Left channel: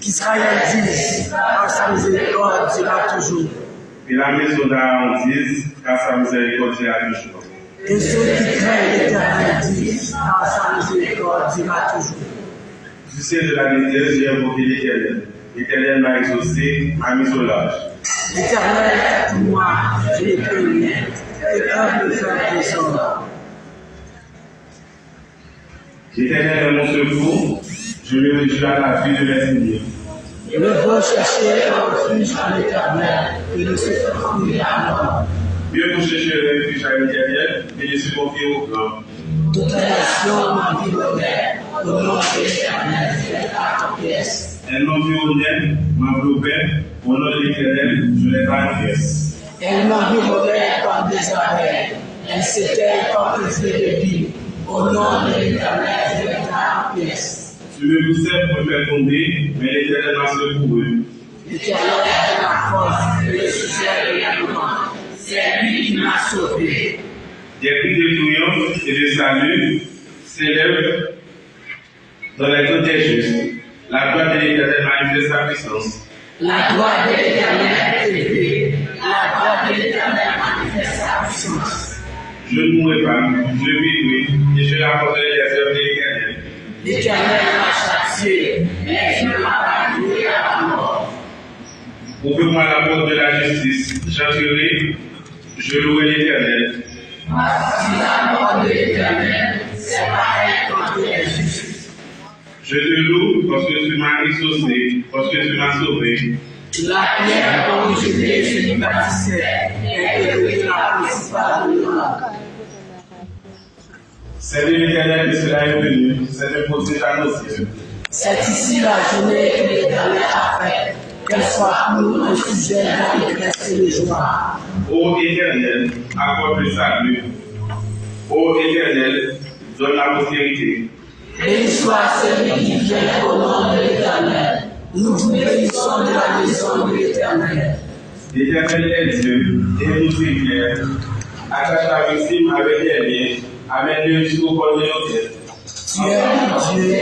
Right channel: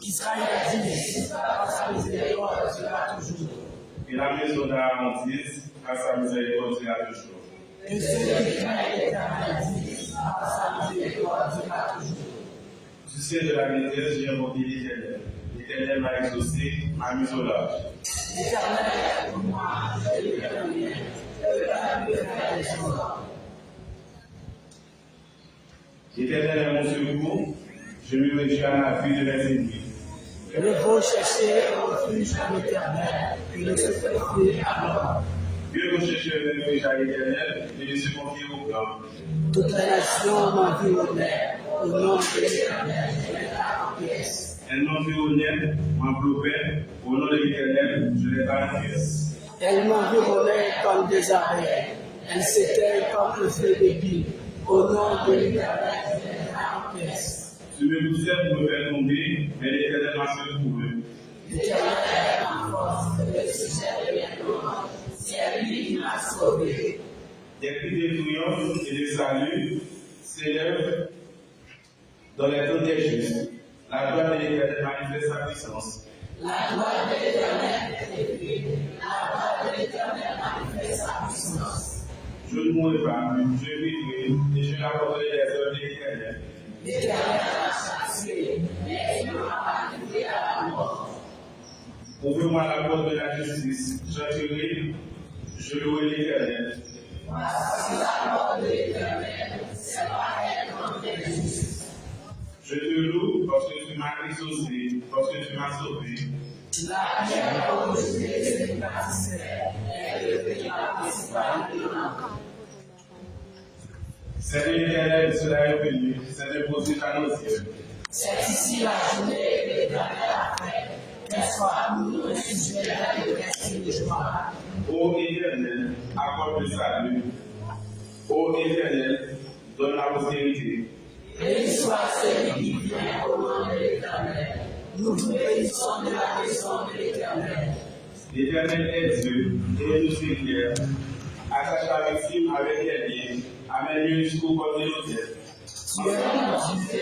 Qu'Israël dise, car sa miséricorde dira toujours. Et la maison d'Aaron dise, car sa miséricorde dira toujours. Et ceux qui craignent l'Éternel disent, car sa miséricorde dira toujours. Du ciel de la détresse, j'ai invoqué l'Éternel. L'Éternel m'a exaucé, m'a mis au large. L'Éternel est pour moi, je ne peux rien. Quelqu'un peut faire des hommes. L'Éternel est mon secours, je me réjouis à la vie de mes ennemis. Ne va chercher un refuge à l'Éternel et ne se confie à l'homme. Mieux pour chercher le refuge à l'Éternel et ne se confier au grand. Toutes les nations m'environnèrent, au nom de l'Éternel, je les garde en pièces. Elles m'environnèrent, m'enveloppaient, au nom de l'Éternel, je les garde en pièces. Elles m'environnèrent comme des abeilles, elles s'éteignent comme le feu de bille. Au nom de l'Éternel, je les garde en pièces. Tu me poussais pour me faire tomber, mais l'Éternel m'a secouru. L'Éternel est ma force et le sujet de l'événement. sauvé. Des cris de triomphe et de salut s'élèvent dans les côtes des justes. La gloire de l'Éternel manifeste sa puissance. La gloire de l'Éternel est élevée. La gloire de l'Éternel manifeste sa puissance. Je ne mourrai pas, je vivrai, et je rapporterai les œuvres de l'Éternel. L'Éternel m'a châtié, mais il ne m'a pas livré à la mort. Ouvre-moi la porte de la justice, j'entrerai, je louerai l'Éternel. Si la mort de l'Éternel, c'est pareil contre les justes. Je te loue parce que tu m'as exaucé, parce que tu m'as sauvé. La pierre dont je me bâtissais est devenue la principale de l'homme. C'est de l'Éternel que cela est venu, c'est un protège à nos yeux. C'est ici la journée que l'Éternel a faite, qu'elle soit pour nous un sujet d'allégresse et de joie. Ô Éternel, accorde le salut. Ô Éternel, donne la postérité. Béni soit celui qui vient au nom de l'Éternel. Nous vous bénissons de la maison de l'Éternel. L'Éternel est Dieu, et nous fier. Attache la victime avec les liens, amène-le jusqu'au bord de nos têtes. Tu es mon Dieu,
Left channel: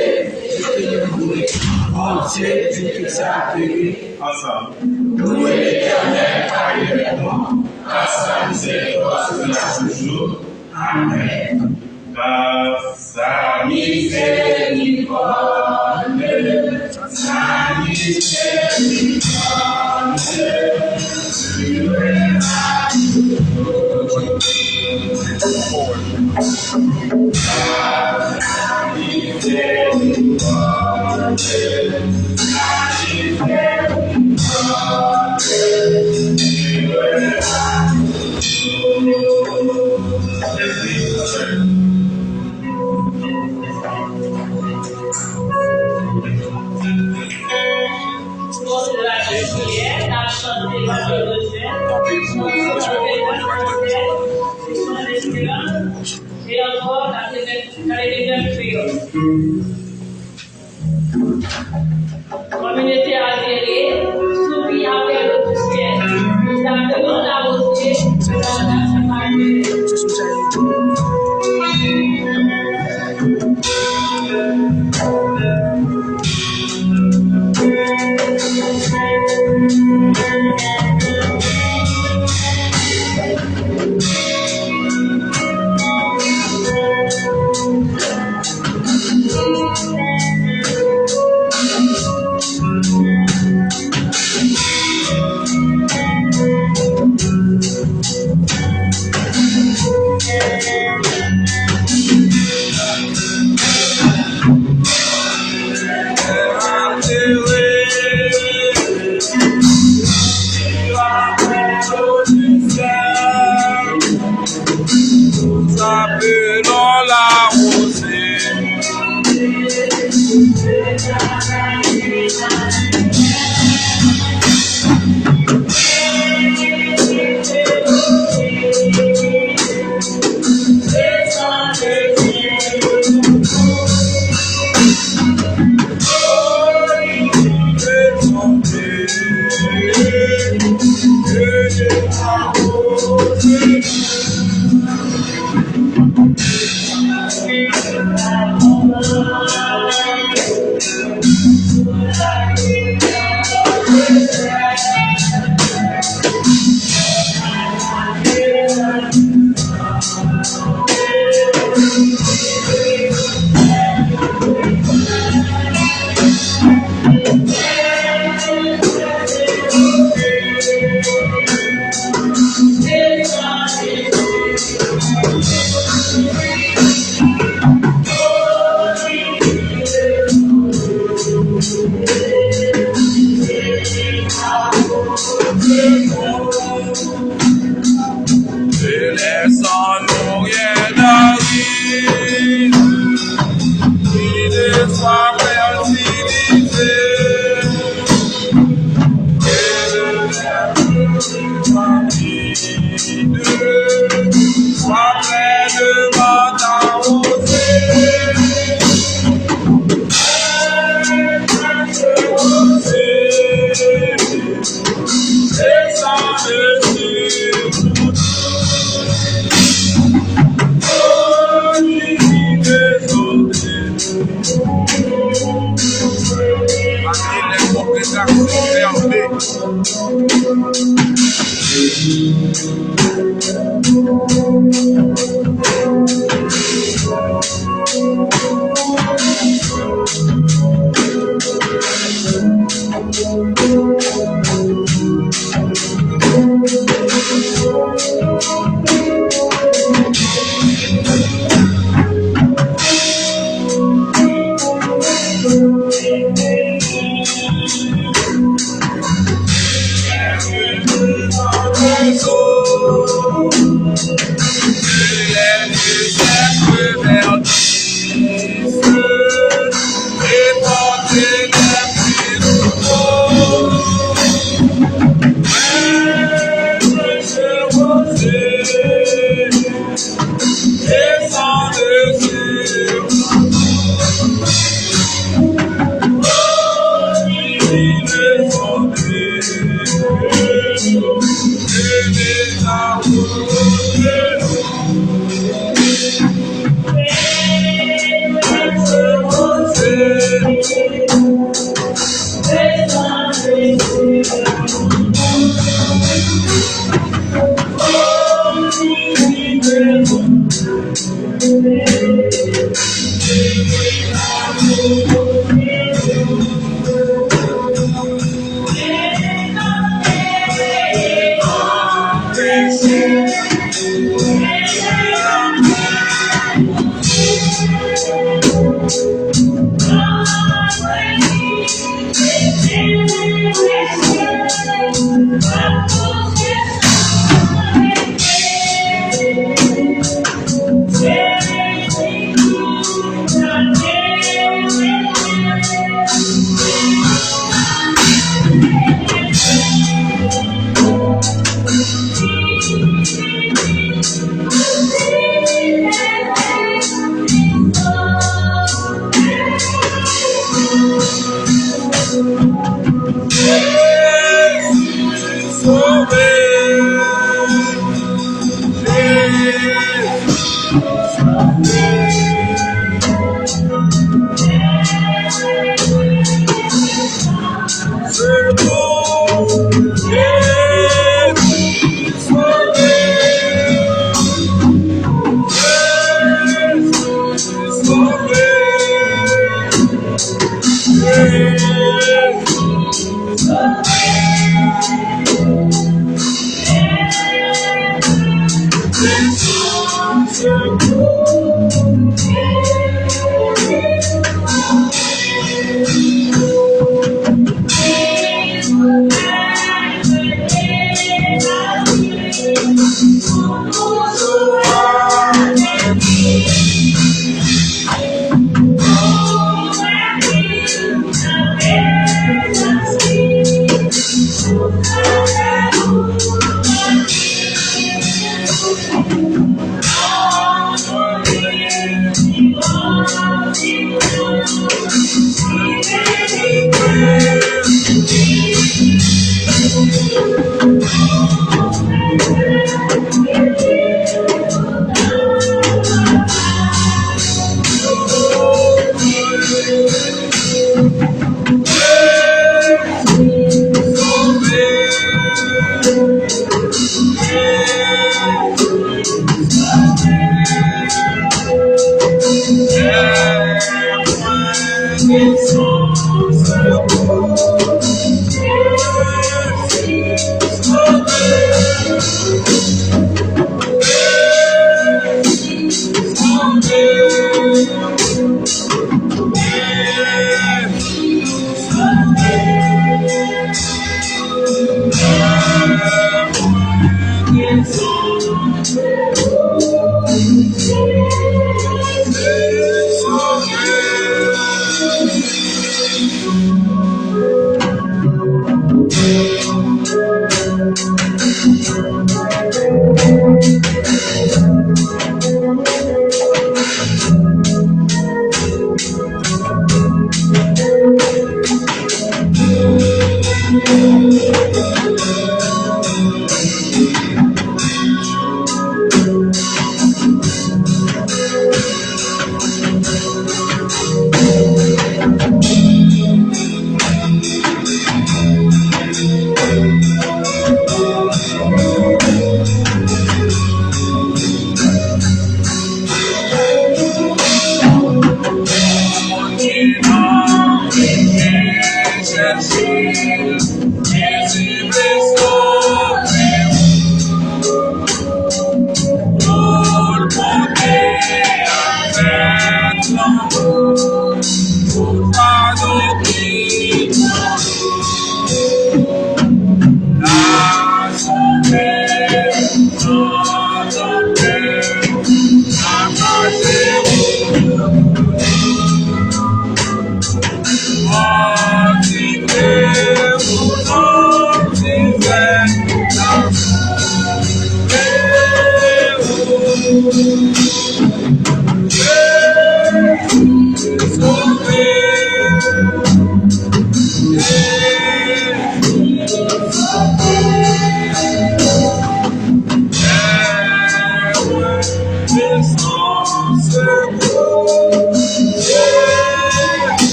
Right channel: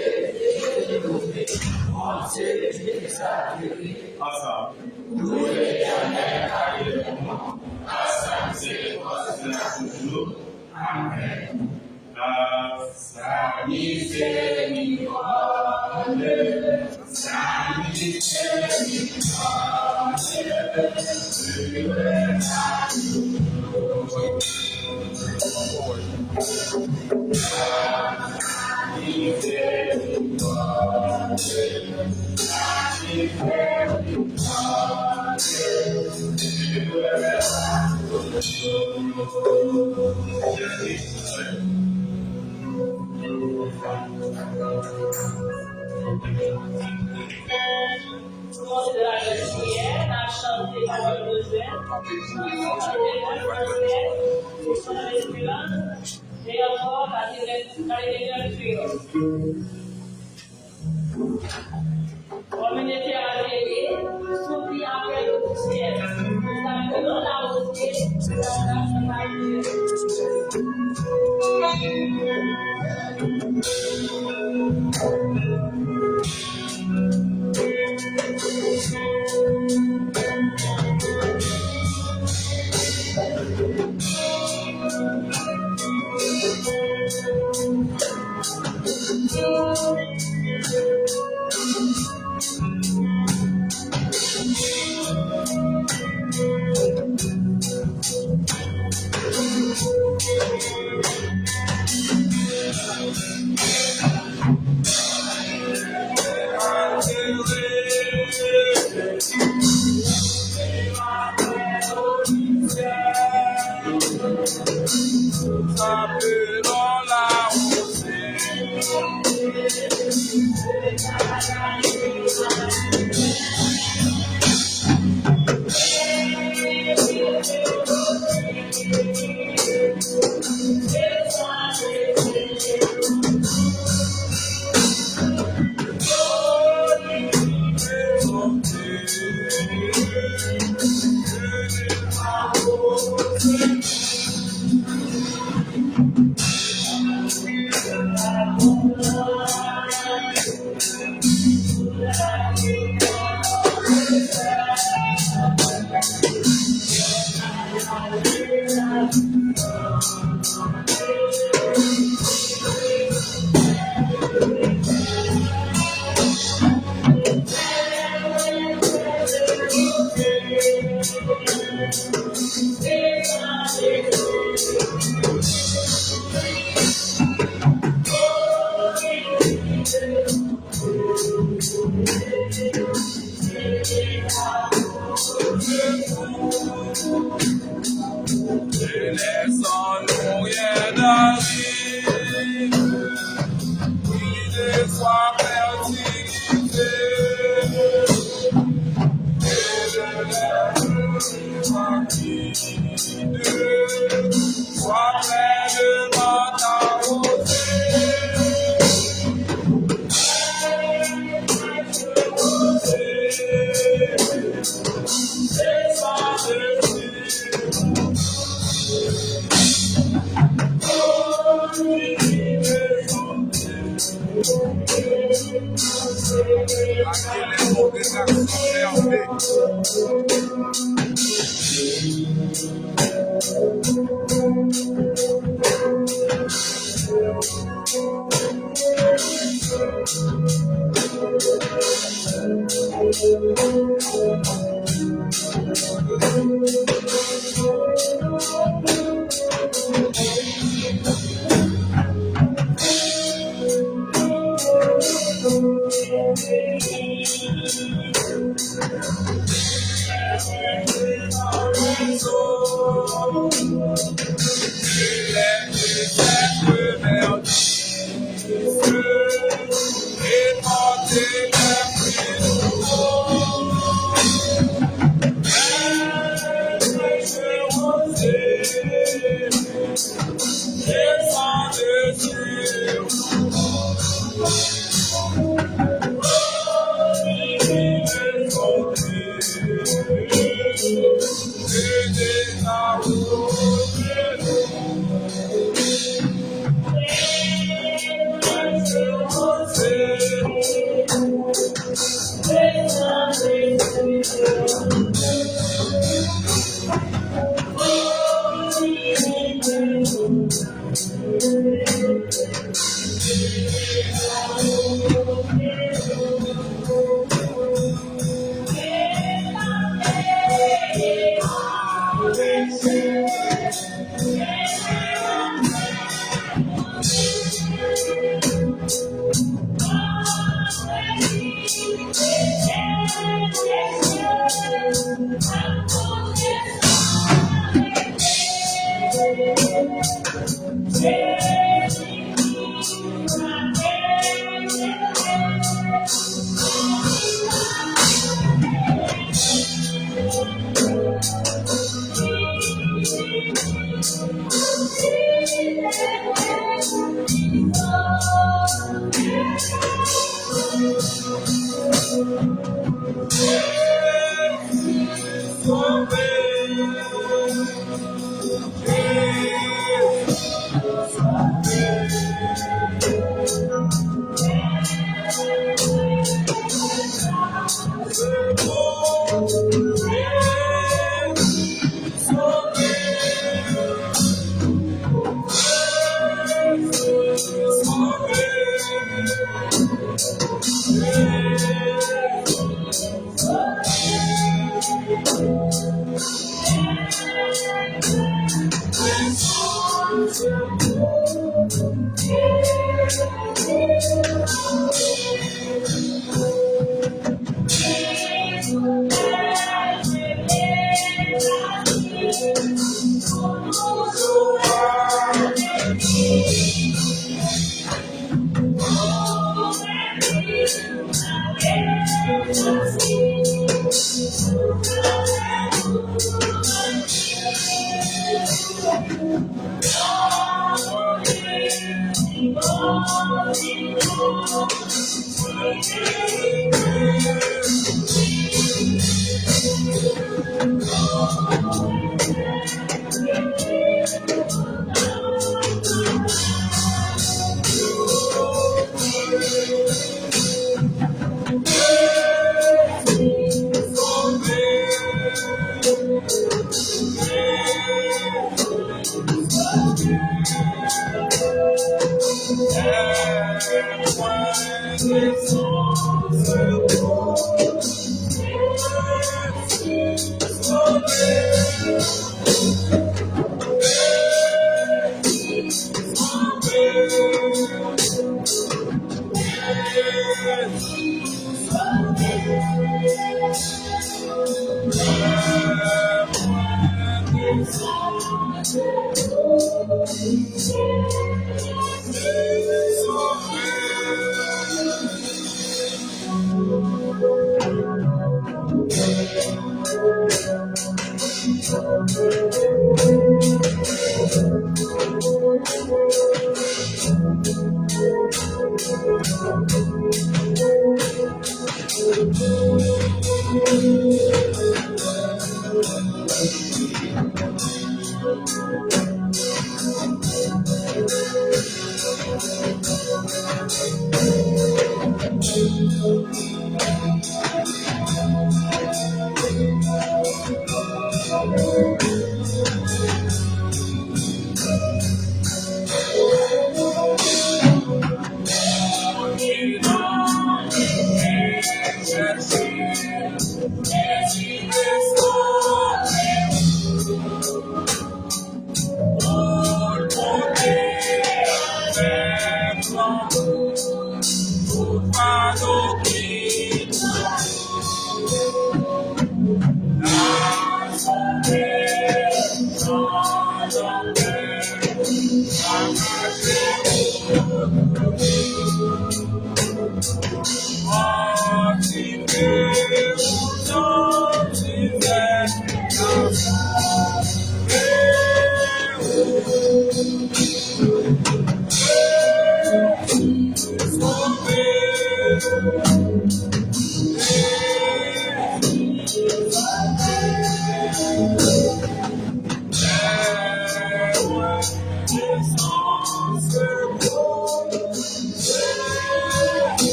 je te loue. Mon Dieu, je te salue. Ensemble. Louez l'Éternel parallèlement, car sa miséricorde sera toujours. Amen. Car sa Miséricorde, sa miséricorde, et encore la rédemption. Communauté altérée, soumis à faire le ciel. Nous avons la beauté de la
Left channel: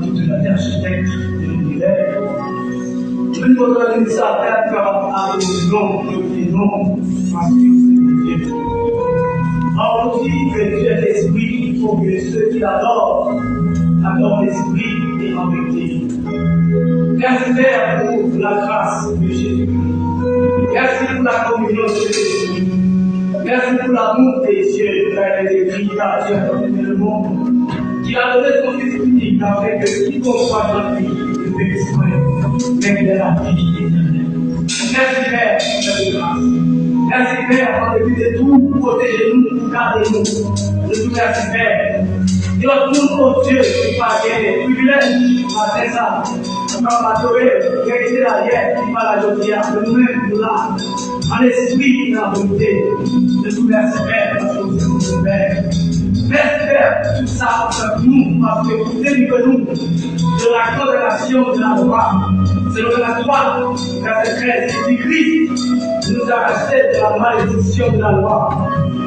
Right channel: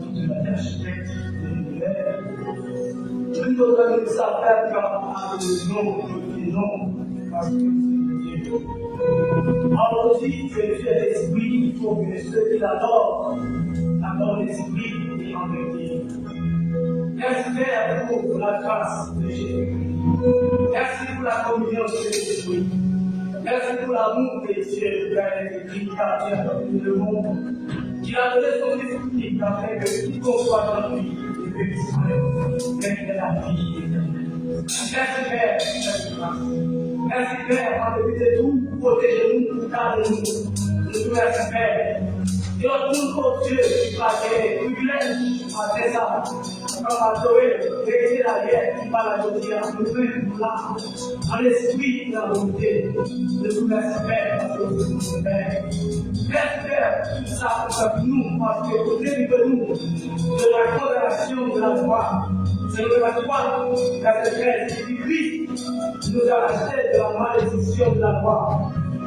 de toute la architecte de l'univers. Je nous donne ça à faire avec le nom, parce que c'est Dieu. Or aussi que Dieu est l'esprit, il faut que ceux qui l'adorent l'esprit et en vérité. Merci Père pour la grâce de Jésus-Christ. Merci pour la communion de Jésus-Christ. Merci pour l'amour des cieux qui a été écrit car Dieu a donné le monde. Qui a donné son esprit afin que quiconque soit dans lui ne périsse point, mais qu'il ait la vie éternelle. Merci Père pour cette grâce. Merci Père en dépit de tout, protégez-nous, gardez-nous. Je vous remercie Père. Et notre monde, oh Dieu, qui va gagner des privilèges, matin ça. On va adorer, vérité la guerre, qui va la joie, de nous-mêmes, là, en esprit et en volonté. Je vous remercie Père, parce que vous êtes mon Père. Merci Père, tout ça pour nous, parce que vous délivrez-nous de la condamnation de la loi. Selon la 3, verset 13, Christ nous a rachetés de la malédiction de la loi.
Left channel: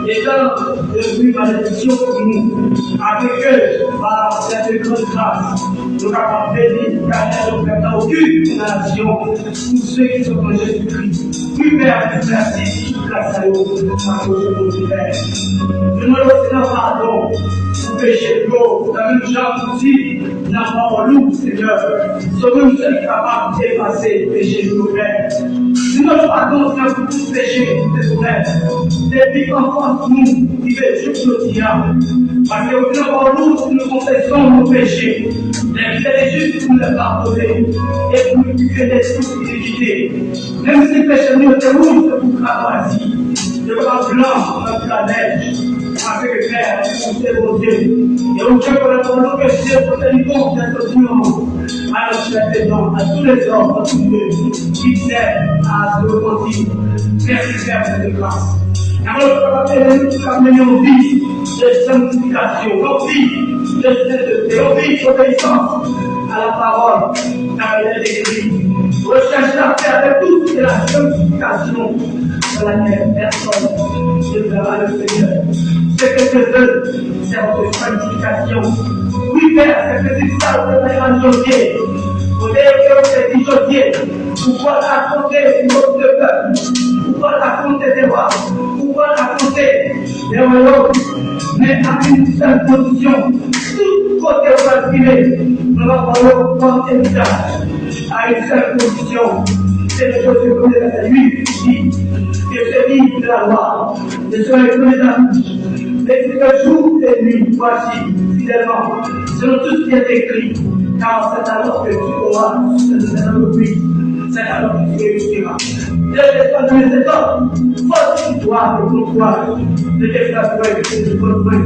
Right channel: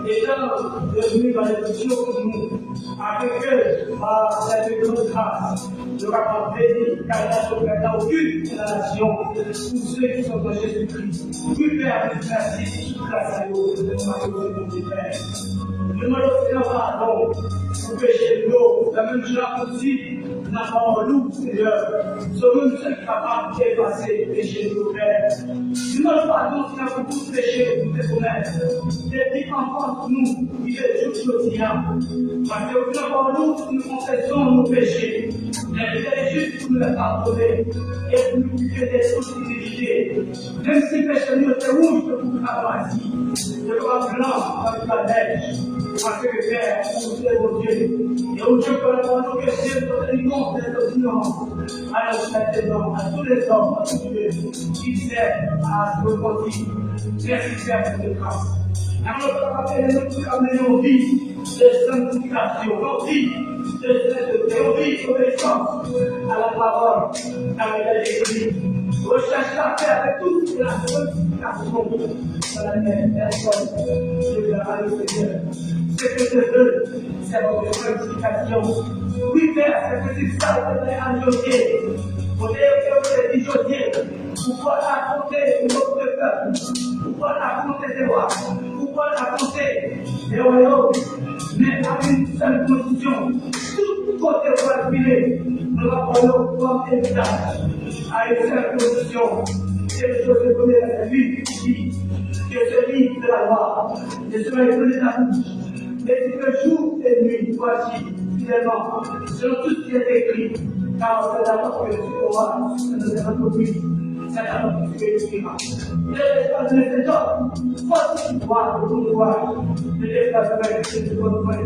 Étant devenu malédiction pour nous, avec eux, par cette grande grâce, nous avons béni, car nous n'avons aucune condamnation pour ceux qui sont en Jésus-Christ. Oui, Père, merci, grâce à nous, parce que c'est mon Père. Nous demandons Seigneur pardon pour pécher de l'eau, la même chose aussi, la parole, Seigneur, ce que nous sommes capables d'effacer le péché de nos Pères. Nous demandons pardon, Seigneur, pour tout péché de nos Pères. Depuis qu'enfant nous, qui fait juste le diable. Parce que au final, par nous, nous confessons nos péchés. Mais il est juste pour nous les pardonner et pour nous purifier d'esprit d'iniquité. Même si le péché nous est rouge, c'est pour cravacher. Le bras blanc, comme la neige. Parce que Père, c'est mon Dieu. Et au Dieu que le péché, pour tenir compte d'être violent. À nos chrétiens, à tous les hommes, à tous ceux qui s'aiment à se repentir. Merci Père pour cette grâce. Alors, nous avons vie de sanctification, vie de sainteté, vie d'obéissance à la parole, car elle est écrite. Recherchez à faire de toute la sanctification de laquelle personne ne verra le Seigneur. Ce que je veux, c'est votre sanctification. Oui, Père, c'est que c'est ça que vous avez enjolié. Vous avez que vous êtes enjolié. Pour pouvoir raconter notre peuple, pour pouvoir raconter des rois, pour pouvoir raconter des royaumes, mais à une seule condition. Tout côté où va filer, on va parler au point héritage, à une seule condition. C'est le chose que vous avez lui qui se livre de la loi, de se réclamer de la bouche. Mais le jour et nuit, voici, fidèlement, selon tout ce qui est écrit, car c'est alors que tu auras, c'est alors que c'est alors que tu réussiras. Ne laisse pas donner cet homme, force toi et pour toi, ne laisse pas jouer de ton frère,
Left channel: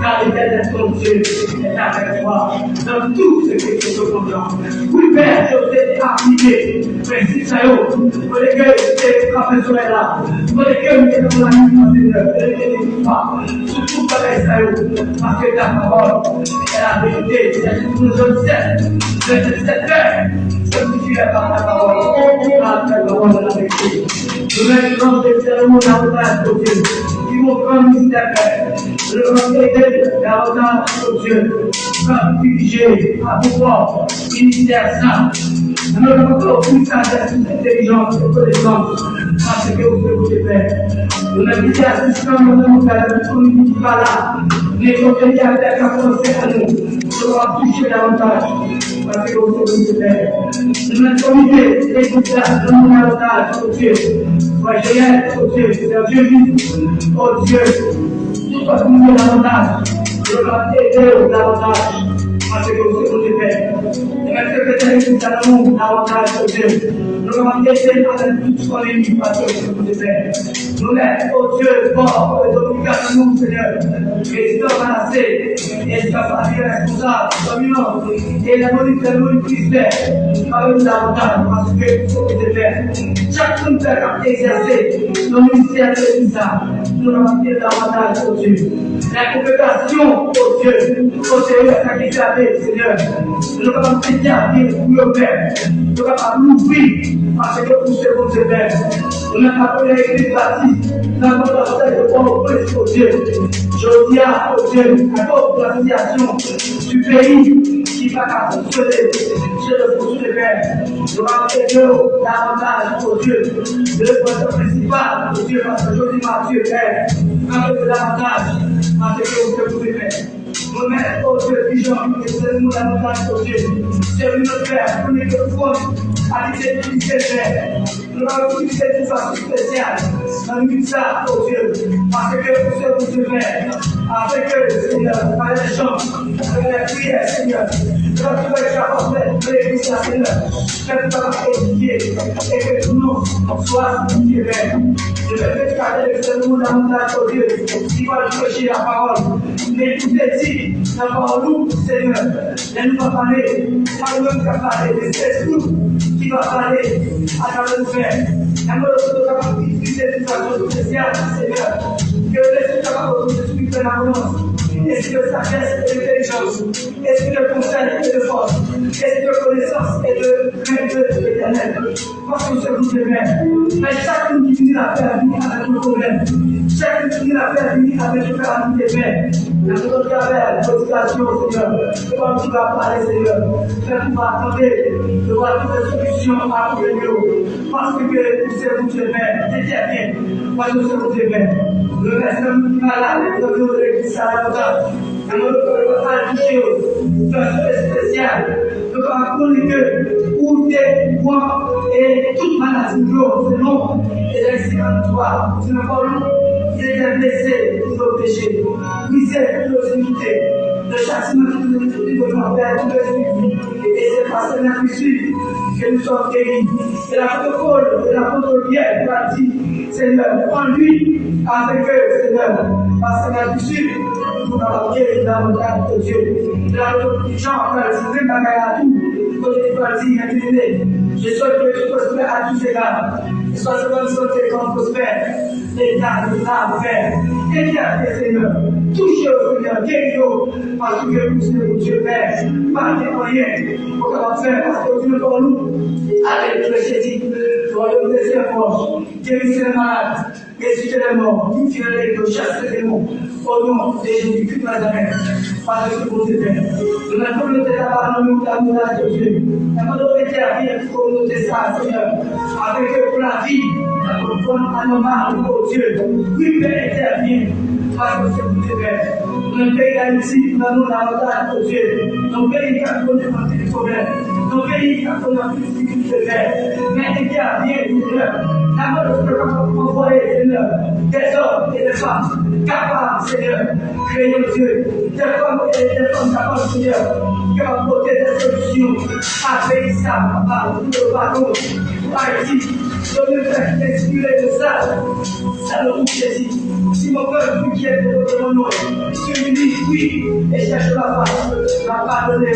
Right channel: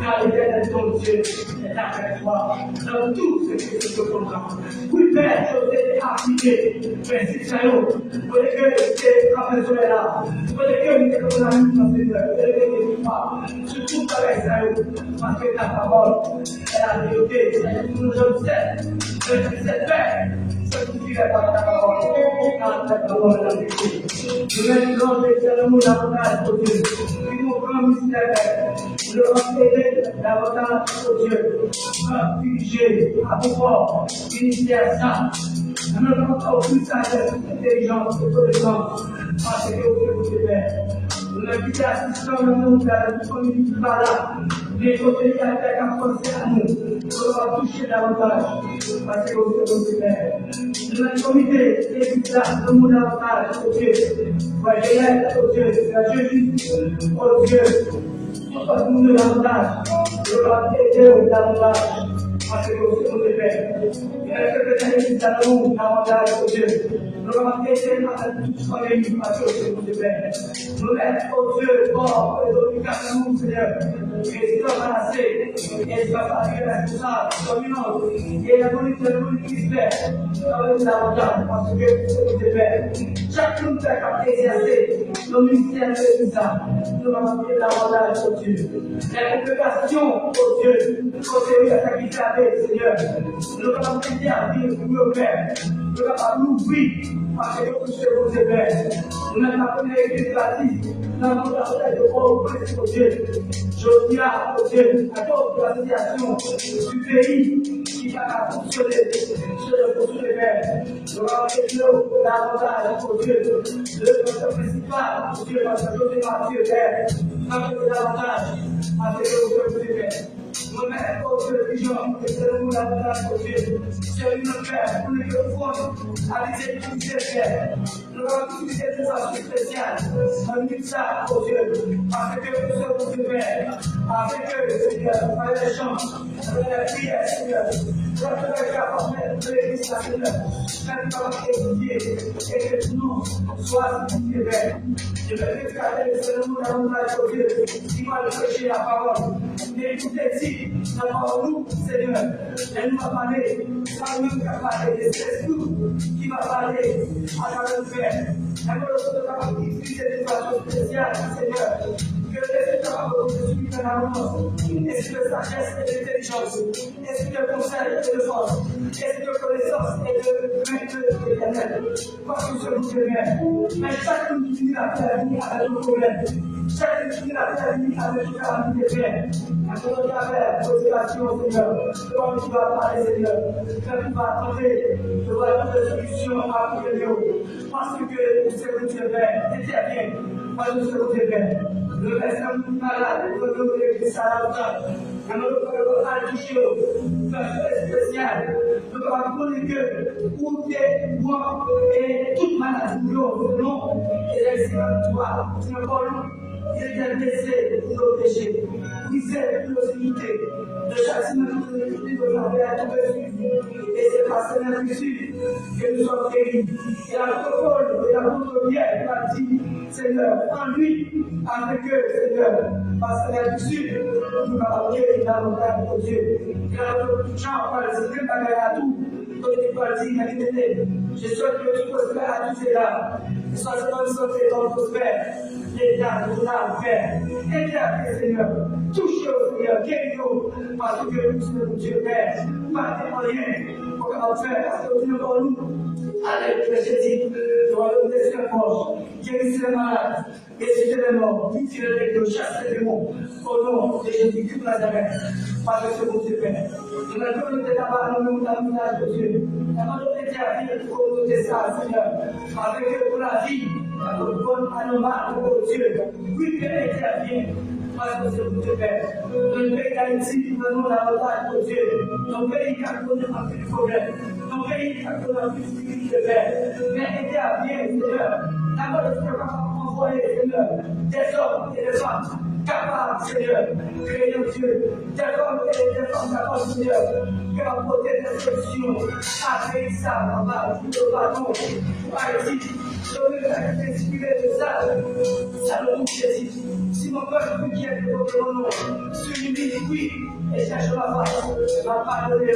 car l'éternel ton Dieu est avec toi dans tout ce que tu te comprends. Oui, Père, je t'ai appliqué, mais si ça y est, pour les gueules, c'est professeur là, pour les gueules, c'est mon ami, Seigneur, ne pas, surtout pas les ça y est, parce que ta parole est la vérité, c'est tout je sais, c'est cette paix. Sanctifie par ta parole, par ta parole de la vérité. Nous mettons éternellement davantage au Dieu, qui vont prendre mystère. Nous allons aider davantage au Dieu, comme diriger à pouvoir, ministère saint. Nous allons encore plus d'intelligence et connaissance, parce que vous êtes Père. Nous avons dit assistants, nous allons faire la communauté par là, les conseillers avec la pensée à nous, nous allons toucher davantage. Parce que vous êtes Père. Notre comité, les gouvernements, nous davantage au Dieu. Sois génial au Dieu, c'est Dieu vivant, au Dieu. Tout va nous davantage. Je dois aider davantage. Parce que vous êtes Père. Et même secrétaire nous allons davantage au Dieu. Nous allons aider avec toute son ennemi parce que vous êtes Père. Nous mettons au Dieu fort et nous, Seigneur. Président Manassé, et sa famille responsable, dominant, et la monnaie de l'eau Christ, par nous davantage, parce que vous êtes Père. Chaque père a exercé le ministère de l'État. Nous allons dire davantage au Dieu. La congrégation au Dieu, au Seigneur, sacrifié, Seigneur. Nous allons péter pour le Père. Nous allons l'ouvrir parce que vous êtes votre Père. Nous allons appeler l'église baptiste. Nous allons appeler le bon au Dieu. Je dis au Dieu, à toute l'association du pays qui qui va fonctionner. Je le poursuis, Père. Je vais appeler davantage au Dieu. Le point principal, au Dieu, parce que je dis à Dieu, Père. Appeler davantage à ce que vous pouvez faire. Nous-mêmes, au Dieu, pigeon, et c'est nous davantage au Dieu. C'est notre Père, pour les confondre, à l'idée Père. Nous allons utiliser de façon spéciale dans ça, au Dieu, parce que vous savez vous faire, avec eux, Seigneur, par les chants, avec la prière, Seigneur. Quand tu vas être capable de l'église, Seigneur, quand tu vas étudier, et que tout le monde soit étudié, Père. Je vais faire garder ce monde davantage au Dieu, qui va prêcher la parole. Mais tout est dit, la parole nous, Seigneur, et nous va parler, pas nous qui va parler, mais c'est nous qui va parler à travers nous, Père. Et nous devons capable d'utiliser d'une façon spéciale, Seigneur, que l'esprit capable de suivre de l'avance. Esprit de sagesse et d'intelligence, esprit de conseil et de force, esprit de connaissance et de crainte de l'éternel. Parce que c'est vous qui m'aimez. Mais chacun qui finit la paix vient avec un problème. Chacun qui finit la paix vient avec une calamité, Père. Et nous devons faire l'éducation, Seigneur. Comme tu vas parler, Seigneur. Faire tu vas attendre de voir toutes les solutions à trouver nous. Parce que c'est vous qui m'aimez. Interviens. Parce que c'est vous qui m'aimez. Le reste de malade, le de l'église à la hauteur. Et nous devons pas toucher de façon spéciale. Nous devons communiquer où tu es, moi, et toute maladie, selon les accidents de toi. Tu n'as pas lu, il était blessé pour nos péchés, brisé pour nos iniquités. Le châtiment qui nous est donné de notre Père, tout le suivi. Et c'est par ce même suivi que nous sommes guéris. Et l'apôtre Paul, et l'apôtre Pierre, a dit, Seigneur, en lui, avec eux, Seigneur, parce que la suivi, nous avons guéri davantage de Dieu. Et l'apôtre Jean a dit, même à tout, quand tu vas dire, je souhaite que tu prospères à tous égards. Que soit ce bonne santé qu'on prospère. L'État de l'âme, Père. Éternel Seigneur. Touchez au Seigneur. Guéris-nous. Parce que vous sommes mon Dieu, Père. Pas de rien. Pour qu'on va faire. Parce que vous êtes pour nous. Avec le Jésus. Le royaume des cieux forts. Guérissez les malades. Ressuscitez les morts. Purifiez les démons. Chassez les démons. Au nom de Jésus-Christ de Nazareth. Parce que vous êtes Père. Nous n'avons pas le débat dans nous d'amour de Dieu. Nous avons intervenir pour nous ça, Seigneur. Avec eux pour la vie. Nous avons un homme pour Dieu. Oui, Père, intervient. Parce que c'est vous, Père. Dans le pays d'Haïti, nous avons l'avantage pour Dieu. Dans le pays qui a connu un petit problème. Dans le pays qui a connu un petit difficulté, Père. Mais intervient, Seigneur. Nous avons envoyé, Seigneur, des hommes et des femmes capables, Seigneur, créer Dieu. Des femmes et des femmes capables, Seigneur, qui ont apporté des solutions avec ça, pour le pardon, pour Haïti. Je veux faire expirer de ça. Ça le roule Jésus. Si mon peuple plus qui est de mon nom, s'unit, oui, et cherche ma face, m'a pardonné,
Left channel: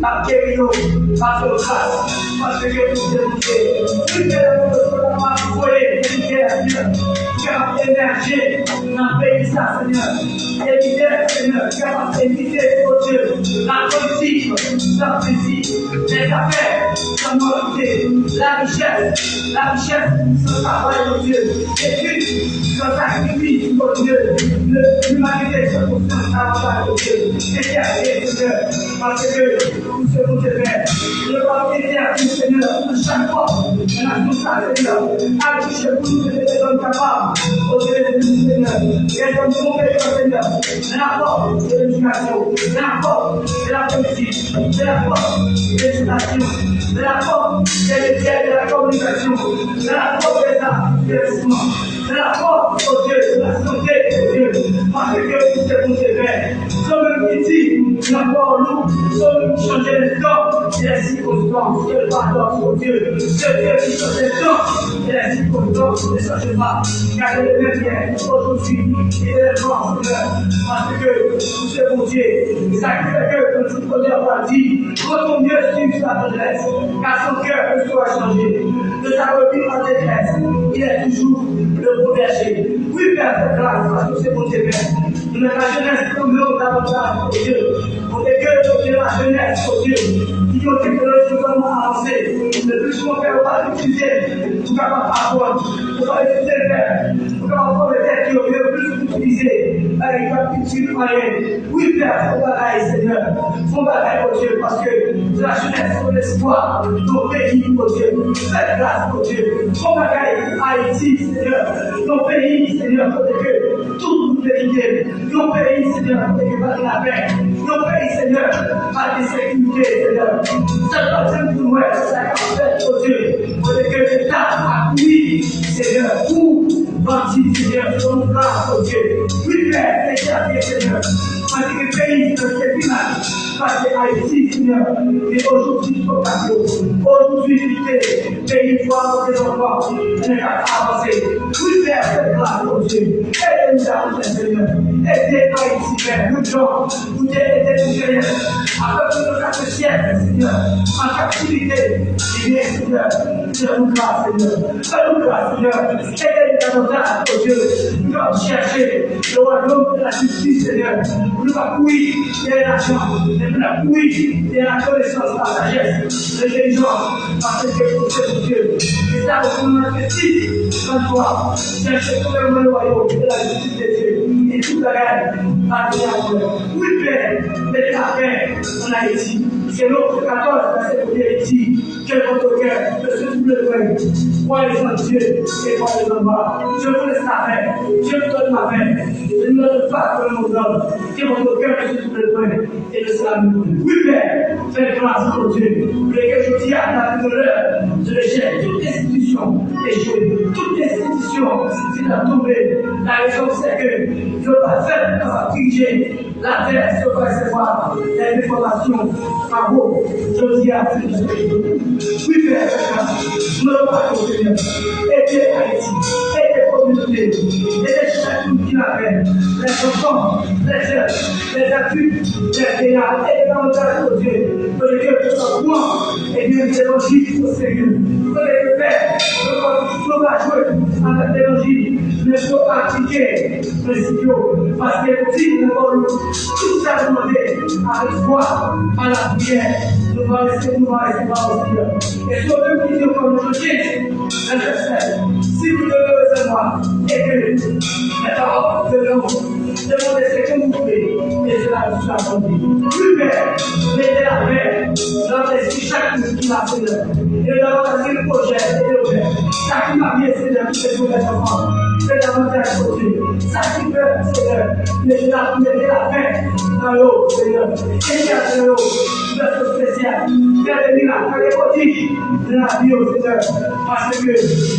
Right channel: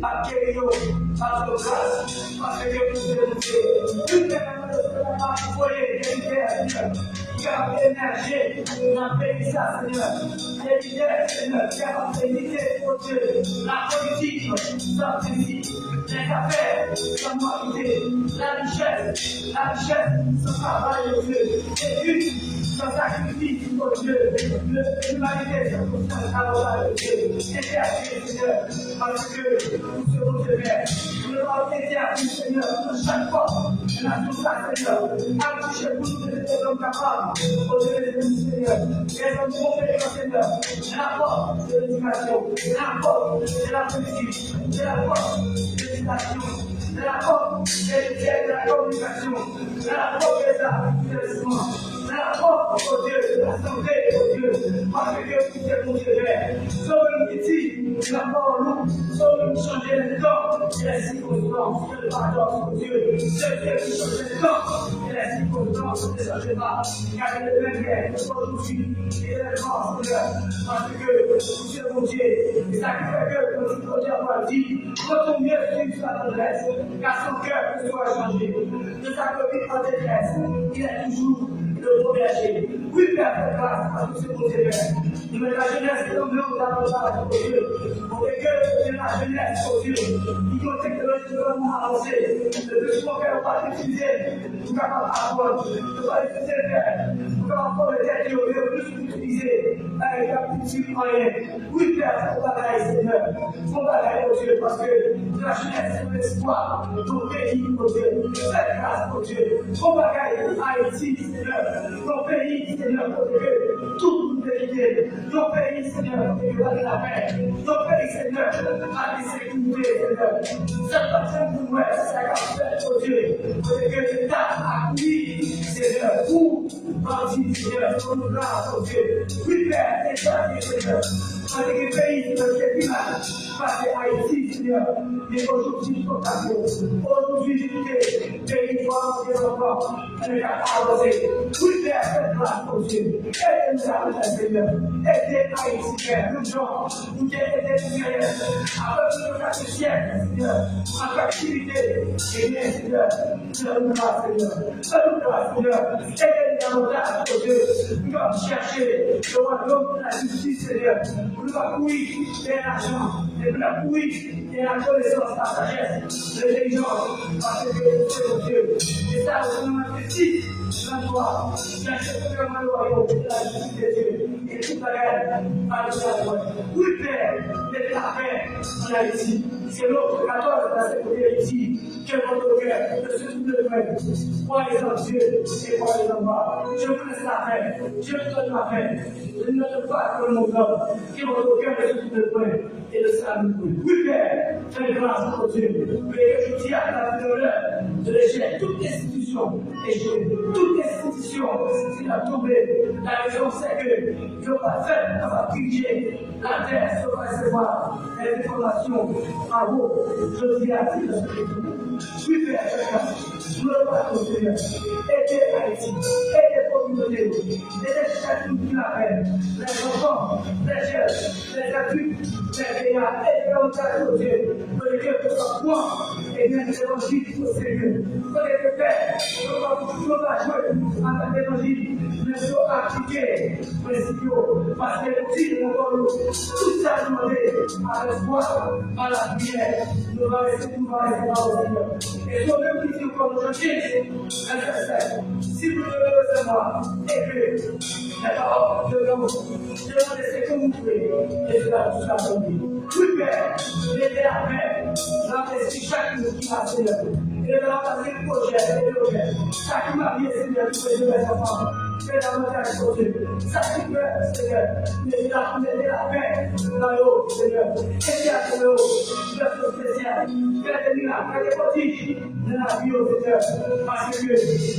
m'a guéri, m'a fait grâce, parce que vous êtes une belle m'a envoyé, une guerre, qui a émergé dans le pays, ça, Seigneur. Éviter, Seigneur, qui a évité, oh Dieu, la politique, sans plaisir, les affaires, sans moralité, la richesse, sans travail, oh Dieu, l'étude, sans sacrifice, oh Dieu, l'humanité, sans travail, oh Dieu, éternel, Seigneur, parce que nous serons des pères. Le roi éternel, Seigneur, chaque fois, on a tout ça, Seigneur, à toucher pour nous des hommes capables, oh Dieu, Seigneur, des hommes compétents, Seigneur, l'apport de l'éducation, l'apport de la politique, de l'apport de l'éducation, de l'apport des médias, de la communication, de l'apport des arts, des vêtements, de l'apport au Dieu, de la santé, au Dieu, parce que vous êtes mon Dieu, Somme qui dit, l'apport lourd, somme qui change les temps et les circonstances, que le pardon au Dieu, ce Dieu qui change les temps et les circonstances ne change pas, car il est le même bien aujourd'hui, il est le grand Seigneur, parce que vous êtes mon Dieu, et ça fait que, comme tout connaît va dire, quand ton Dieu suit sa tendresse, car son cœur ne soit changé, de sa reprise en détresse, il est toujours le bon berger. Oui, Père, de grâce, parce que c'est mon Dieu, Père. Nous, la jeunesse, comme nous, davantage, oh Dieu. On est que de la jeunesse, oh Dieu, qui ont technologiquement avancé. Le plus qu'on fait, on va l'utiliser pour capable apprendre, pour pas utiliser le faire, pour capable avoir les têtes qui ont le plus utilisé, avec la petite moyenne. Oui, Père, on va bagaille, Seigneur. Font bagaille, mon Dieu, parce que la jeunesse, c'est l'espoir. Nos pays, mon Dieu. Faites grâce, mon Dieu. Font bagaille, Haïti, Seigneur. Nos pays, Seigneur, côté que tout nous vérité. Nos pays, Seigneur, côté que pas de la paix. Nos pays, Seigneur, pas de sécurité, Seigneur. Ça ne va pas nous être, ça va faire, mon Dieu. Côté que l'État a pris, Seigneur, pour bâtir, Seigneur, sur nos grâces, mon Dieu. Oui, Père, établir, Seigneur. Parce que le pays, c'est le village. Parce que Haïti, Seigneur, et aujourd'hui, aujourd'hui, pays doit des enfants, on est à avancer. Oui, Père, faites grâce, mon Dieu. Aidez-nous à vous, Seigneur. Aidez Haïti, Père, nous gens, vous aidez nous, Seigneur. Avec nos 4 siècles, Seigneur, en captivité, et bien, Seigneur, faites-nous grâce, Seigneur. Faites-nous grâce, Seigneur. Aidez-nous davantage, mon Dieu. Nous allons chercher le royaume de la justice, Seigneur. Nous allons courir derrière l'argent. Nous allons courir derrière la connaissance, la sagesse, l'intelligence, parce que c'est mon Dieu. Et ça, vous nous investi dans toi. Cherchez tout le royaume de la justice de Dieu. Et toute la reine, par le oui, Père, mettez la paix en Haïti. C'est l'autre 14, verset 1er, il dit que votre cœur ne se trouble point. Croyez en Dieu et croyez en moi. Je vous laisse la paix. Je vous donne ma paix. Je ne donne pas que le monde donne. Que votre cœur ne se trouble point et ne sera nous. Oui, Père, faites grâce pour Dieu. Mais que je dis à la l'heure de l'échec, toute institution échouée. Toute institution, c'est la tombée. La raison, c'est que je ne vais pas faire pour diriger la terre sur quoi recevoir les informations. Bravo, je dis à Dieu. Oui, Père, je ne veux pas que Seigneur. Aidez Haïti, aidez les communautés, aidez chacun qui la fait. Les enfants, les jeunes, les adultes, les vieillards, aidez davantage au Dieu. Pour que Dieu soit bon et bien l'évangile au sérieux. Pour que le Père, ne va jouer avec l'évangile, ne faut pas appliquer le studio. Parce que si nous avons tout ça demandé avec foi, à la prière, nous allons rester par au Seigneur. Et sur le qui dit comme je dis, si vous devez recevoir et que les paroles de l'homme, demandez ce que vous voulez, et cela vous sera accompli. Plus Père, mettez la paix dans l'esprit chacun qui m'a Seigneur. Et davantage le projet et le Père. Ça qui m'a bien Seigneur, qui fait pour les enfants. Faites davantage côté. Ça qui peut, Seigneur, mettez la paix dans l'eau, Seigneur. Et dans l'eau, notre spécial. Faites des miracles, faites des prodiges de la vie, Seigneur. Parce que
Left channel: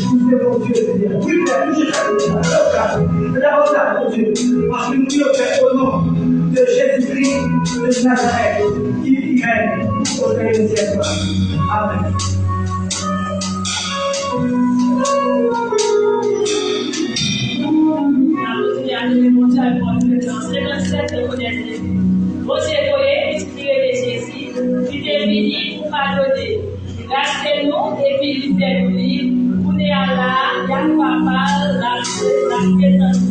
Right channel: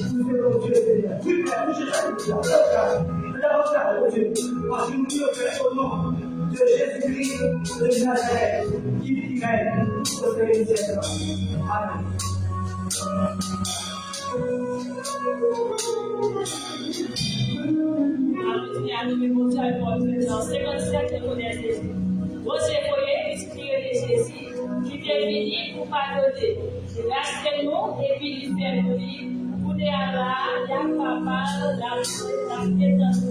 vous êtes mon Dieu, Seigneur. Oui, Père, touchez chacun. Mais davantage, mon Dieu. Parce que nous prions, Père, au nom de Jésus-Christ de Nazareth, qui règne au dernier siècle. Amen. Jésus pour pardonner. Gardez-nous et puis lui faire nous pour nous là, Yann Papa, la présence.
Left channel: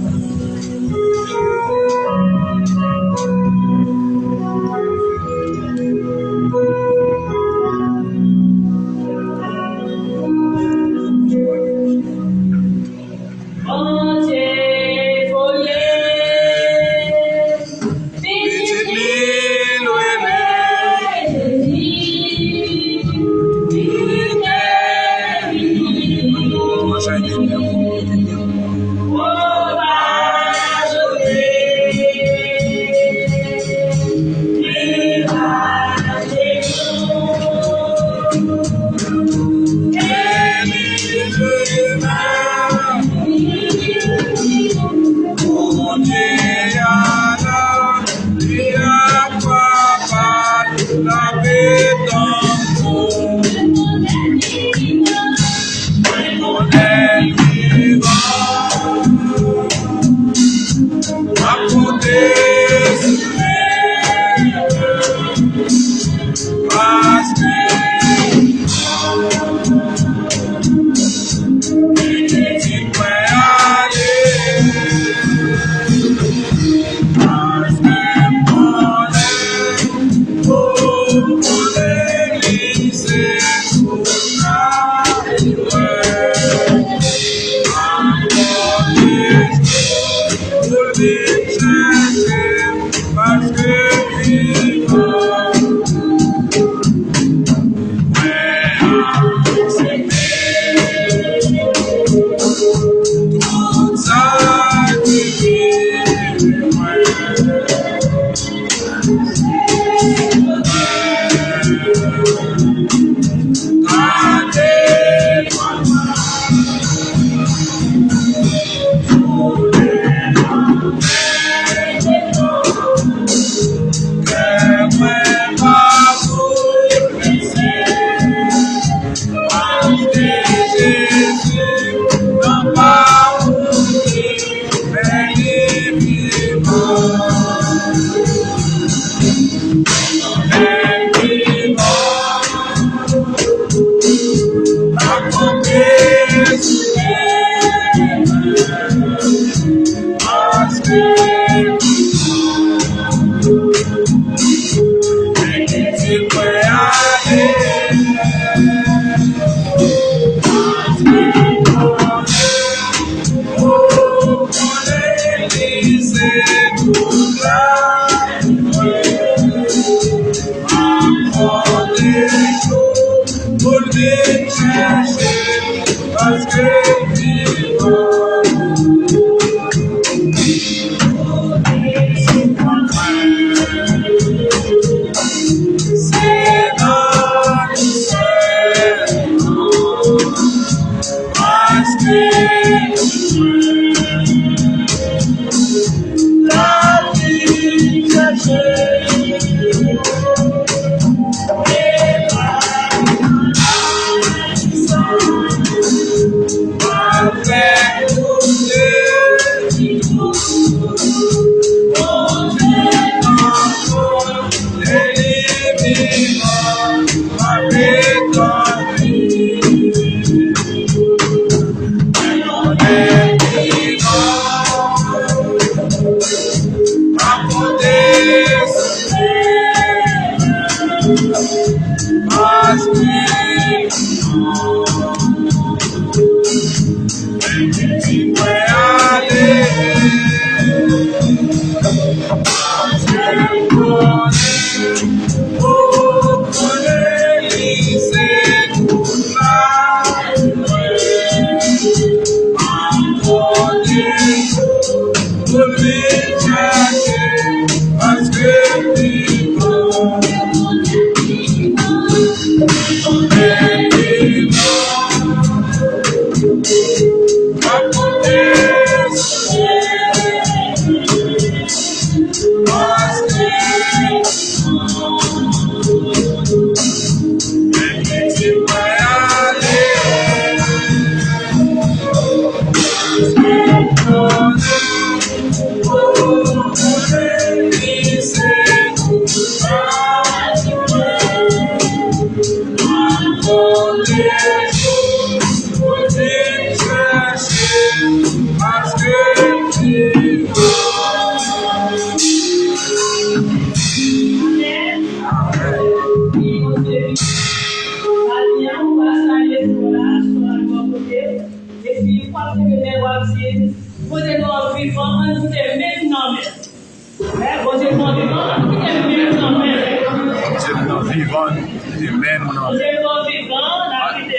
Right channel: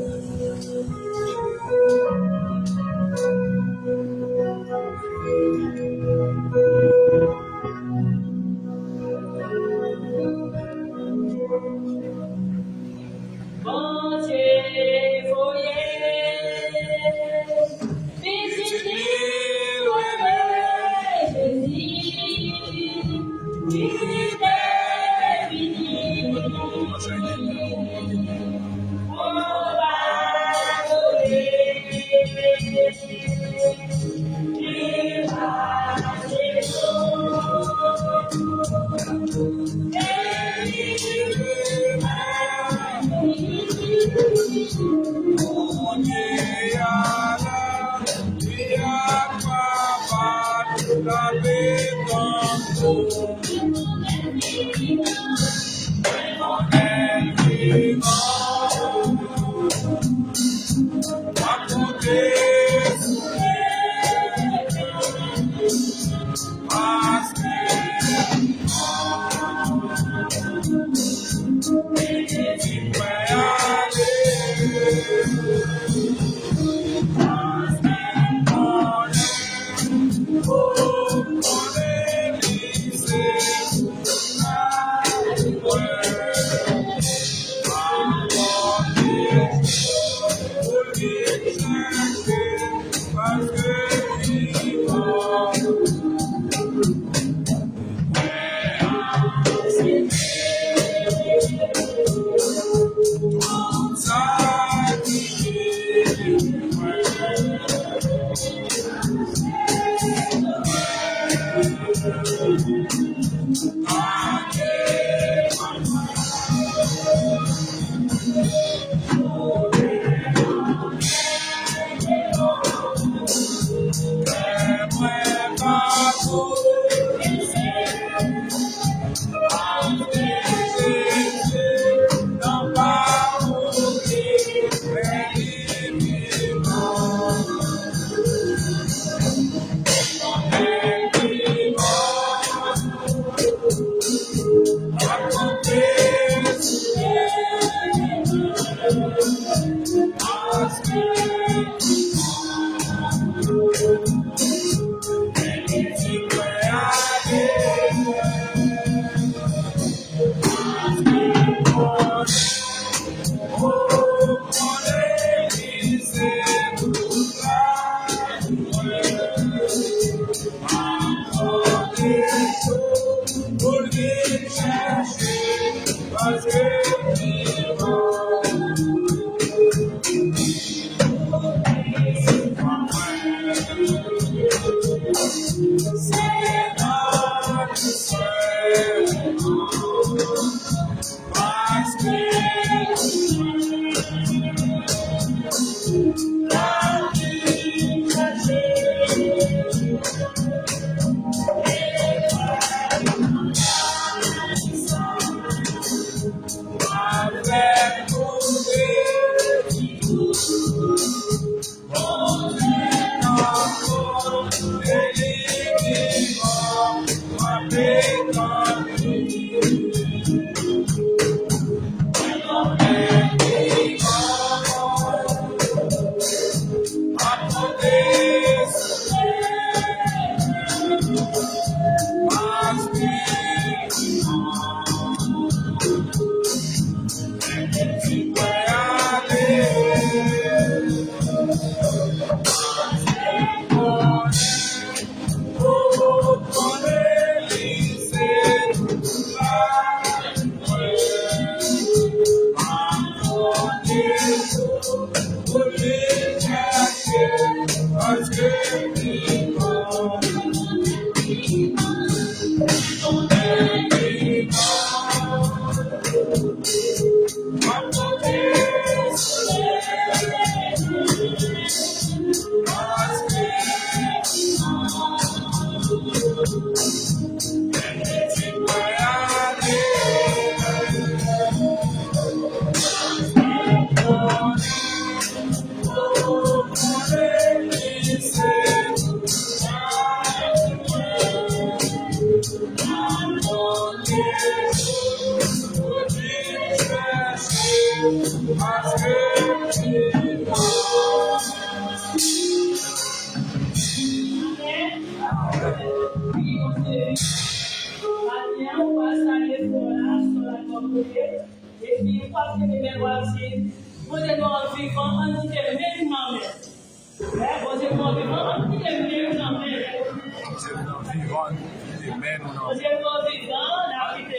vivant, et même on en Dieu nous vivant, la vie de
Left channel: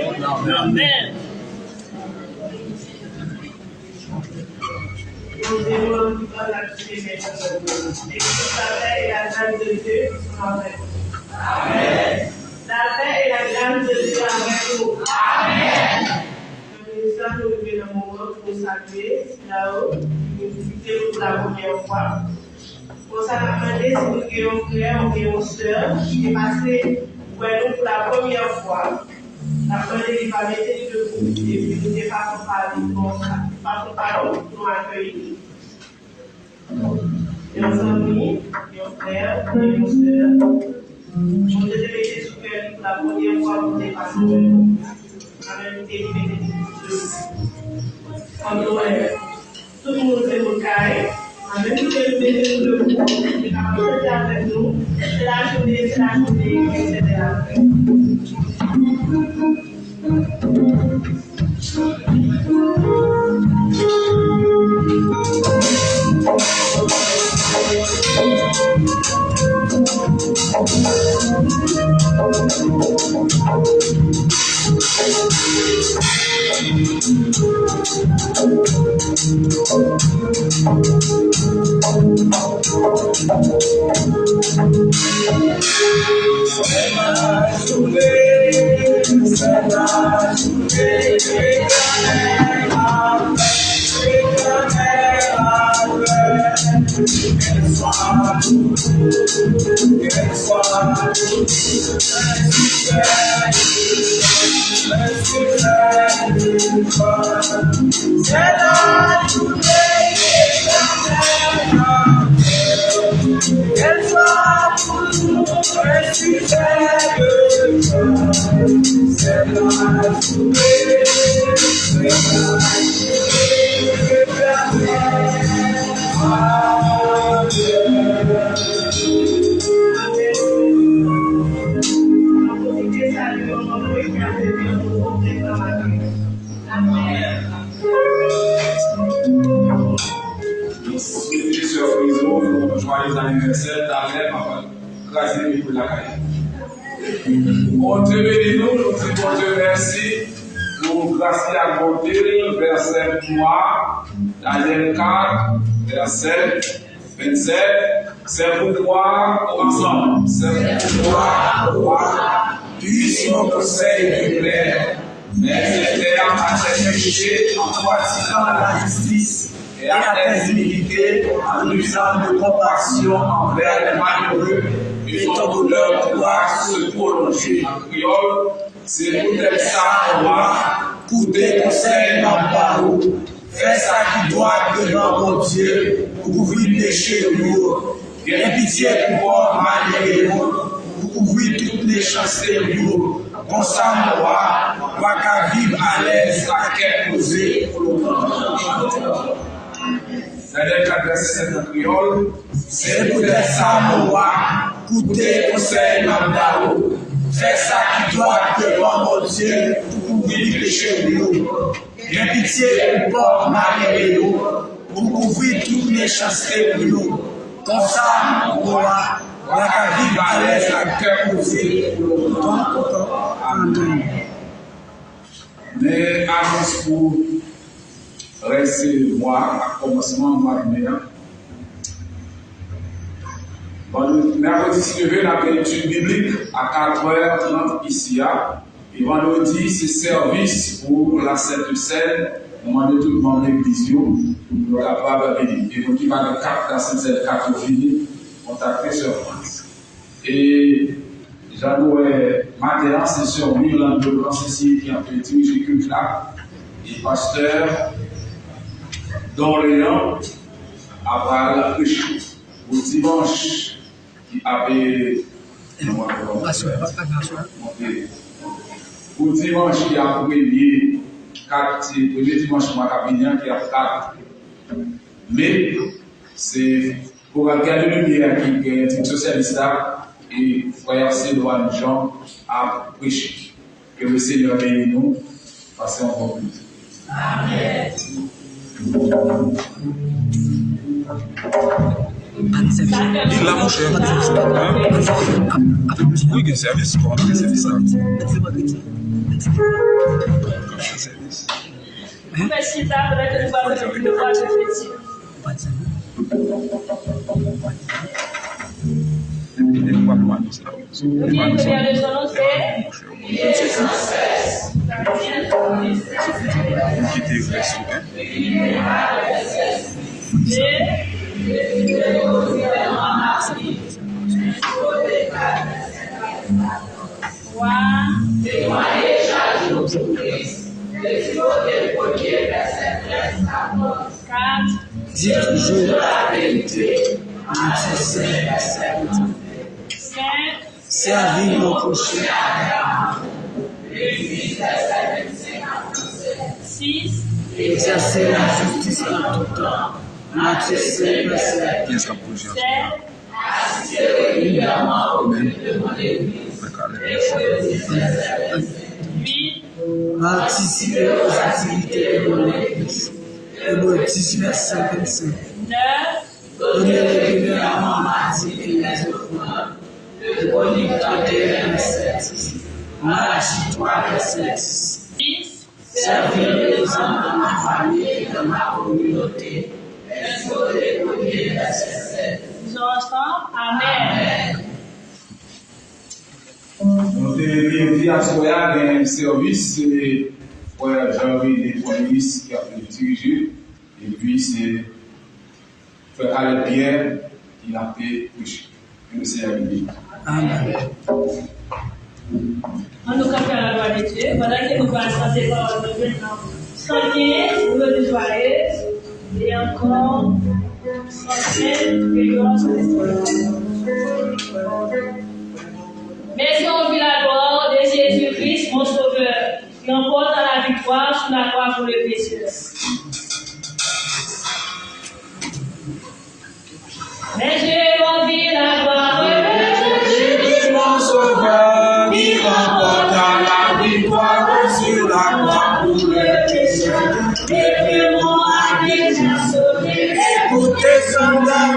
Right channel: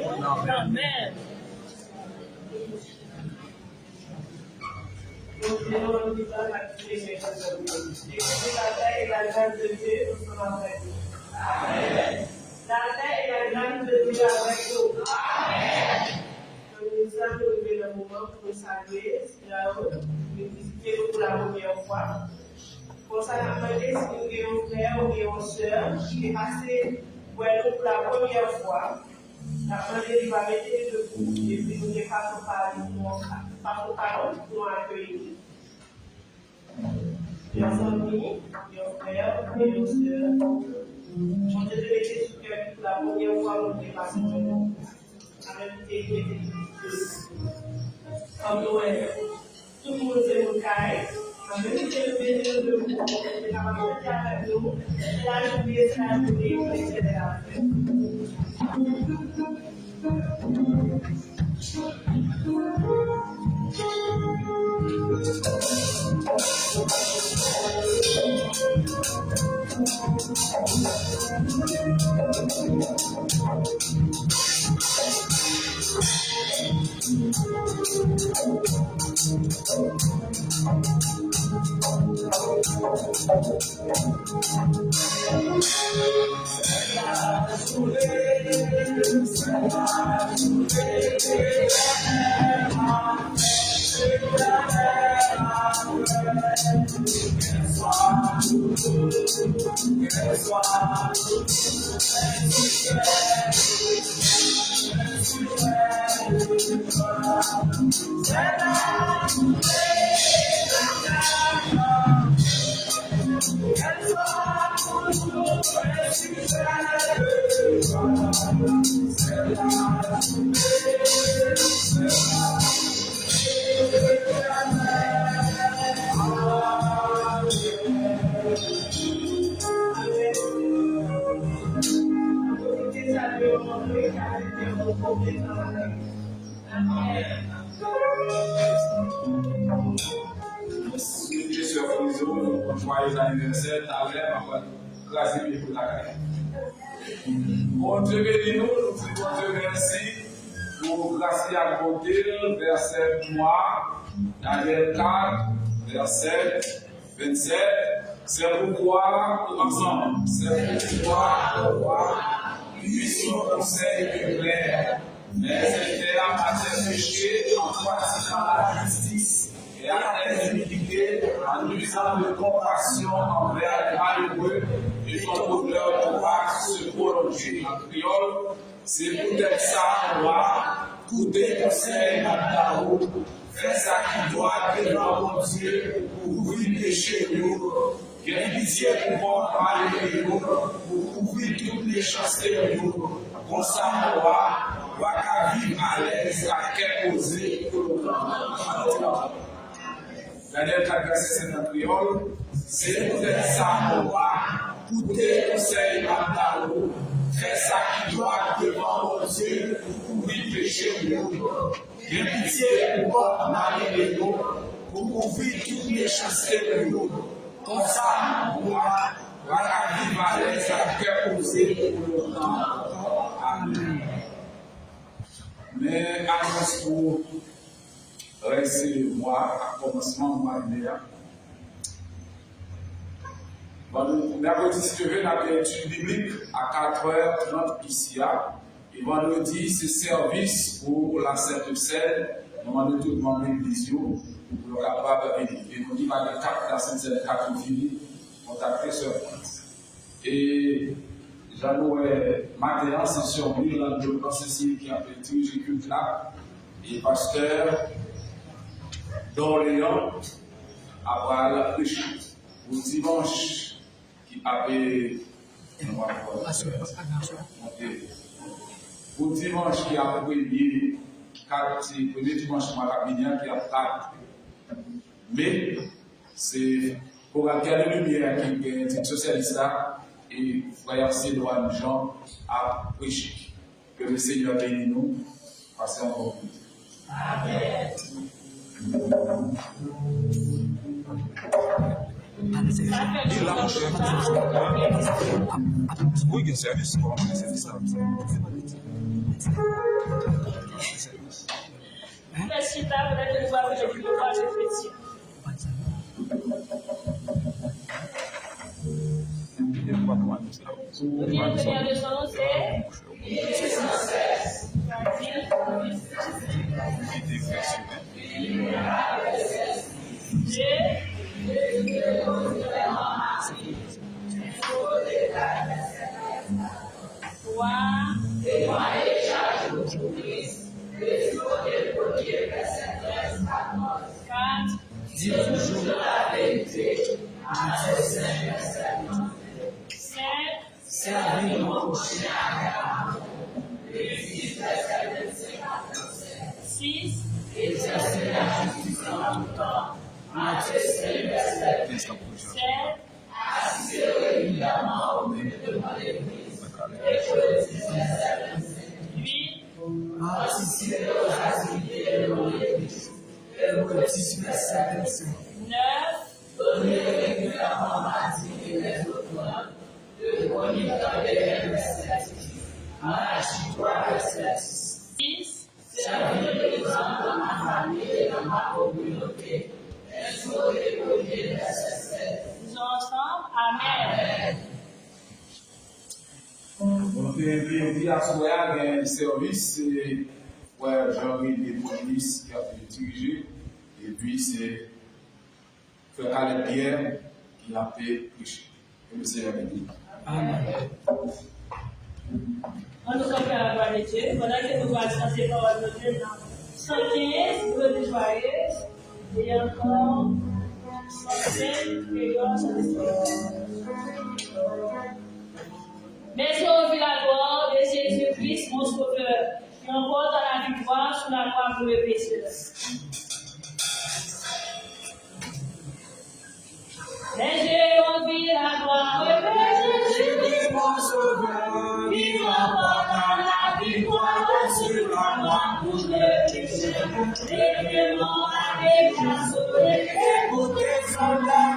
nous. Amen. Nous devons vivre la vie de nous. Et que la paix et la grâce de Dieu soient avec nous. Amen. La paix et la grâce de Dieu avec nous. Amen. Nous sommes arrivés dans le moment pour nous saluer, là-haut, nous visiter pour la première fois. Pour ça, nous demandons si nous avons un frère ou une soeur qui est passé pour nous pour la première fois. La première fois, va mettre debout et puis nous ne faisons pas comme ça. Façon pas nous accueillir. Nos amis, nos frères et nos soeurs, je te mettez sous cœur pour la première fois pour nous passer de nous. Amen. Tout le monde est au carré. Amen. Nous sommes debout. Nous sommes avec nous. C'est la journée, etc. Joyeux anniversaire, ta mère, papa. Grâce à Dieu pour la caille. Bon Dieu bénis nous, nous disons bon Dieu merci pour grâce à bonté, verset 3, Daniel 4, verset 27. C'est pourquoi, ensemble, c'est pourquoi, roi, puisse mon conseil plus clair, mais c'était à ma péché en pratiquant la justice et à tes iniquités, en usant de compassion envers les malheureux, et ton bonheur pourra se prolonger. En créole, c'est peut-être ça, roi, pour tes conseils dans parole. Fais ça qui doit devant mon Dieu, pour couvrir les péchés de nous. Viens pitié pour moi, malgré nous, pour couvrir toutes les chances de nous. Comme ça, mon roi, va qu'à vivre à l'aise, à quel poser pour longtemps. Daniel 4, verset 7 en créole, c'est peut-être ça, mon roi, pour tes conseils, Mamdao. Fais ça qui doit devant mon Dieu, pour couvrir les péchés de nous. Viens pitié pour moi, malgré nous, pour couvrir toutes les chances de nous. Comme ça, mon roi, va qu'à vivre à l'aise, à cœur posé pour longtemps. Amen. Mais annonce pour recevoir à commencement de mois de mai. Mercredi 6 novembre, on a une étude biblique à 4h30 ici. Et vendredi, c'est service pour la Sainte Seine. On demande tout le monde de l'église pour capable de venir. Et vous qui va de 4 à 5 4 fini, contactez sur France. Et Jean-Louis matin, c'est sur Milan de Francesi qui a fait diriger le culte là. Et pasteur d'Orléans après la prêche. Au dimanche, qui avait. Au dimanche, qui a premier dimanche, mois Capignan, qui a 4. Mais c'est pour regarder le lumière qui est une socialiste là, et frère Cédouane Jean a prêché. Que le Seigneur bénisse nous, passez en bon but. Amen. Ça fait Il l'a, mon cher. Oui, il y a un service pour entrer service là. Service. Faites ça pour que nous voyons le plus de fois de petit. Nous viens de regarder son nom, c'est Quitter verset dis toujours la vérité. Servir mon prochain. 6. Exercer la justice en tout temps. Matthieu 5, verset 15 capuchons. 7. évidemment au même demander. 8. Participer aux activités de mon église. Hébreux 10, verset 25. 9. Donner régulièrement mardi et les offrandes. Hébreux 31, verset 10. Malachie 3, verset 10. 10. Servir les hommes dans ma famille et dans ma communauté. Exode 1er, verset 7. Disons ensemble. Amen. Donc, il y a un service, c'est Jean-Louis de Police qui a fait diriger, et puis c'est Frère Alain Pierre qui a fait prêcher. Que le Seigneur bénisse. Amen. On nous confie la gloire de Dieu. Pendant que nous passons ces paroles de Dieu dans 115, nous le joyeux, et encore 115, et grâce à l'Esprit. Merci on vit la gloire de Jésus-Christ, mon Sauveur, qui emporte la victoire sur la croix pour le péché. Mais j'ai envie la gloire de Jésus-Christ, mon Sauveur, qui emporte la victoire sur la croix pour le péché. Et que mon âme est déjà sauvée, écoutez son âme.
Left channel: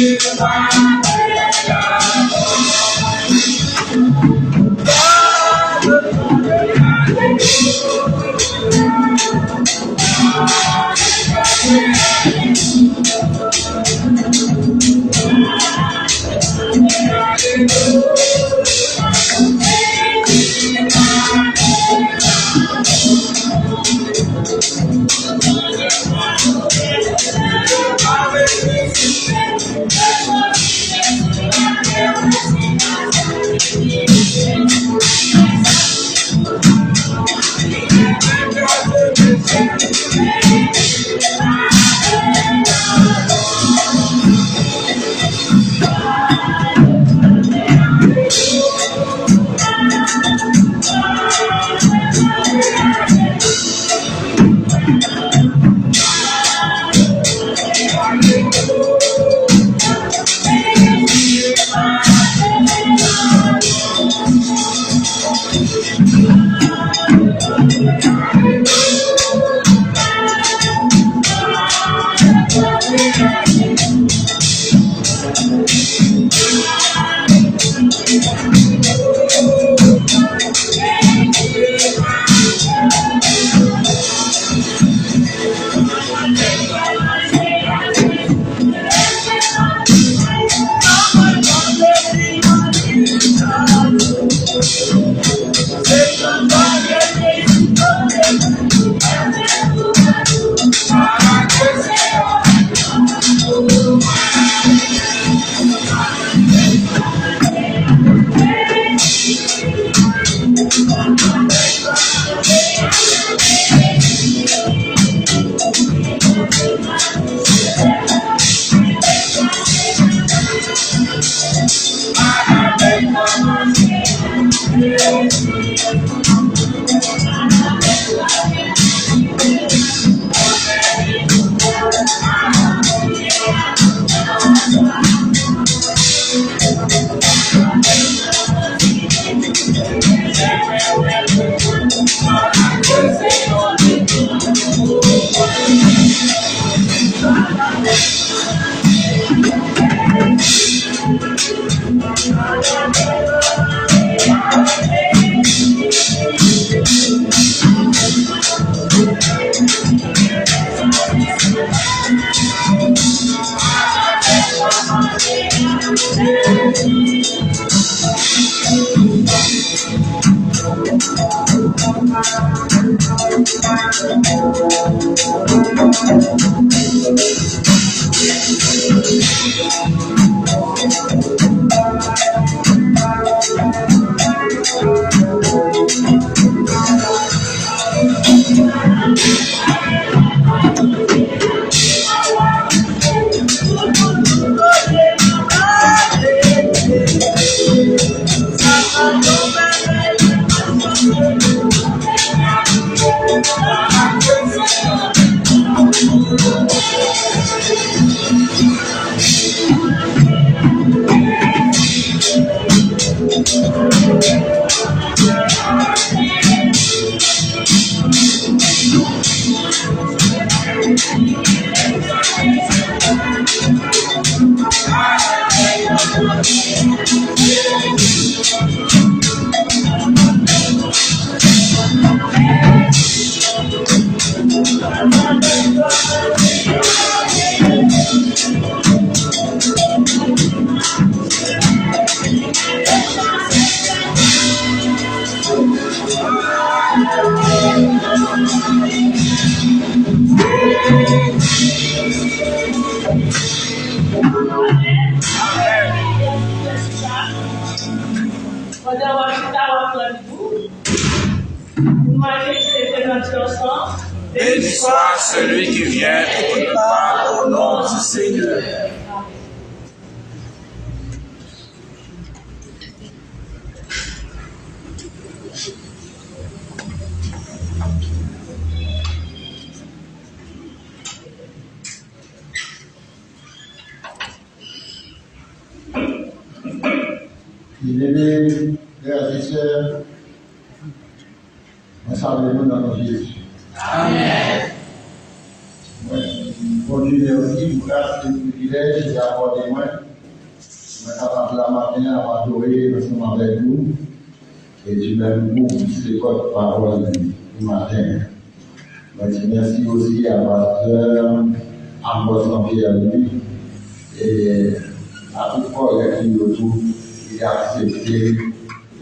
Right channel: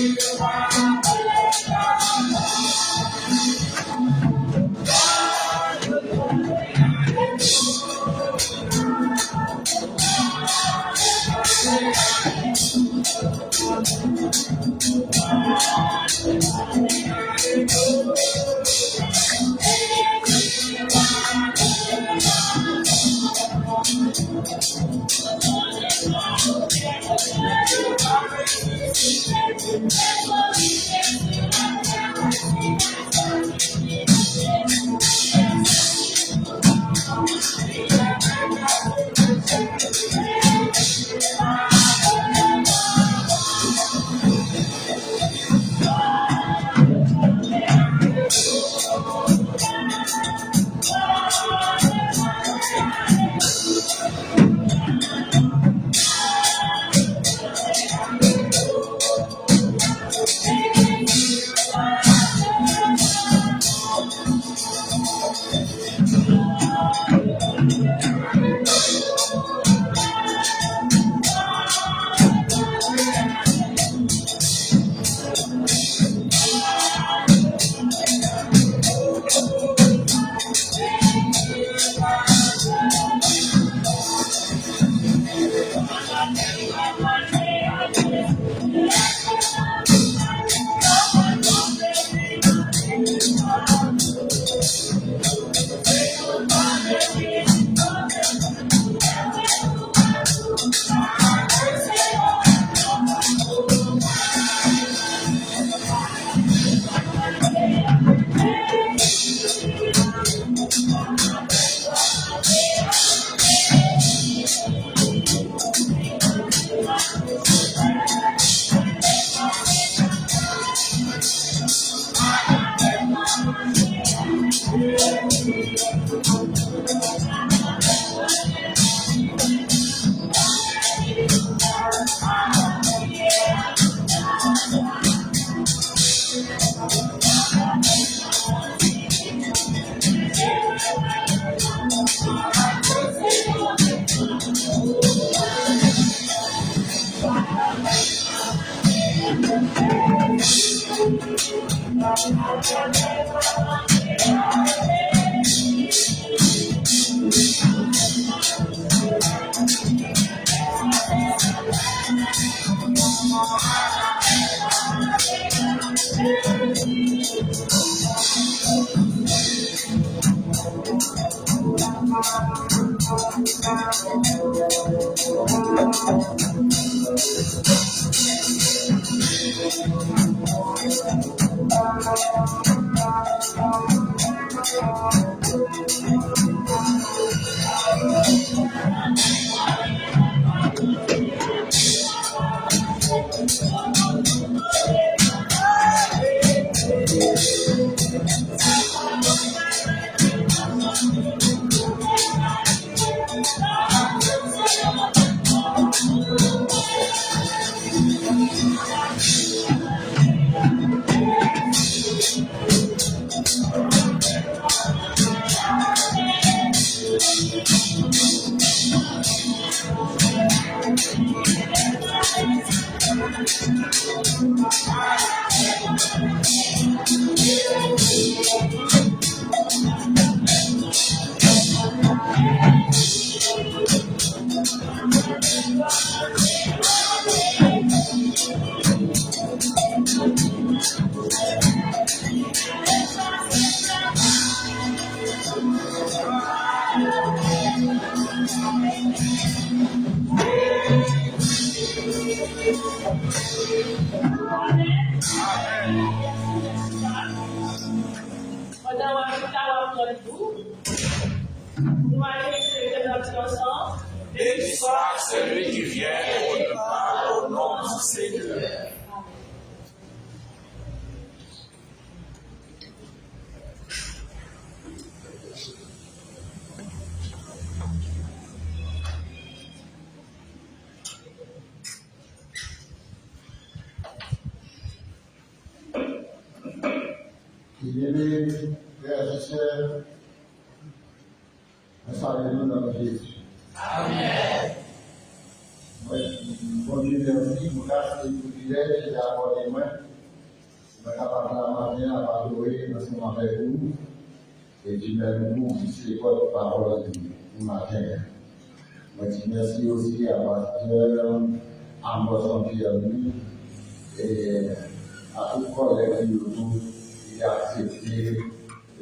Jésus va. Béni soit celui qui vient et qui parle au nom du Seigneur. Bien-aimés, frères et sœurs, nous saluons dans notre Jésus. Amen. Bon Dieu, merci pour grâce et privilège qui a accordé moi. Je suis capable la matin à adorer ensemble avec vous. Et Dieu même vous, c'est votre parole du matin. Je dis merci aussi à pasteur Ambroise Jean-Pierre lui et à tout collègue qui autour qui a accepté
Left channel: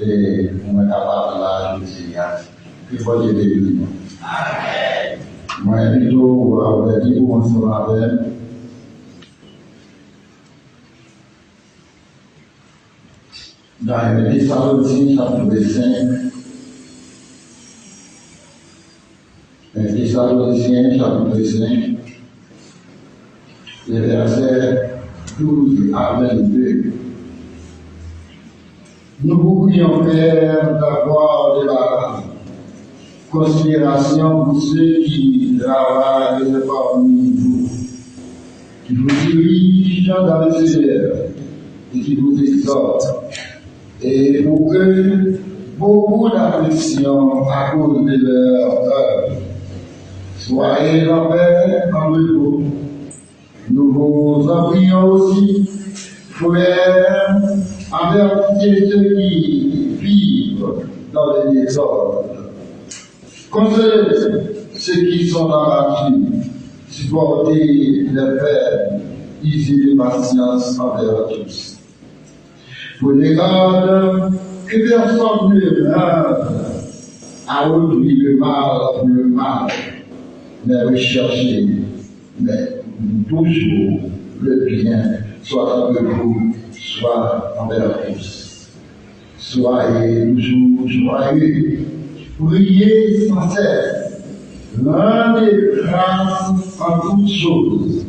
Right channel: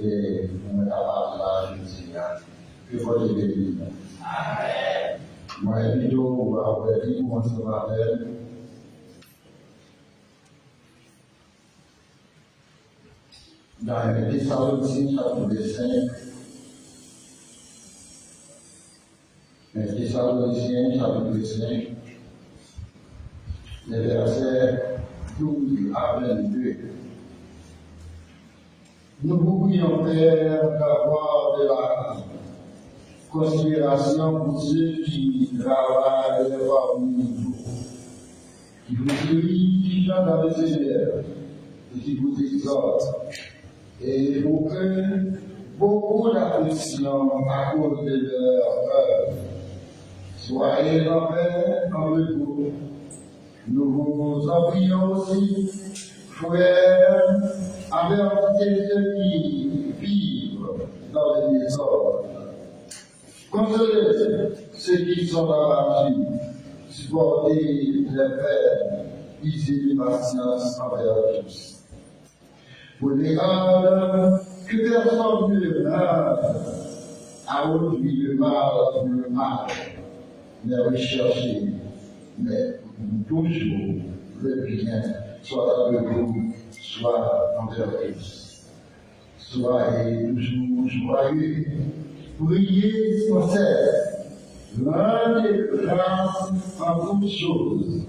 et pour être capable là, je dis, que votre Dieu Amen. Moi, plutôt, on va dire, on se rappelle. Dans les Thessaloniciens, chapitre 5. Les Thessaloniciens, chapitre 5. Les versets 12 à 22. Nous vous prions, Père, d'avoir de la considération pour ceux qui travaillent parmi vous, qui vous dirigent dans le Seigneur et qui vous exhortent, et pour que beaucoup d'afflictions à cause de leur œuvre soient en paix en repos. Nous vous en prions aussi, frères, avertissez ceux qui vivent dans les désordres. Consolez ceux qui sont dans la vie, supportez les peines, ayez patience envers tous. Prenez garde que personne ne meure à autrui le mal pour le mal, mais recherchez, mais toujours le bien, soit avec vous, soit envers tous. Soyez toujours joyeux. Priez sans cesse, rendez grâce en toutes choses,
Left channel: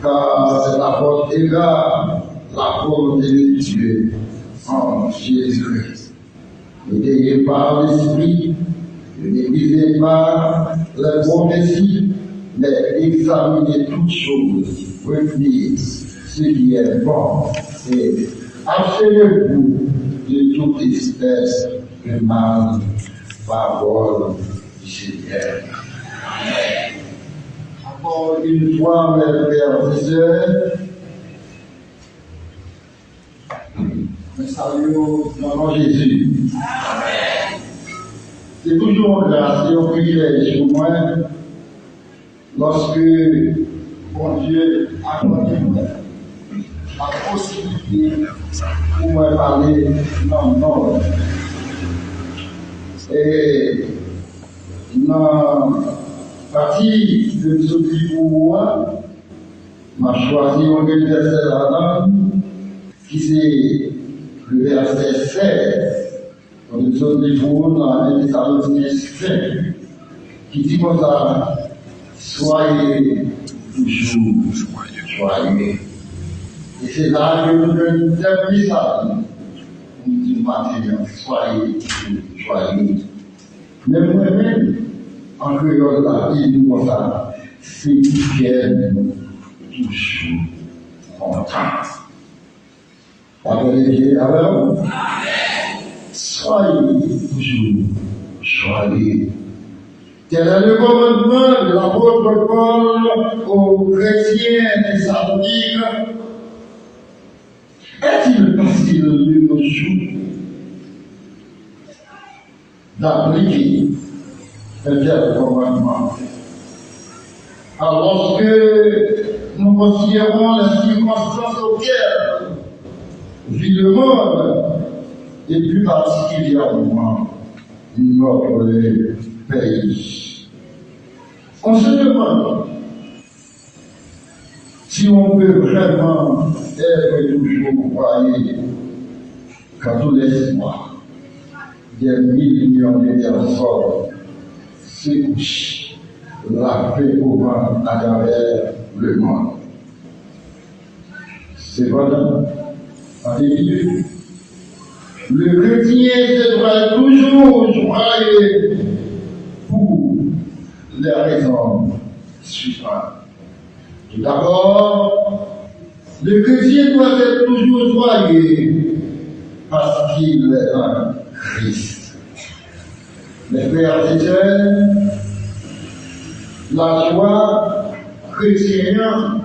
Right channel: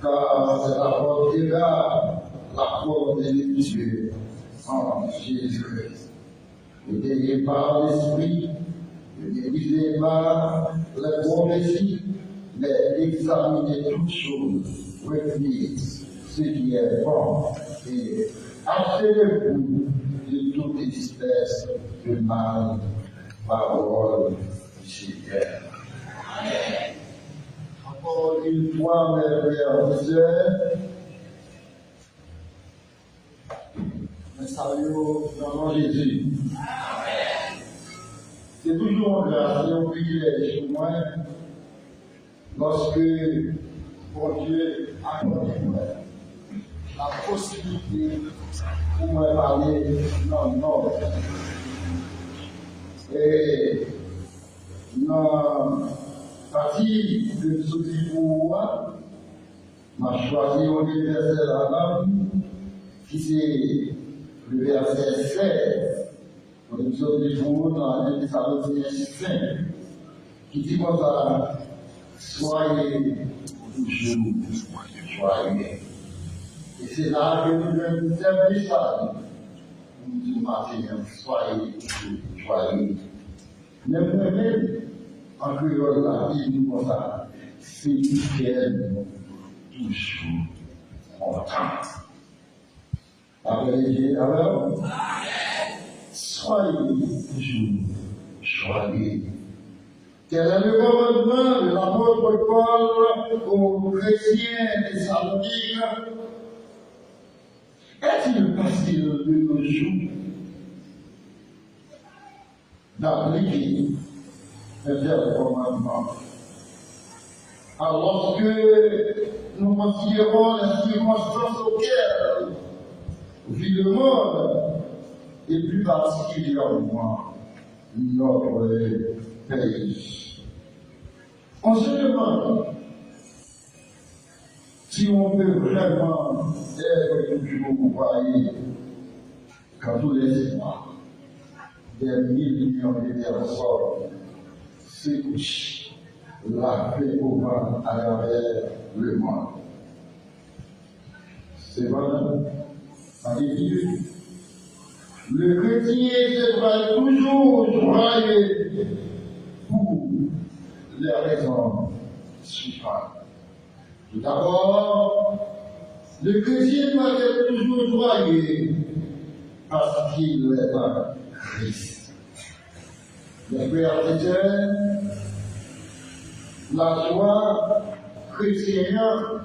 car c'est la portée là, la volonté de Dieu en Jésus-Christ. N'ayez pas l'esprit, ne négligez pas les prophéties, mais examinez toutes choses, retenez ce qui est bon et abstenez-vous de toute espèce de mal. Parole du Seigneur. Amen. Encore une fois, mes frères et sœurs, nous saluons dans le nom de Jésus. Amen. C'est toujours une grâce et un privilège pour moi lorsque bon Dieu a donné la possibilité pour moi parler dans le nom. Et dans partie de ce livre, m'a choisi un verset là-dedans, qui c'est le verset 16, dans le livre dans 1 Thessaloniciens 5, qui dit comme ça, soyez toujours joyeux. Et c'est là que nous devons terminer ça. Nous disons maintenant, soyez toujours joyeux. Mais moi-même, en créole, là, il dit comme ça, c'est nous toujours contents. Avec soyez toujours joyeux. Quel est le commandement de l'apôtre Paul aux chrétiens thessaloniques? Est-il facile de nos jours d'appliquer un tel commandement? Alors que nous considérons les circonstances auxquelles vit le monde, et plus particulièrement notre pays. On se demande si on peut vraiment être toujours croyant quand tous les mois, des millions de personnes se couchent la paix au vent à travers le monde. C'est vraiment alléluia. Le chrétien devra toujours joyeux pour les raisons suivantes. Tout d'abord, le chrétien doit être toujours joyeux parce qu'il est en Christ. Mes frères et sœurs, la joie chrétienne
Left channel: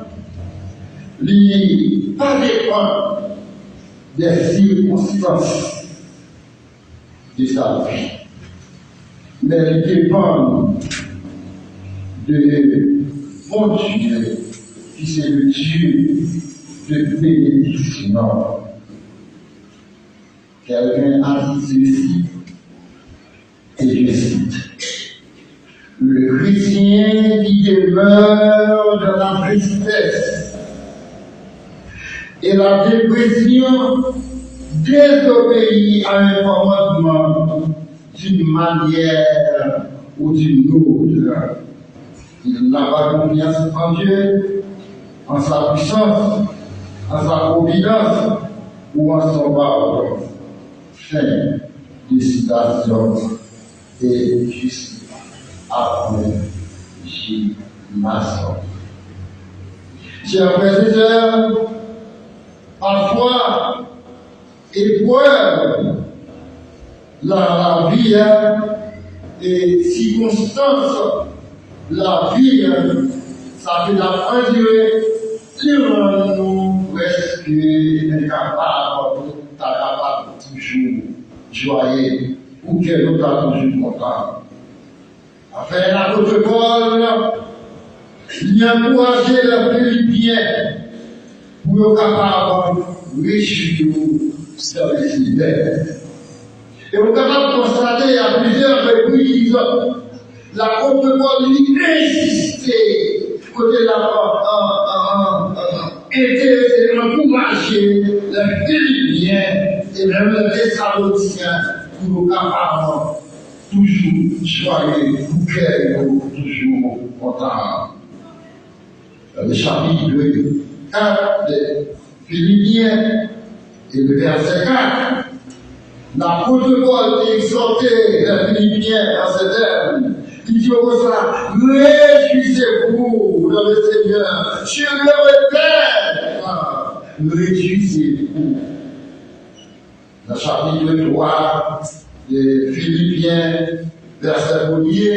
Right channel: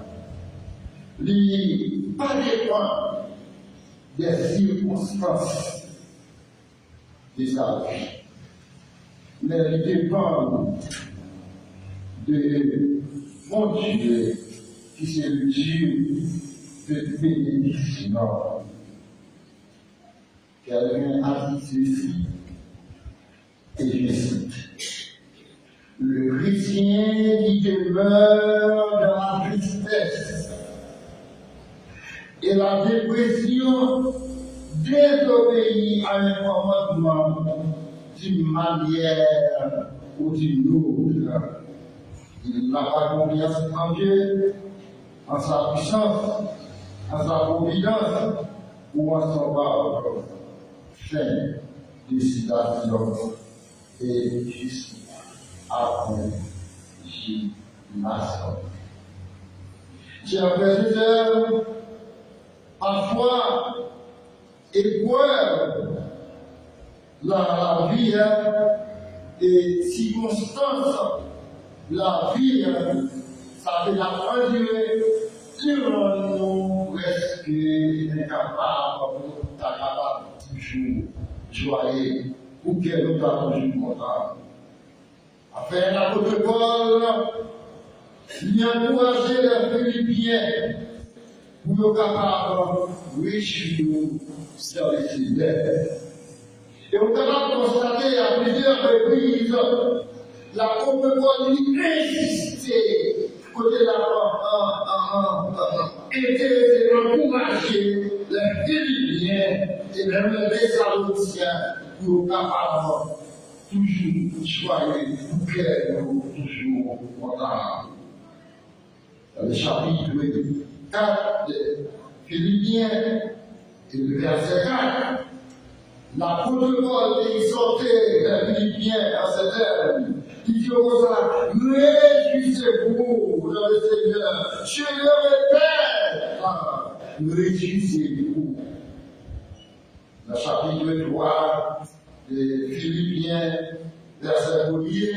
n'est pas dépend des circonstances de sa vie, mais elle dépend de mon Dieu, qui c'est le Dieu de bénédiction. Quelqu'un a dit ceci, et je cite, le chrétien qui demeure dans la tristesse et la dépression désobéit à un commandement d'une manière ou d'une autre. Il n'a pas confiance en Dieu, en sa puissance, en sa providence ou en son pardon. Fin de citation et juste après J. Masson. Chers frères et sœurs, parfois, épreuve, la vie et circonstances, la vie, ça fait la endurer, nous presque incapables, toujours joyeux, ou que nous sommes toujours contents. Afin l'apôtre Paul, il a encouragé les Philippiens pour être capable de réussir dans les fidèles. Et on est capable de constater à plusieurs reprises l'apôtre Paul lui insistait côté de la intéressé, encourager les Philippiens et même les Thessaloniciens pour être capable toujours joyeux, pour qu'elle toujours content. Le chapitre 4 de Philippiens et le verset 4, l'apôtre Paul exhortait les Philippiens dans ces termes. Il dit comme ça, réjouissez-vous dans le Seigneur. Je le répète, réjouissez-vous. Dans le chapitre 3 de Philippiens, verset 1er,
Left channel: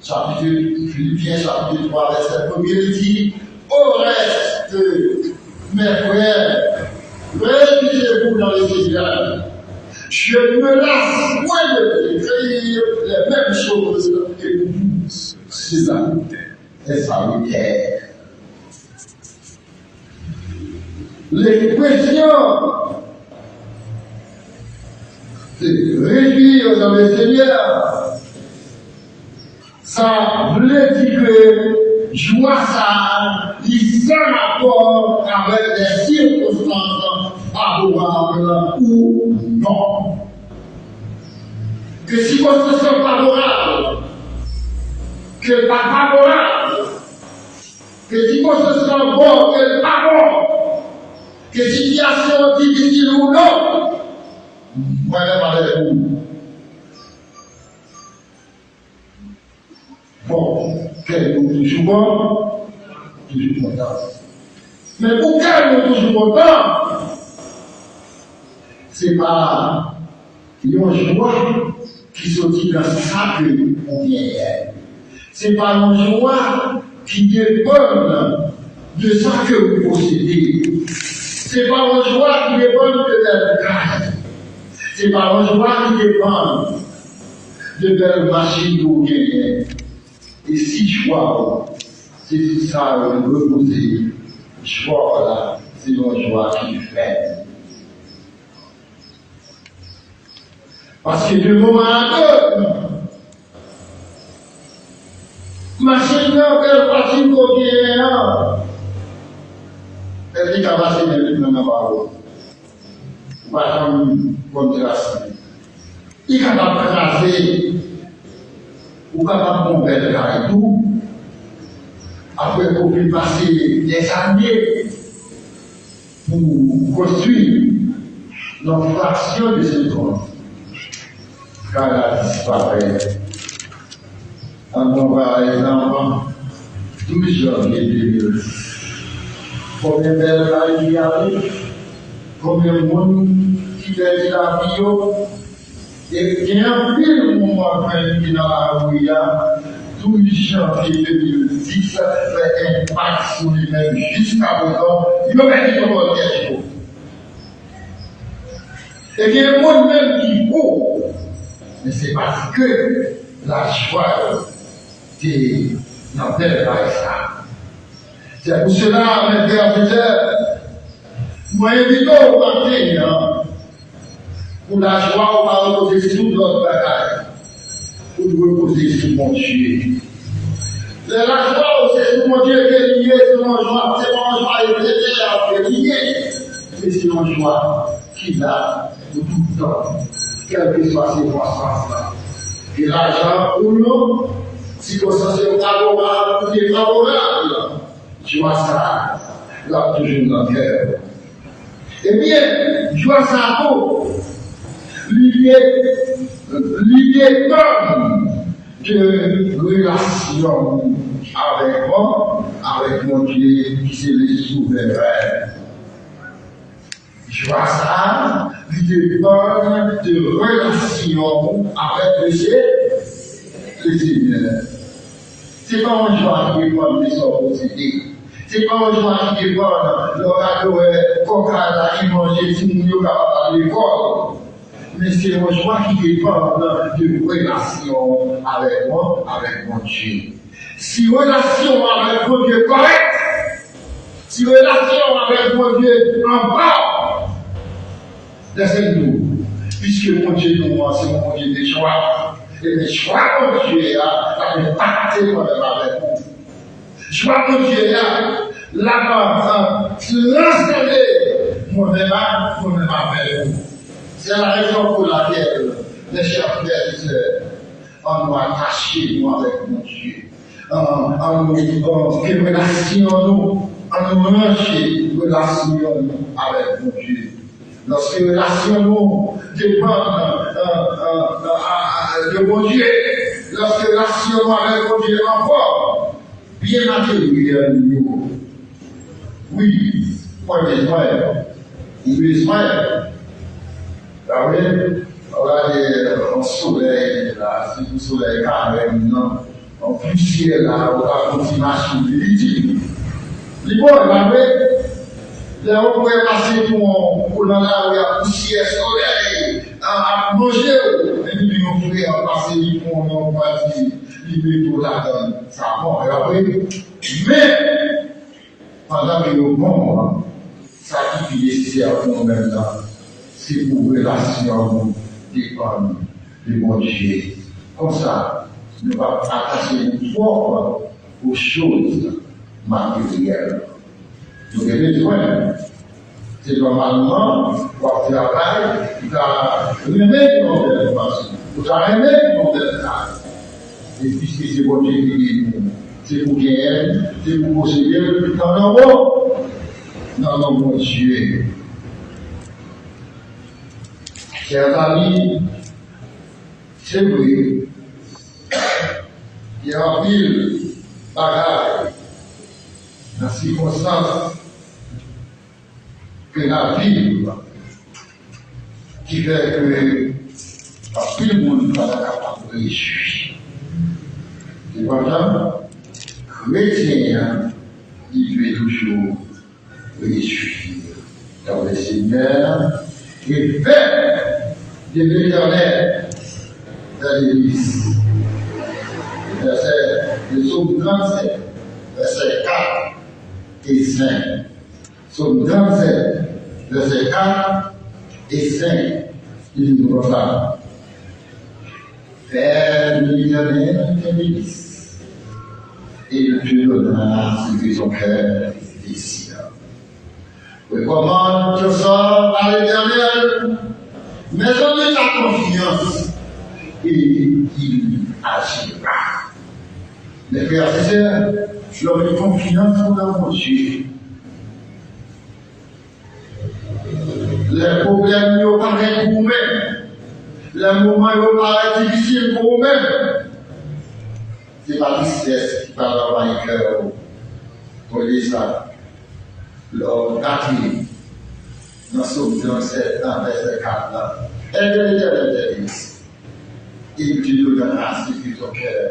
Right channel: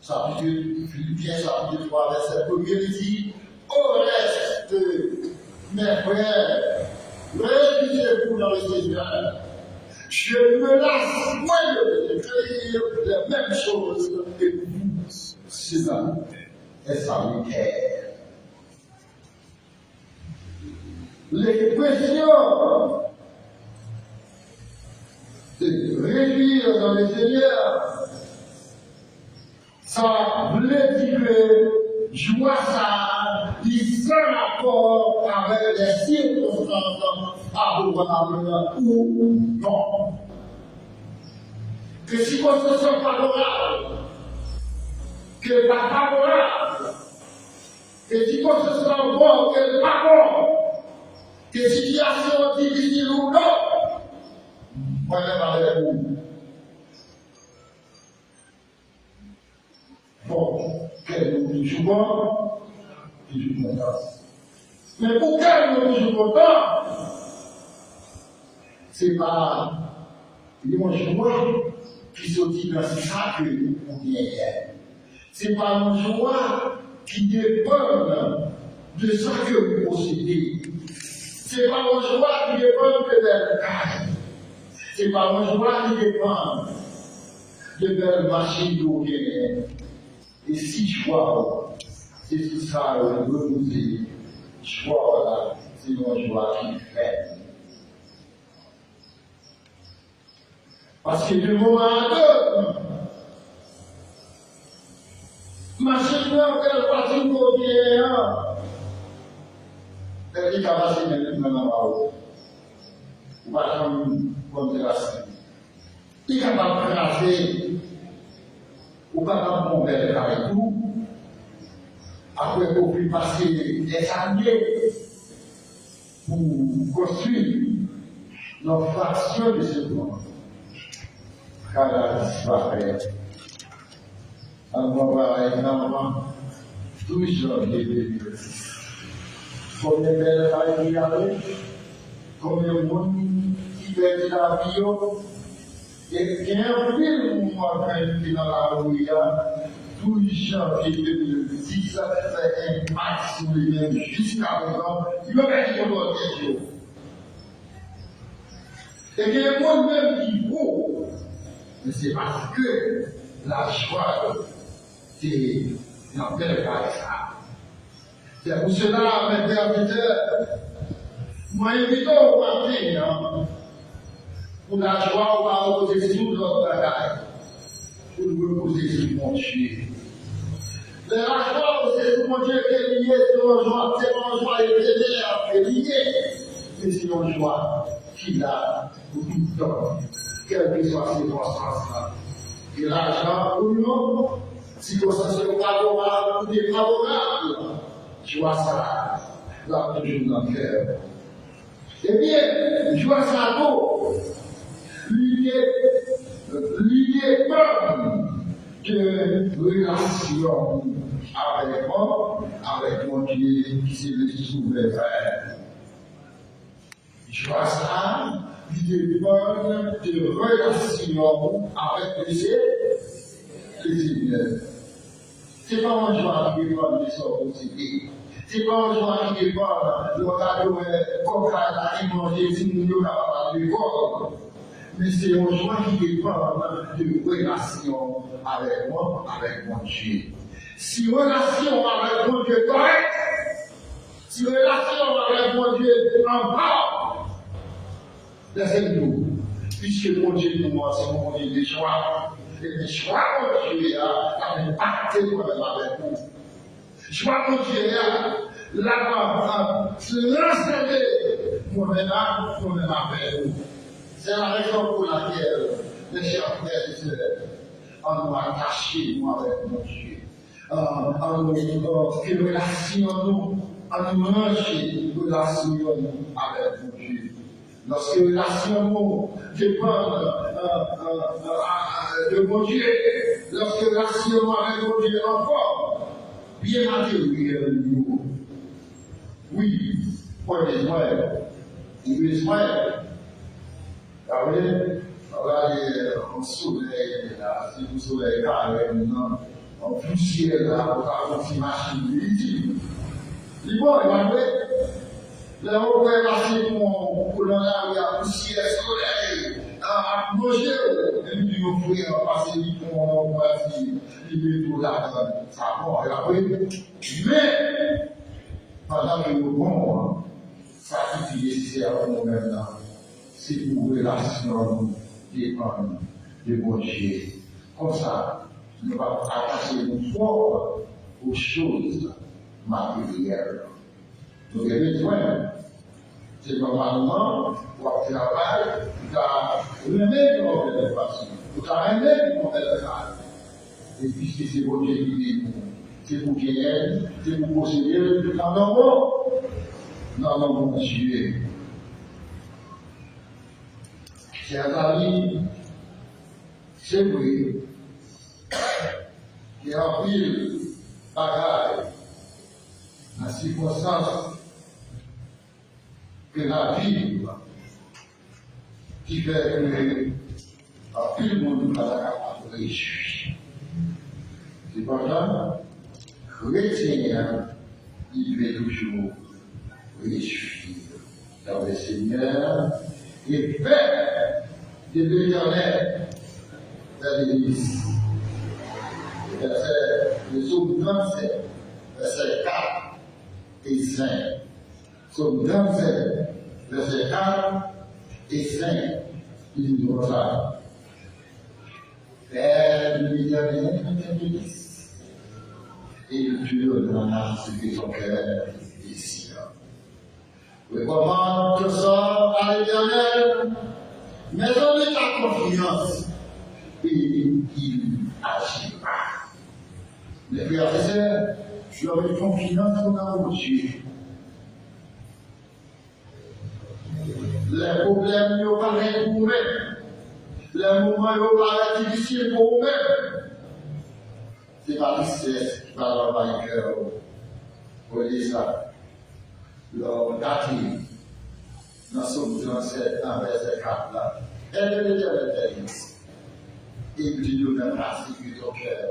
Philippiens, chapitre 3, verset 1er, il dit, au reste, mes frères, réjouissez-vous dans le Seigneur. Je me lasse point de écrire les mêmes choses que vous. C'est ça. Et salutaire. L'expression de réjouir dans le Seigneur, Ça veut dire que joie ça, il sans rapport avec les circonstances favorables ou non. Que si circonstances sont favorables, que pas favorable, que circonstances sont bonnes, que pas bon, que situation difficile ou non, moi je vais parler de vous. Bon, quel nous toujours bon, toujours content. Mais pour quel nous toujours content, c'est pas une joie qui sortit dans ça que on vient hier. C'est pas une joie qui dépend de ça que vous possédez. C'est pas une joie qui dépend de belles cases. C'est pas une joie qui dépend de belles machines que vous gagnez. Et si joie, c'est tout ça, le reposer, joie là, c'est une joie qui fait. Parce que de moment à l'autre, machine là, quelle partie qu'on vient, elle dit qu'elle va se mettre dans la parole. Pas comme de la semaine. Il est capable de craser. Ou capable de bomber et tout, après qu'on puisse passer des années pour construire notre fraction de ce compte. Quand elle a disparu, en par exemple, 12 janvier 2006, combien de belles il y avait, combien de monde qui perdit la vie, et il y a un pile moment qui est dans la rue, 12 janvier 2010, fait impact sur lui-même jusqu'à présent, il ne va pas dire quelque chose. Et il y a un monde même qui vaut, mais c'est parce que la joie est dans tel ça. C'est pour cela, mes frères et sœurs, moi invite au matin, pour la joie, on va reposer sur notre bagage. Pour nous reposer sur mon Dieu. La joie, c'est sur mon Dieu qui est lié, c'est mon joie. C'est mon joie qui est lié. Mais c'est mon joie qu'il a pour tout le temps. Quelles que soient ces circonstances-là. Et l'argent ou non, circonstances favorables ou défavorables, joie ça, là toujours dans le cœur. Eh bien, joie ça vaut. L'idée comme de relation avec moi, avec mon Dieu qui s'est le souverain. Je vois ça, l'idée comme de relation avec le Seigneur. C'est pas un joie qui dépend de son possédé. C'est pas un joie qui dépend de l'orateur, coca, qui mangeait, si nous sommes capables à l'école. Mais c'est une joie qui dépend de relation avec moi, avec mon Dieu. Si relation avec mon Dieu correcte, si relation avec mon Dieu en bas, laissez-nous, puisque mon Dieu nous, c'est mon Dieu des choix. Et les choix mon Dieu a fait pacter moi-même avec vous. Choix mon Dieu là-bas, transcender moi-même avec vous. C'est la raison pour laquelle, mes chers frères et sœurs, on doit attacher nous avec mon Dieu. En nous relationnons, en nous relationnons avec mon Dieu. Lorsque relationnons dépendent de mon Dieu, lorsque relationnons avec mon Dieu encore, bien matériel nous. Oui, pas Israël. Oui, Israël. Vous voyez, on a un soleil, là, c'est un soleil carré, non. En plus, ciel, là, on a une petite machine ridicule. Les bons, on pourrait passer pour dans la rue à poussière, soleil, à manger, et puis on pourrait passer pour on va dire, les métaux là, ça bon, et après, mais, pendant que le bon, ça qui est nécessaire pour nous-mêmes là, c'est pour relation dépendre de mon Dieu. Comme ça, ne pas attacher une forme aux choses matérielles. Nous devons dire, c'est normalement, quand tu travailles, tu as remis ton belle façon, tu as remis ton belle taille. Et puisque c'est votre Dieu qui dit, c'est pour gagner, c'est pour posséder, dans le nom de Dieu. Chers amis, c'est vrai qu'il y a un pile bagaille dans les circonstances que la vie qui fait que un pile monde n'est pas capable de réussir. Cependant, chrétien, il veut toujours réussir dans le Seigneur et faire de l'Éternel dans l'Église. Le psaume 37, versets 4 et 5. Psaume 37, versets 4 et 5, il dit comme ça. Faire de l'Éternel dans l'Église, et il te donnera ce que son cœur désire. Recommande tout ça à l'Éternel, mais donne ta confiance, et il agira. Mes frères et sœurs, l'homme de confiance dans mon Dieu. Les problèmes ne paraissent pour vous-même. Les moments ne paraissent difficiles pour vous-même. Ce n'est pas tristesse qui parle dans le cœur. Pour dire ça, l'homme acquis dans Psaume 37, dans verset 4 là, elle de l'Éternel des Églises. Et tu nous donneras ce que ton cœur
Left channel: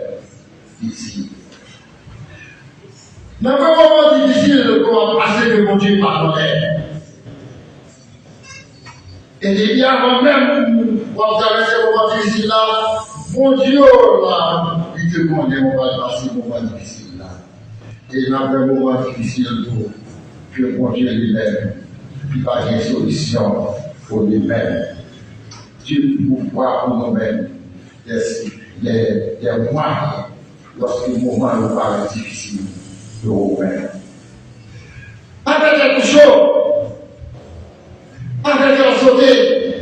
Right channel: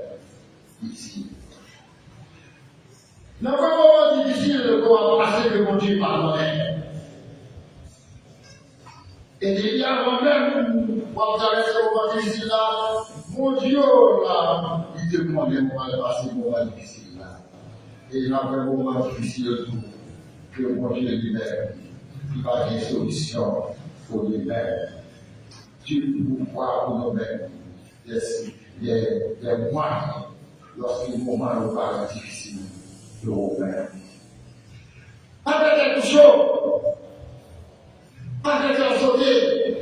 ici. Dans un moment difficile, comment passer que mon Dieu pardonnait. Et depuis avant même, quand vous avez ces moments difficiles là, mon Dieu là, il te demande, on va passer ces moments difficiles là. Et dans un moment difficile, que mon Dieu lui-même, il va y avoir une solution pour lui-même. Dieu nous voit pour nous-mêmes des moyens lorsque le moment nous paraît difficile pour nous-mêmes. Pas de quelque chose, pas de quelque sauter,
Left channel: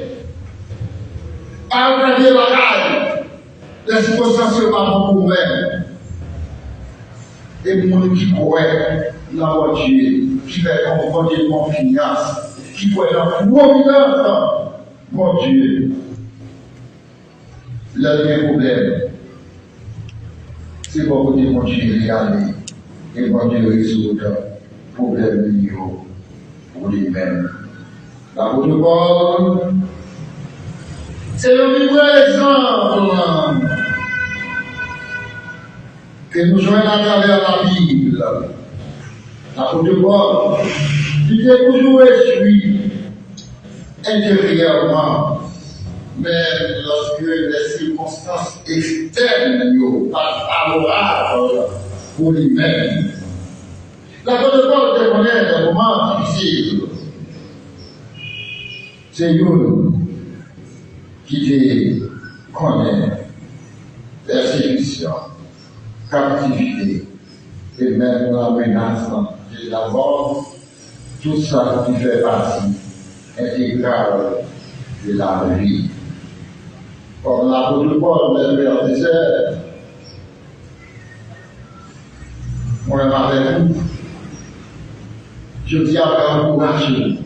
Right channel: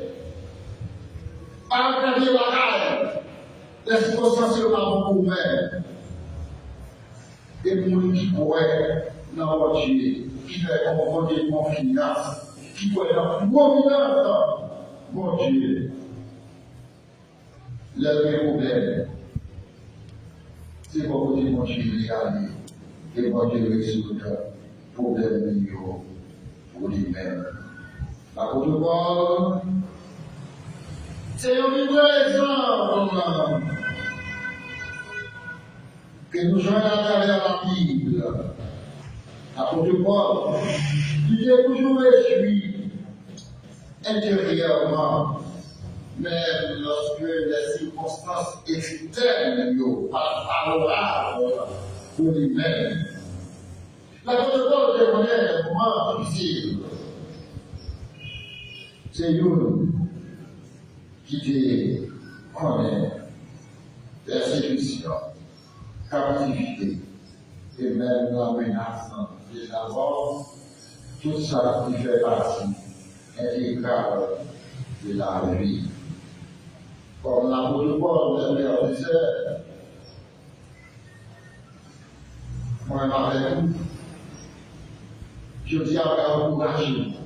pas de quelque bagaille, les circonstances ne sont pas pour nous-mêmes. Et pour nous qui pourrait, dans notre Dieu, qui fait comprendre confiance, qui pourrait dans providence, mon Dieu. Le même problème, c'est pour que mon Dieu y aller et mon Dieu résout le problème pour lui-même. L'apôtre Paul, c'est le vivre exemple que nous jouons à travers la Bible. L'apôtre Paul, il est toujours réjoui intérieurement. Mais lorsque les circonstances externes ne sont pas favorables pour lui-même, l'apôtre Paul reconnaît des moments difficiles. C'est nous qui connaît persécution, captivité et même la menace de la mort, tout ça qui fait partie intégrale de la vie. Comme l'apôtre Paul, mes frères et sœurs, moi, avec vous, je dis à encourager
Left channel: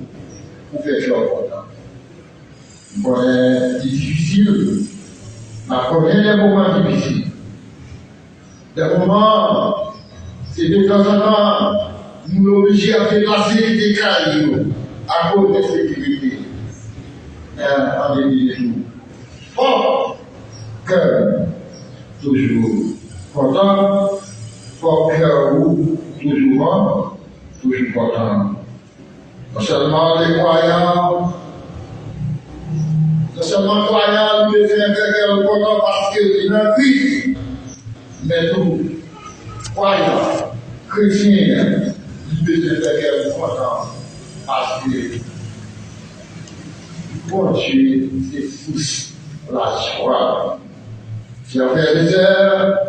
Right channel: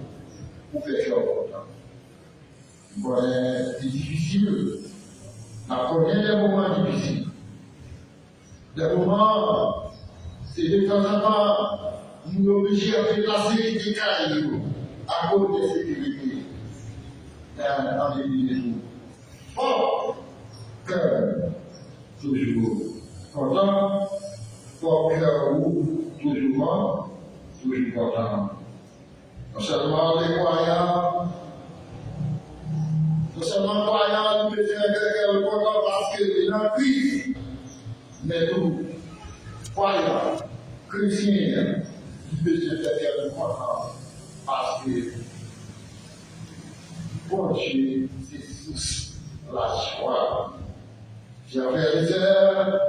pour faire ce important. C'est difficile, mais connaît les moments difficiles. Des moments, c'est de temps en temps, nous sommes obligés à déplacer des cailloux à cause de sécurité. En début de jour. Fort cœur, toujours content, fort cœur, toujours content. Non seulement les croyants, nous devons faire cœur content parce qu'il est en Christ, mais nous, croyants, chrétiens, nous devons faire cœur content parce que bon Dieu, c'est tous la joie. Chers frères et sœurs,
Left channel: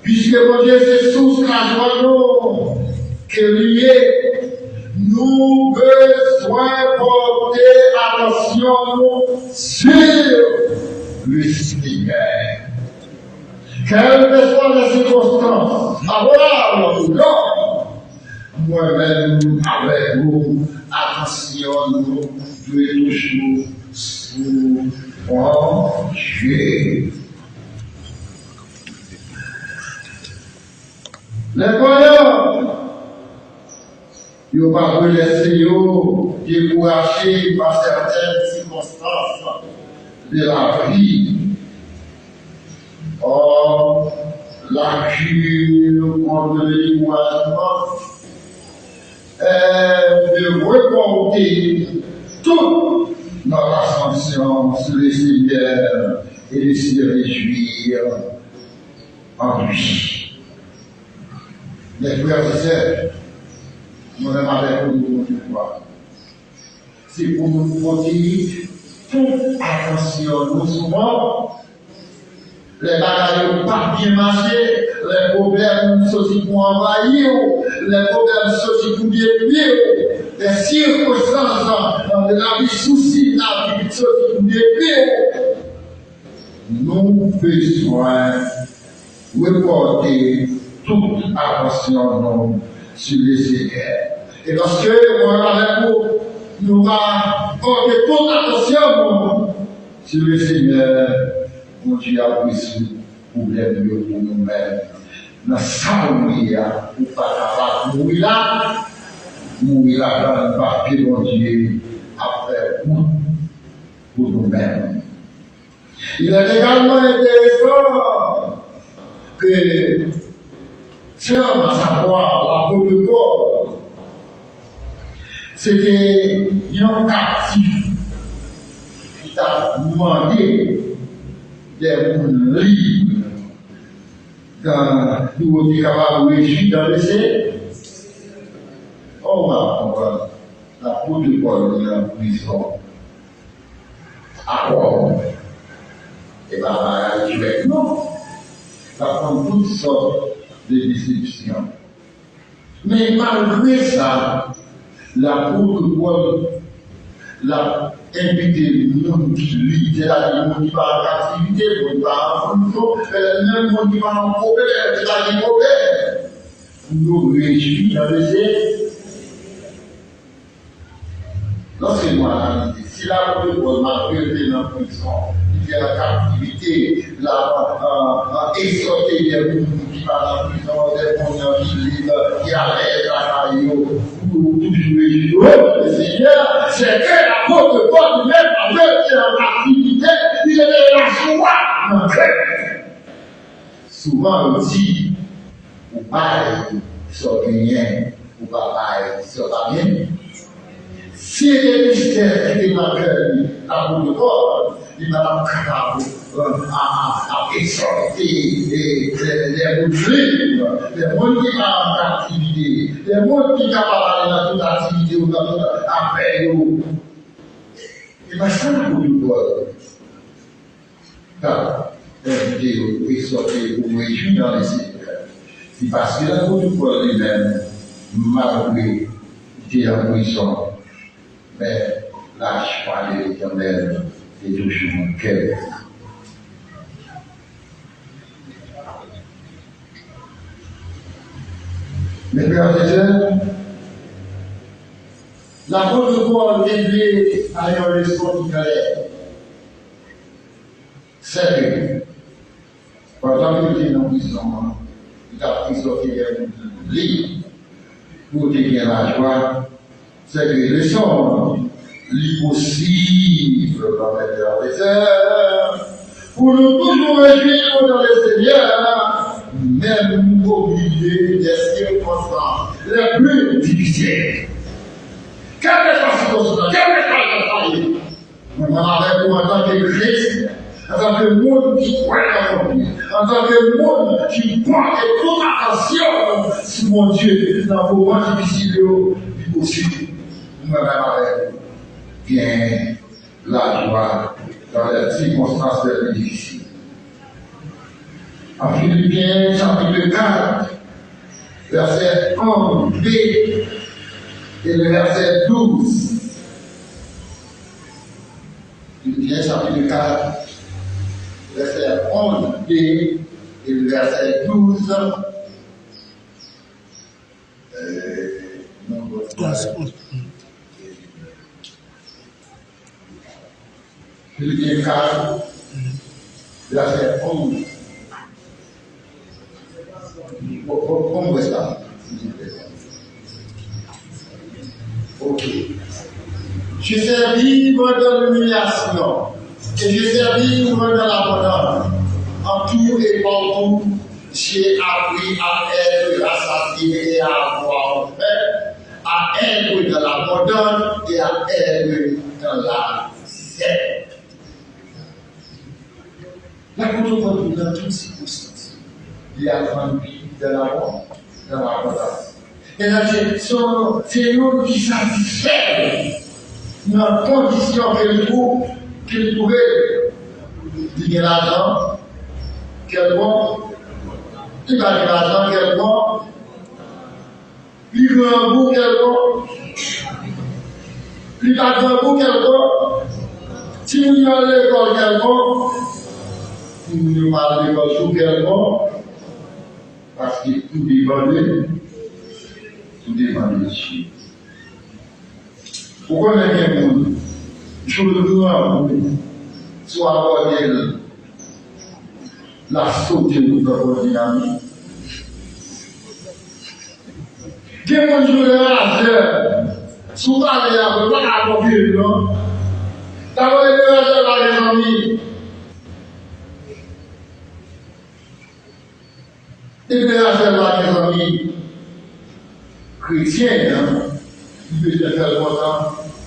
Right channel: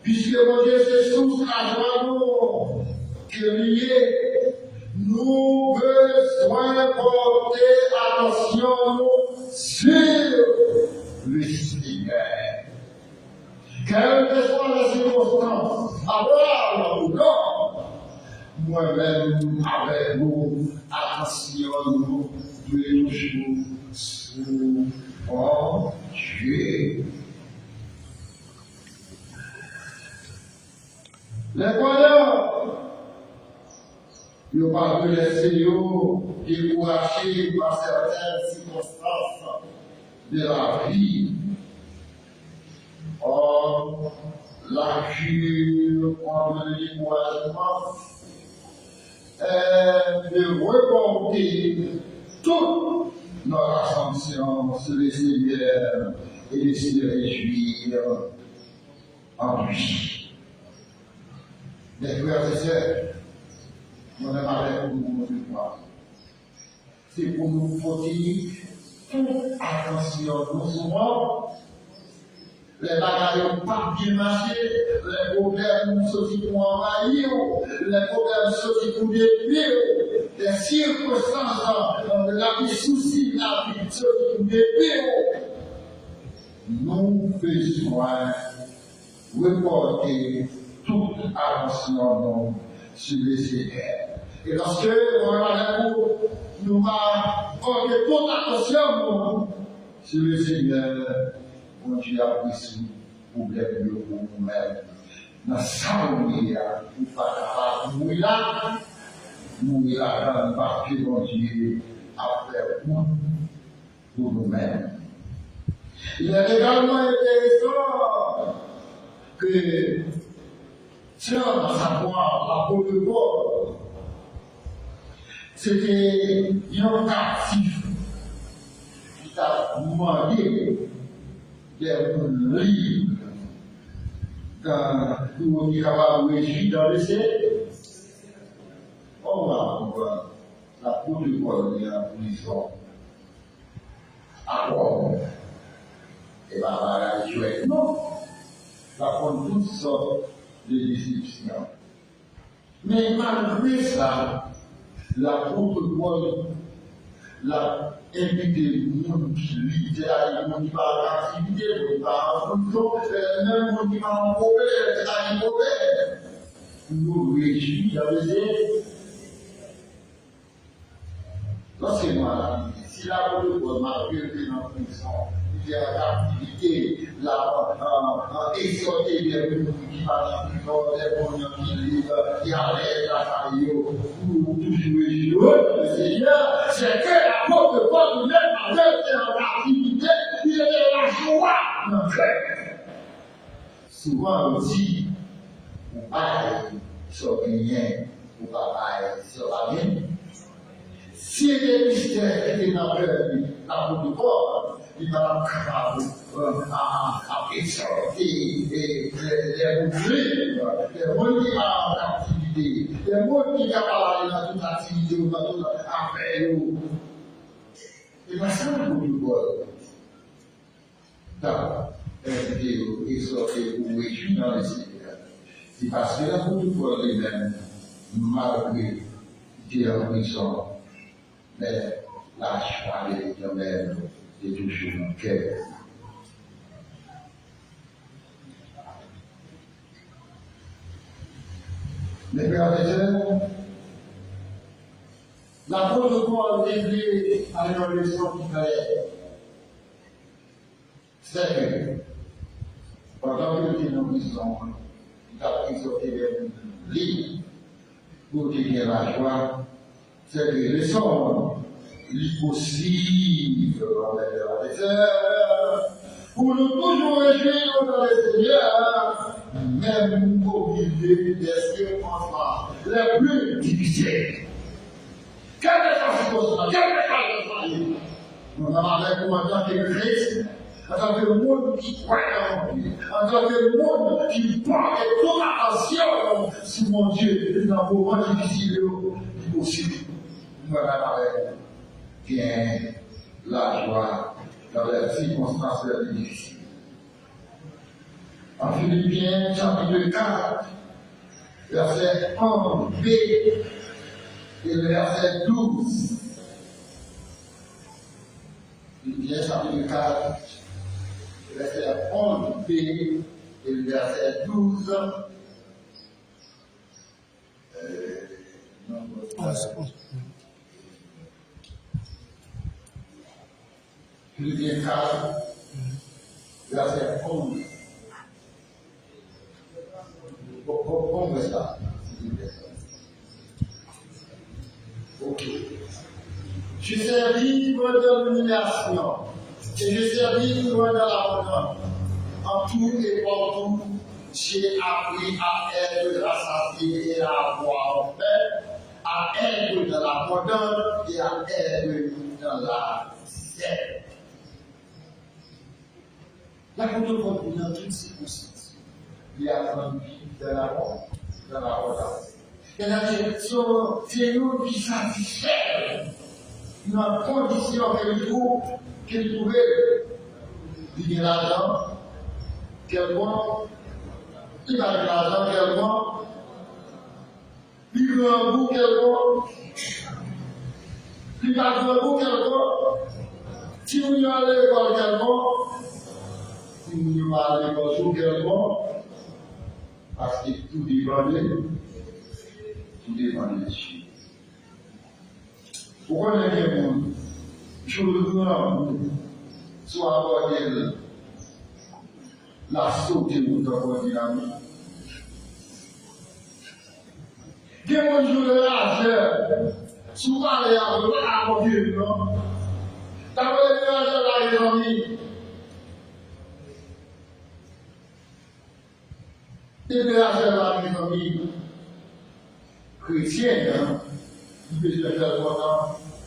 puisque mon Dieu c'est source la joie que lié, nous besoin porter attention sur le Seigneur. Quelles que soient les circonstances, favorables ou non, moi-même avec vous, attention, nous devons toujours sous Dieu. Les croyants, ils ne vont pas laisser décourager par certaines circonstances de la vie. Or, la cure contre le découragement est de reporter toute notre attention sur le Seigneur et de se réjouir en lui. Les frères et sœurs, nous avons avec nous de voir. C'est pour nous porter toute attention. Nous souvent, les bagages n'ont pas bien marché, les problèmes sont pour envahir, les problèmes sont pour détruire, les circonstances de la vie, soucis de la vie sont pour détruire. Nous besoin reporter toute attention sur le Seigneur. Et lorsque nous va porter toute attention sur le Seigneur, mon Dieu a pris ce problème pour nous-mêmes. Dans sa mourir, pour pas mourir là, dans le papier, mon Dieu, après pour nous-mêmes. Il est également intéressant que tiens à savoir l'apôtre Paul, c'était un captif qui t'a demandé des livres quand nous étions capables de réjouir dans le ciel. On va comprendre l'apôtre Paul est en prison à Rome. Et bien, non, ça prend toutes sortes de déceptions. Mais malgré ça, l'apôtre Paul l'a invité le monde qui lit, c'est-à-dire le monde qui va en captivité, le monde qui va en prison, même le monde qui va en problème, c'est-à-dire problème. Nous réjouis dans le ciel. Lorsque nous avons dit, si l'apôtre Paul m'a été dans la prison, il y a la captivité, la exhorter des gens qui vont en prison, des gens qui vivent, qui allaient travailler pour toujours réjouir le Seigneur, c'est que l'apôtre Paul lui-même avait été dans l'activité, il était la joie dans le cœur. Souvent on dit, ou pas sur rien, ou pas sur rien. Si les mystères étaient dans le cœur, l'apôtre Paul, il m'a capable à exhorter les musulmans, les gens qui sont en activité, les gens qui sont capables dans toute activité ou dans toute affaire. Il m'a ça l'apôtre Paul. Car, invité ou exhorter ou réjouir dans les Seigneur. C'est parce que l'apôtre Paul lui-même, malgré qu'il était en prison, mais la joie de l'Éternel est toujours mon cœur. Mes frères et sœurs, l'apôtre Paul est lié à une leçon qui claire. C'est que, pendant qu'il était dans la prison, il a pris sorti des livres pour décrire la joie. C'est que les leçons l'impossible, mes frères et sœurs, pour nous toujours réjouir dans le Seigneur, même au milieu des circonstances les plus difficiles. Quelle est la circonstance? Quelle est la circonstance? Nous avons en tant que Christ, en tant que monde qui croit en lui, en tant que monde qui porte toute attention sur mon Dieu dans vos moments difficiles, possible. Nous avons bien la joie dans les circonstances les plus difficiles. En Philippiens, chapitre 4, verset 11b et le verset 12. Philippiens, chapitre 4, verset 11b et le verset 12. Philippiens 4, verset 11. Pourquoi ça? Ok. Je sais vivre dans l'humiliation et je sais vivre dans l'abondance. En tout et partout, j'ai appris à être rassasié et à avoir fait, à être dans l'abondance et à être dans la misère. L'apôtre Paul, dans toutes circonstances, il a grandi dans l'abondance. Et là, c'est nous qui satisfait dans la condition qu'il trouvait. Il y a l'argent, quel bon, il va de l'argent, quel bon, il veut un goût, quel bon, il va de un goût, quel bon, si nous y allons à l'école, quel bon, si nous y allons à l'école, quel bon, parce que tout dépend de Dieu. Pourquoi on est bien monde? Je le dois soit aborder la sauté de notre dynamique. Quel monde je vais faire? Souvent, il y a pas à copier, non? D'abord, il y a les amis. Il y a les amis chrétiens, il peut faire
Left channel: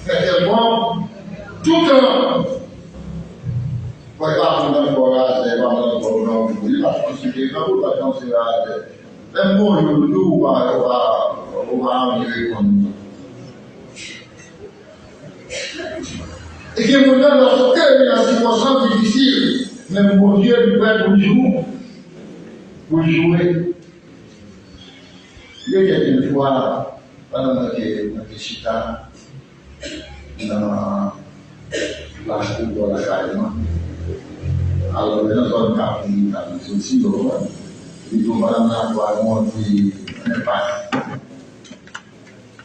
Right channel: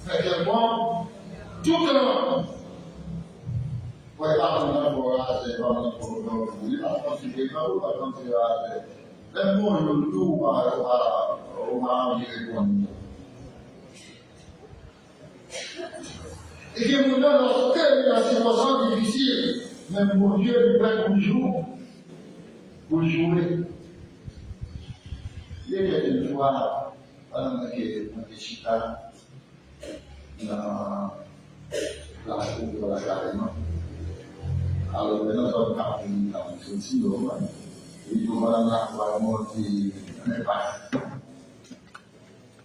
tellement tout le temps. Pour pas dans le forage, pas dans le forage, il va consulter, pas pour pas considérer. Même moi, je le dois, on va en répondre. Et que mon âme, lorsque il y a une situation difficile, même mon Dieu, il peut être pour jouer. Il y a une fois, pendant que je suis dans la cour de la carrément, alors nous avons un aussi, il faut madame la voir monter un pas.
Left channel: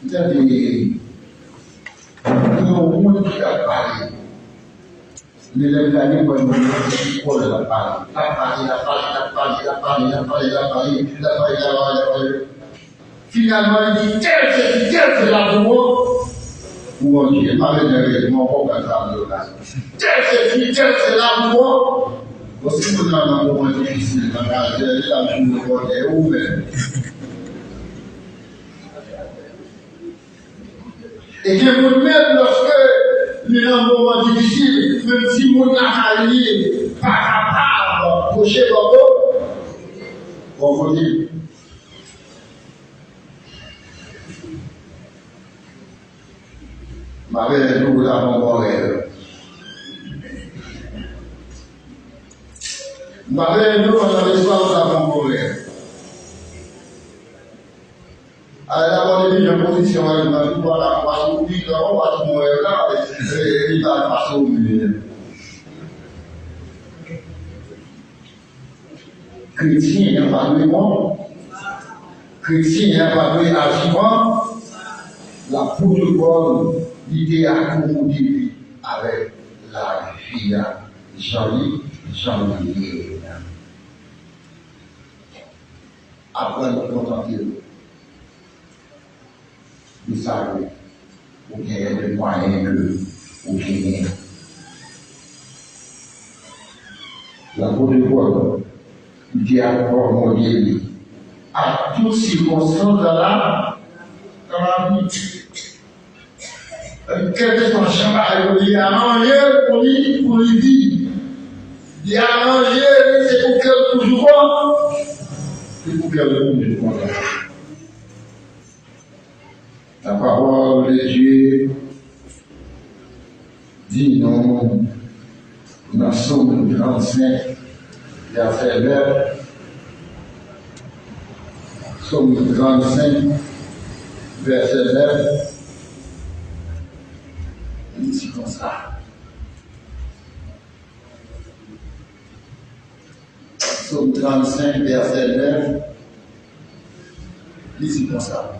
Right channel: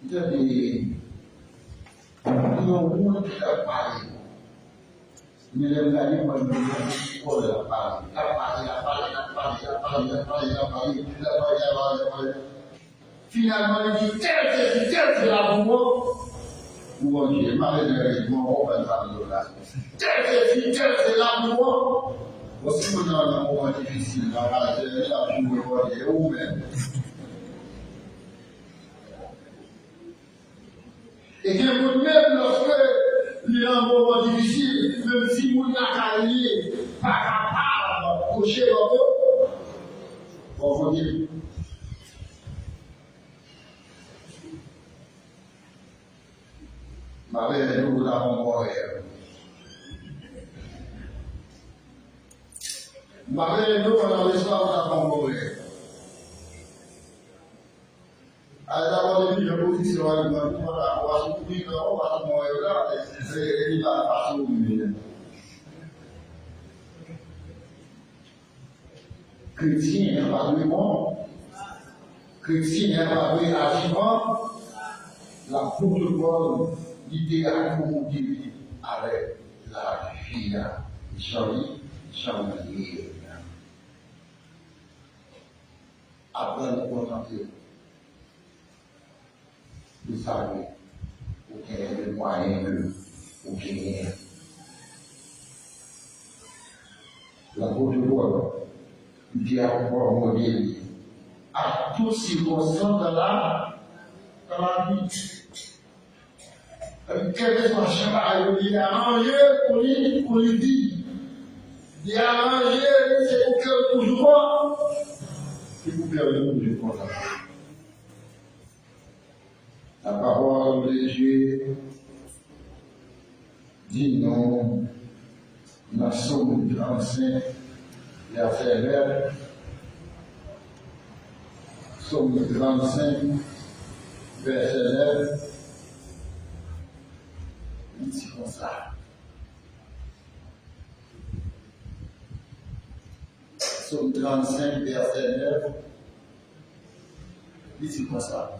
Il y a des gens qui a parlé. Mais les gars, ils vont la parler. Finalement, il dit, c'est la voix. Ou on dit, pas de mon propre de là. C'est la voix. Aussi, on a un moment difficile, dans la journée, est ouverte. Et que vous-même, lorsque il y a un moment difficile, même si vous n'avez pas capable de coucher on vous dit, ma belle est tout là, mon rêve. Ma belle est tout dans l'histoire de mon rêve. Alors, on est en position, on va la passer au vide, on va tout mourir là, et il va passer au vide. Chrétien n'a pas de bon. Chrétien n'a pas de agissement. La protocole, l'idée à accommoder avec la vie Jean-Louis. Après le contenter, vous savez, vous gagnez des moyens que vous gagnez. La protocole, l'idée à accommoder à toutes circonstances dans la vie. Quel que soit le chemin, il y a arrangé pour lui vivre. Il y a arrangé, c'est pour qu'elle toujours voit. C'est pour qu'elle toujours voit. La parole de Dieu dit non, dans Somme 35, verset 9, Psaume 35, verset 9. Il dit comme ça. Psaume 35, verset 9. Il dit comme ça.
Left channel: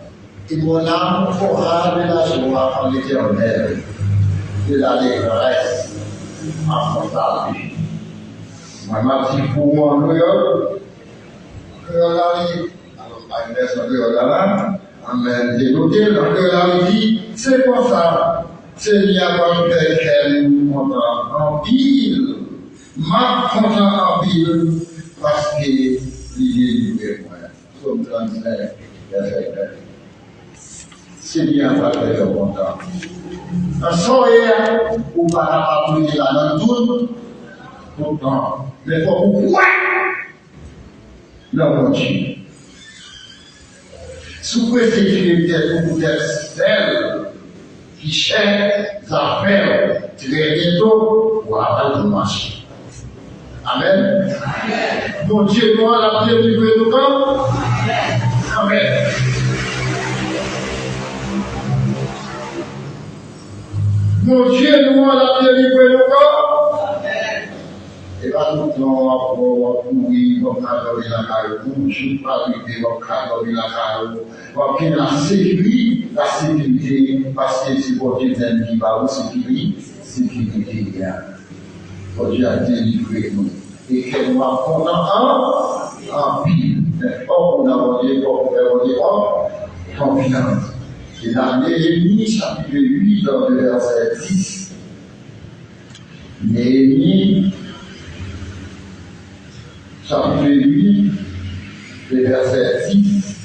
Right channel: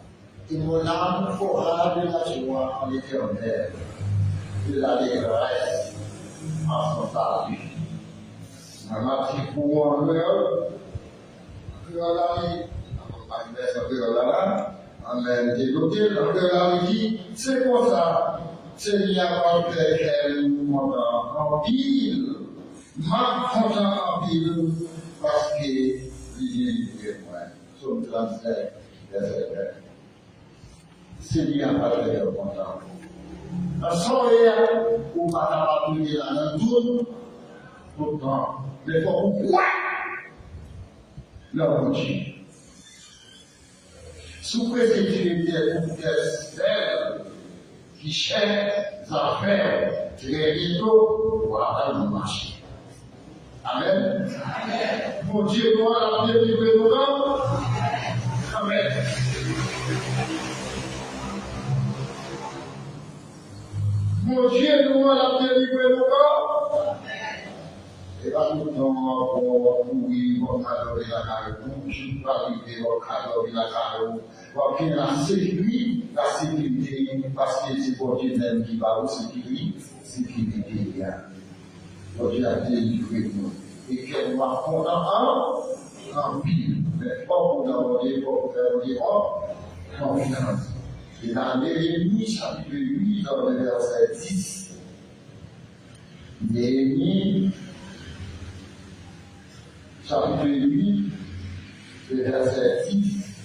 Et mon âme aura de la joie en l'Éternel, de l'allégresse en son salut. Ma mati pour moi, amen. J'ai noté dans que la vie, c'est comme ça. C'est il y a pas de qu'elle content en pile. Ma content en pile parce que il est libre moi. Somme 35, verset 9. C'est bien pas de content. En soirée, ou pas appuyer là dans tout le temps. Mais pourquoi? La moitié. Sous préfecture pour celle qui cherche à faire très bientôt pour avoir le marché. Amen. Mon Dieu, moi, la pierre du nous quand? Amen. Mon Dieu, nous, la pierre du nous quand? Et pas tout le temps pour courir, pour adorer la caille, pour ne pas arriver, pour adorer la caille, pour qu'il la sécurité, parce que c'est pour Dieu qui va au sécurité. Pour Dieu a délivré nous. Et qu'elle nous a content en pile. Mais pas qu'on a dit, confiance. Et dans Néhémie, chapitre 8, dans le verset 10. Néhémie, chapitre 8, le verset 10.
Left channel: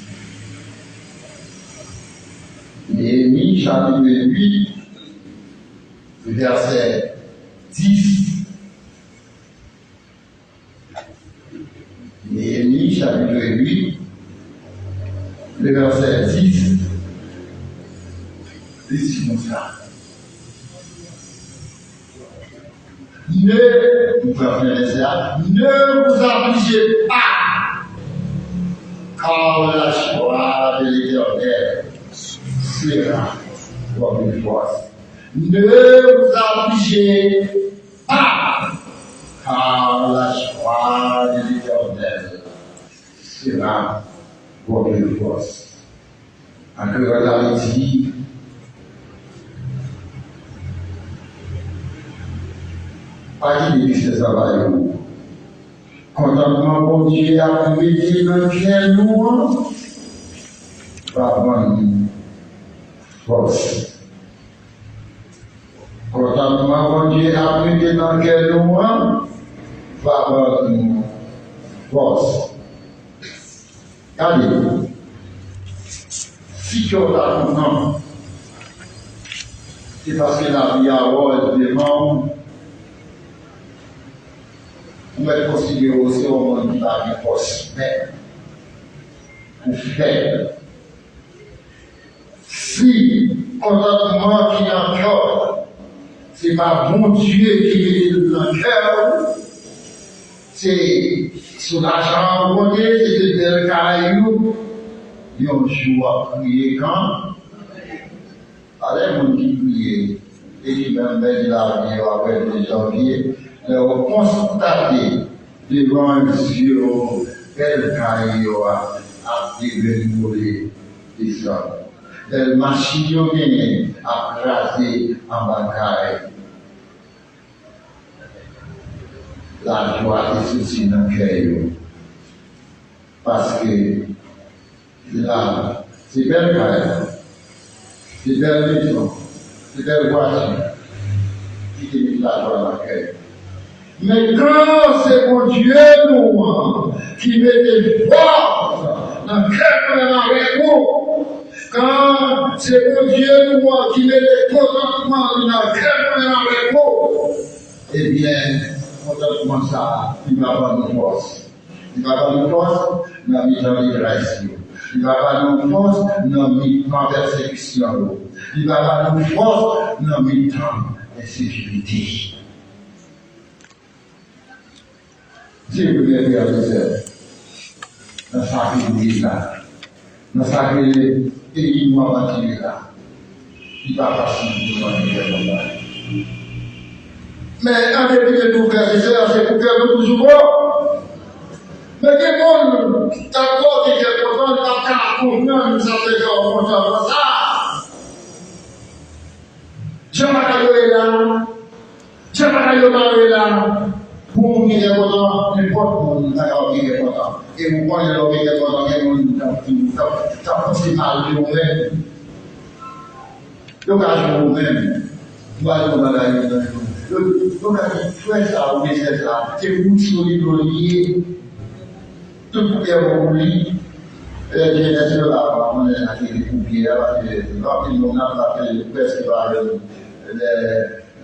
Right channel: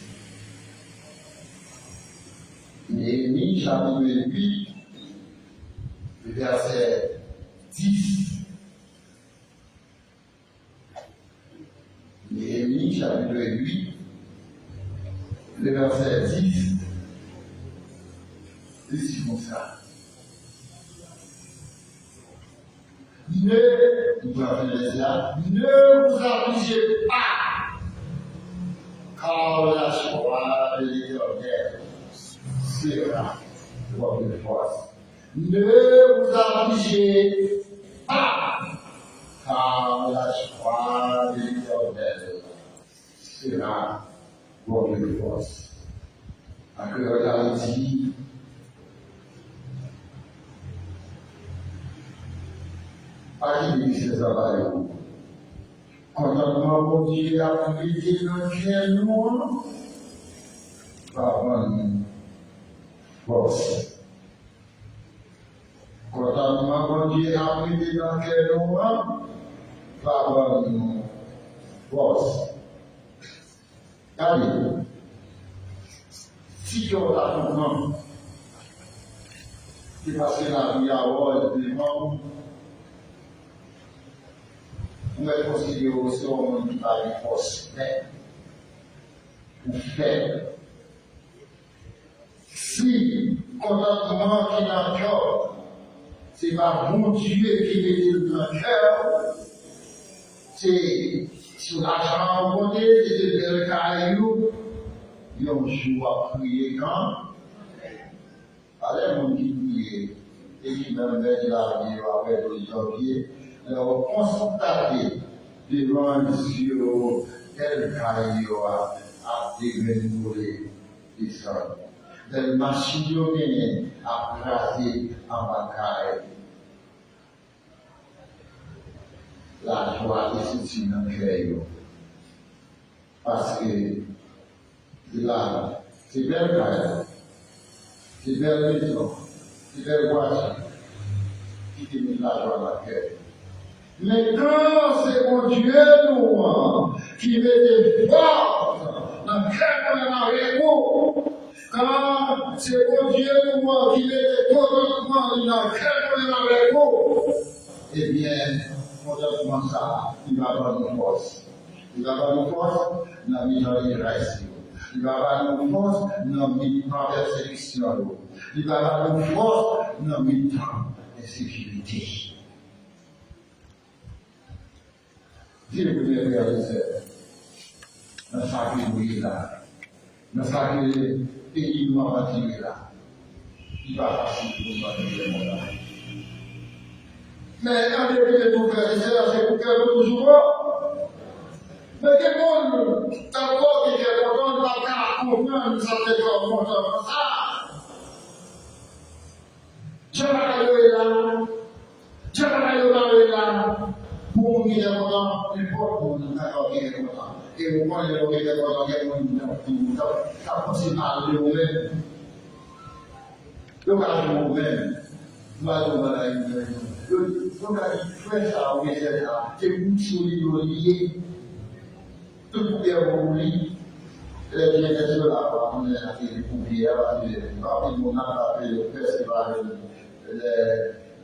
Néhémie, chapitre 8, le verset 10. Néhémie, chapitre 8, le verset 10. C'est comme ça. Ne vous affligez pas, car la joie de l'Éternel sera votre force. Ne vous affligez pas, car la joie de l'Éternel sera votre force. En cœur d'Haïti, pas qu'il existe ça va nous. Contentement pour Dieu a privé dans quel nous va prendre force. Contentement pour Dieu a privé dans quel nous va prendre force. Regardez, si tu as content, c'est parce que la vie a devant. On va considérer aussi au monde qui va être force, mais pour faire. Si contentement qui est en cœur, ce n'est pas bon Dieu qui met dans le cœur, c'est sur l'argent bon Dieu, c'est de belles cailloux, et on joue à prier quand? Allez, mon qui prie, et qui va mettre la vie avec les janvier. On constater devant un yeux quel caillou a développé les hommes. Quelle machine a crasé en bataille. La joie est aussi dans le cœur. Parce que là, c'est belle caille, c'est belle maison, c'est belle voiture qui te met la joie dans le cœur. Mais quand c'est mon Dieu, nous, qui met des forces dans le cœur avec vous, quand c'est mon Dieu, nous, qui met des contentements dans le cœur avec vous, eh bien, contentement ça, il va pas nous force. Il va pas nous force dans la mise en grâce. Il va pas nous force dans la persécution. Il va pas nous force dans la mise en sécurité. Dieu vous les réaliser dans sa vie là. Dans sa pays noir qui est là. Il va facile pour nous. Mais en dépit de tout frères et sœurs, c'est pour faire toujours bon. Mais quelqu'un d'accord qui est content, il va faire confiance, nous avons content pour ça. Je m'appelle là, je m'appelle là, pour nous dire content, n'importe où, d'accord, qui est content. Et vous prenez l'homme qui est content, et vous ça possible à vous-même. Donc, à vous-même, vous allez dans la vie. Donc, frère, ça, oui, c'est ça. C'est vous qui sont liés. Tout le monde est lié. Et bien sûr, là, on est à des poupières, parce que rapidement, on a fait le festival,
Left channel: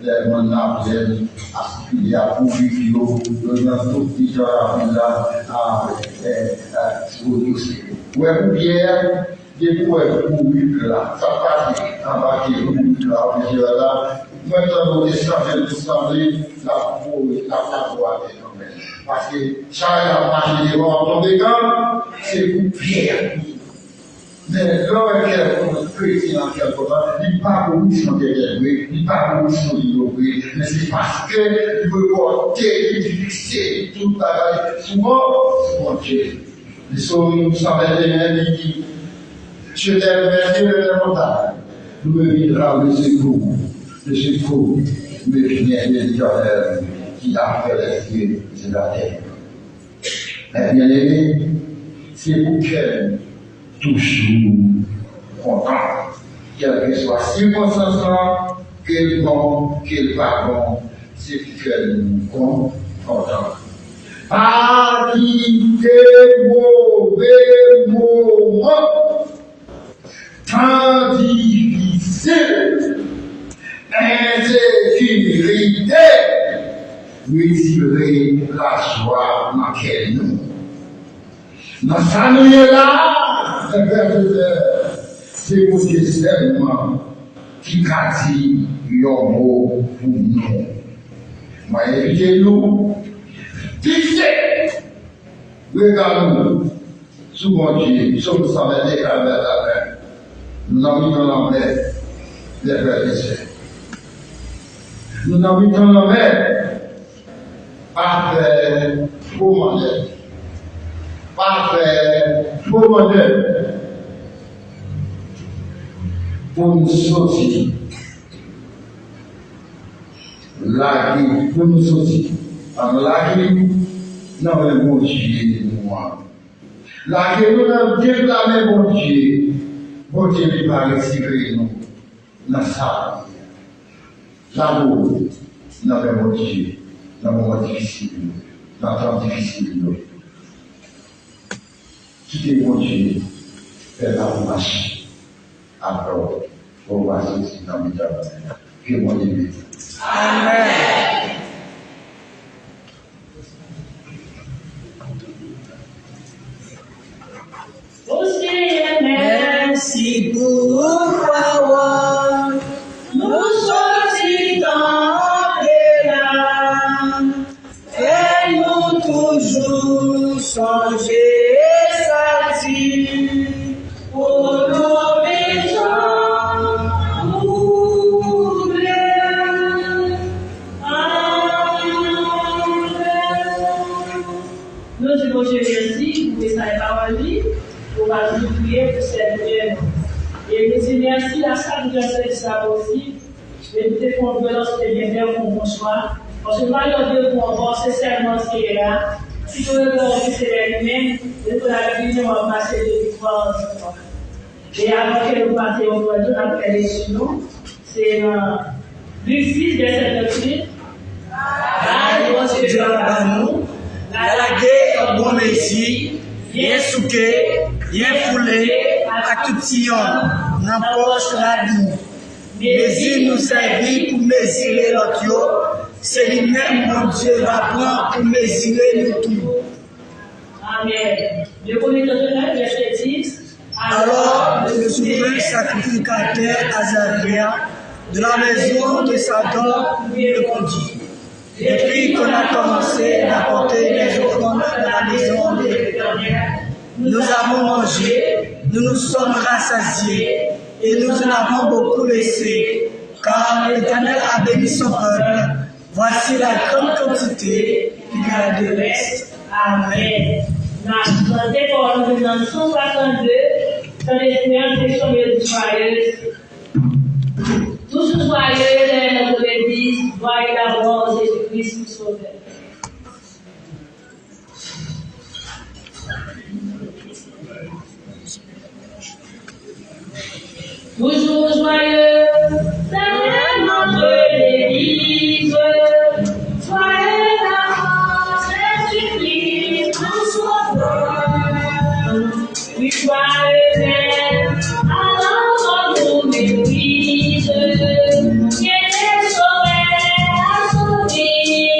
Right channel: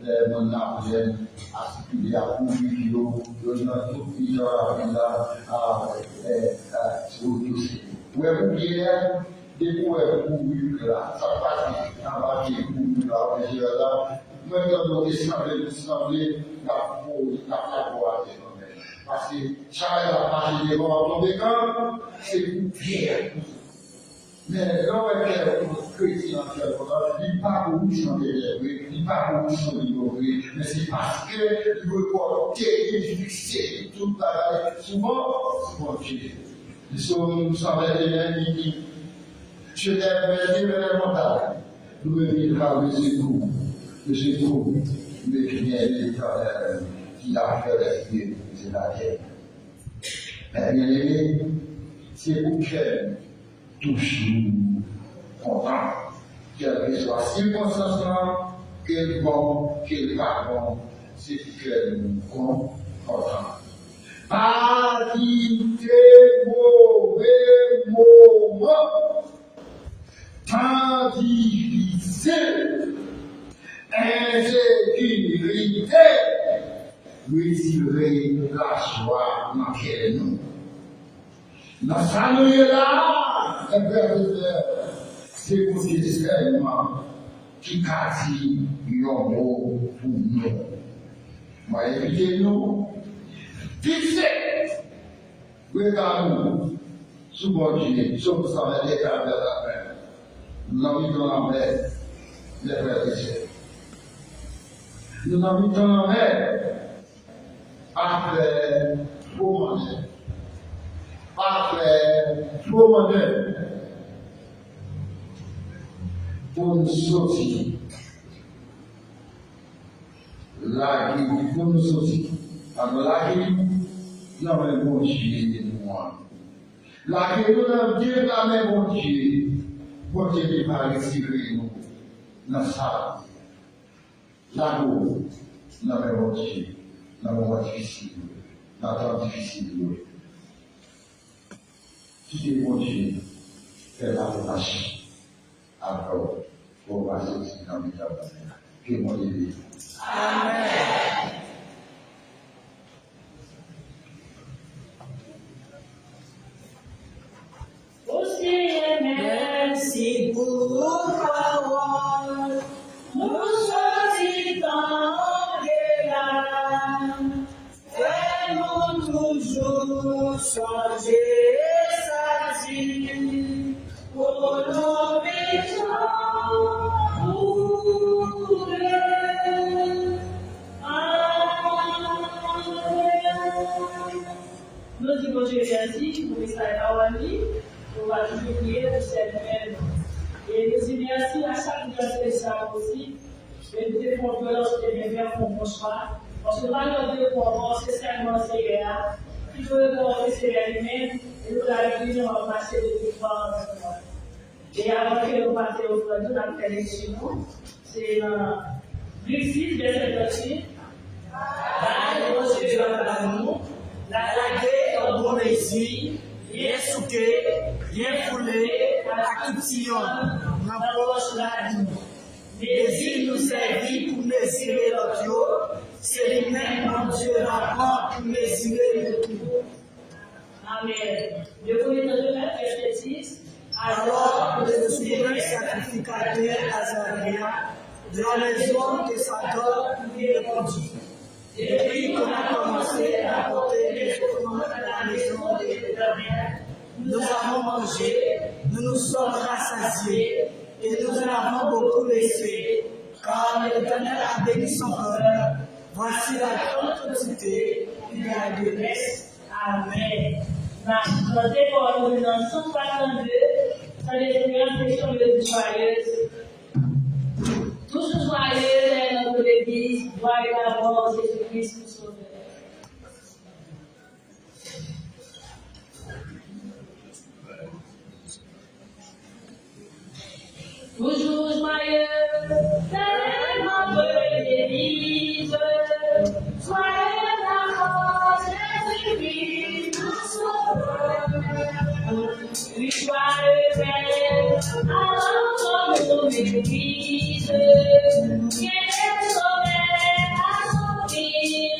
les mandats, les aspirés à Poupière, dans tout petit genre à Poupière. Des fois, là, ça passe, en bas, qui est là, maintenant, nous échangeons l'assemblée, la voix des hommes. Parce que chaque marché devant tomber quand, c'est pour Pierre. Mais l'homme qui est président, il n'est pas pour nous sur derrière lui, il n'est pas pour nous sur lui, mais c'est parce qu'il veut porter, il fixer toute la vie. Souvent, c'est bon Dieu. Les sauves, nous sommes les je t'aime, merci de la montagne. Nous me vivra le secours, mais qui est l'éternel qui a fait les cieux et la terre. Mais bien aimé, c'est pour qu'elle toujours content, quelle que soit la circonstance, qu'elle bon, qu'elle pas bon, c'est pour qu'elle nous content. Pas quitter mauvais moments. Temps difficile, insécurité, retirer la joie dans laquelle nous. Dans sa nuit là, c'est pour Dieu seulement qui a dit un mot pour nous. Moi, évitez-nous, fixez, regardez-nous, souvent Dieu, sur nous sommes des caméras. Nous habitons la mer, les frères et sœurs. Nous habitons la mer, pas faire faux modèle. Pas faire faux modèle. Pour nous sortir. Là, pour nous sortir. Alors là, nous avons le bon Dieu de nous. Là, nous avons déclaré bon Dieu. Bon Dieu ne va retirer nous dans ça. L'amour, dans le monde Dieu, dans le moment difficile, dans le temps difficile. Quittez mon Dieu, faire la marche. Alors, on va sortir dans le temps. Que mon Dieu. Amen. Merci pour parole, nous sortis dans les larmes, fais-nous toujours songer et satir, pour nos visions brûler. Amen. Nous disons Dieu merci pour sa parole. On va nous prier pour cette lumière. Et nous disons merci à chaque personne qui sera possible. Et nous te faisons violence de bien faire pour mon choix. Parce que nous allons dire pour voir, c'est seulement ce qui est là. Si nous voulons c'est vers lui-même, et pour la vie, on va passer de victoire en victoire. Et avant que nous passions au point de la prédiction, c'est Luc 6, verset 28. Car Dieu a nous, la guerre en bon messie. Bien souqué, bien foulé, à tout sillon, n'importe la vie. Mais il nous servit pour mesurer l'autre, c'est lui-même mon Dieu va prendre pour mesurer nous tous. Amen. Le premier verset 10. Alors, le souverain sacrificateur Azaria de la maison de Satan lui répondit. Depuis qu'on a commencé à porter les offrandes de la maison de l'Éternel, nous avons mangé, nous nous sommes rassasiés et nous en avons beaucoup laissé, car l'Éternel a béni son peuple. Voici la grande quantité qu'il y a de reste. Amen. Dans des paroles dans 162, son espérance est joyeuse. Toujours joyeuse est notre Église, voyez d'abord Jésus-Christ nous sauver. Toujours joyeux, c'est notre Église. Soyez d'abord Jésus-Christ nous sauveur. Oui, joyeux même, alors nous l'Église. Qui est sauvé, a sauvé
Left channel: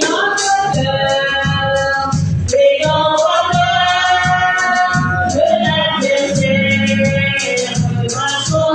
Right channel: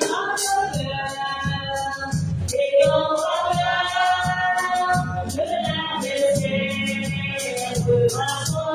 notre cœur. Ayons peur de l'adversaire, de son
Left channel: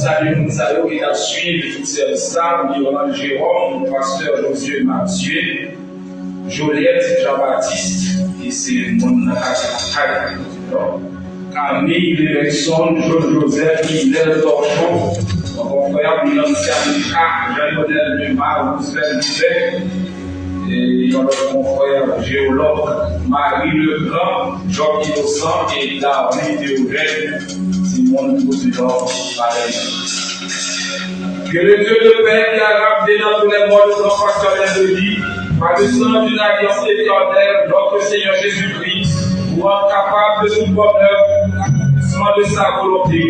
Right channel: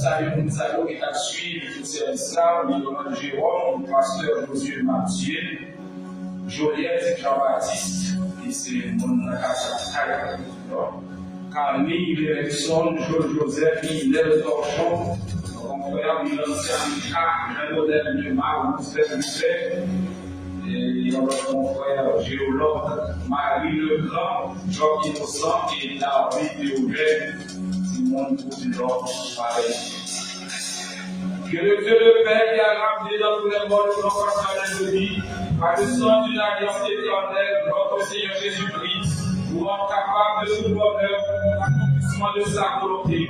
saluer nous saluons qui a suivi tout service là, Yolande Jérôme, pasteur Josué Mathieu, Joliette Jean-Baptiste, qui c'est mon acteur, Camille Lévesson, Joseph, Hillel Torchon, mon frère Milan Sernica, Jean-Modèle Lemar, Roosevelt Mouvet, et mon frère géologue Marie Legrand, Jacques Innocent et David Théogène, Simon Posidon, pareil. Que le Dieu de paix qui a ramené dans tous les modes de notre pasteur de vie, par le sang d'une alliance éternelle, notre Seigneur Jésus-Christ, pour rendre capable de tout bonheur, l'accomplissement de sa volonté,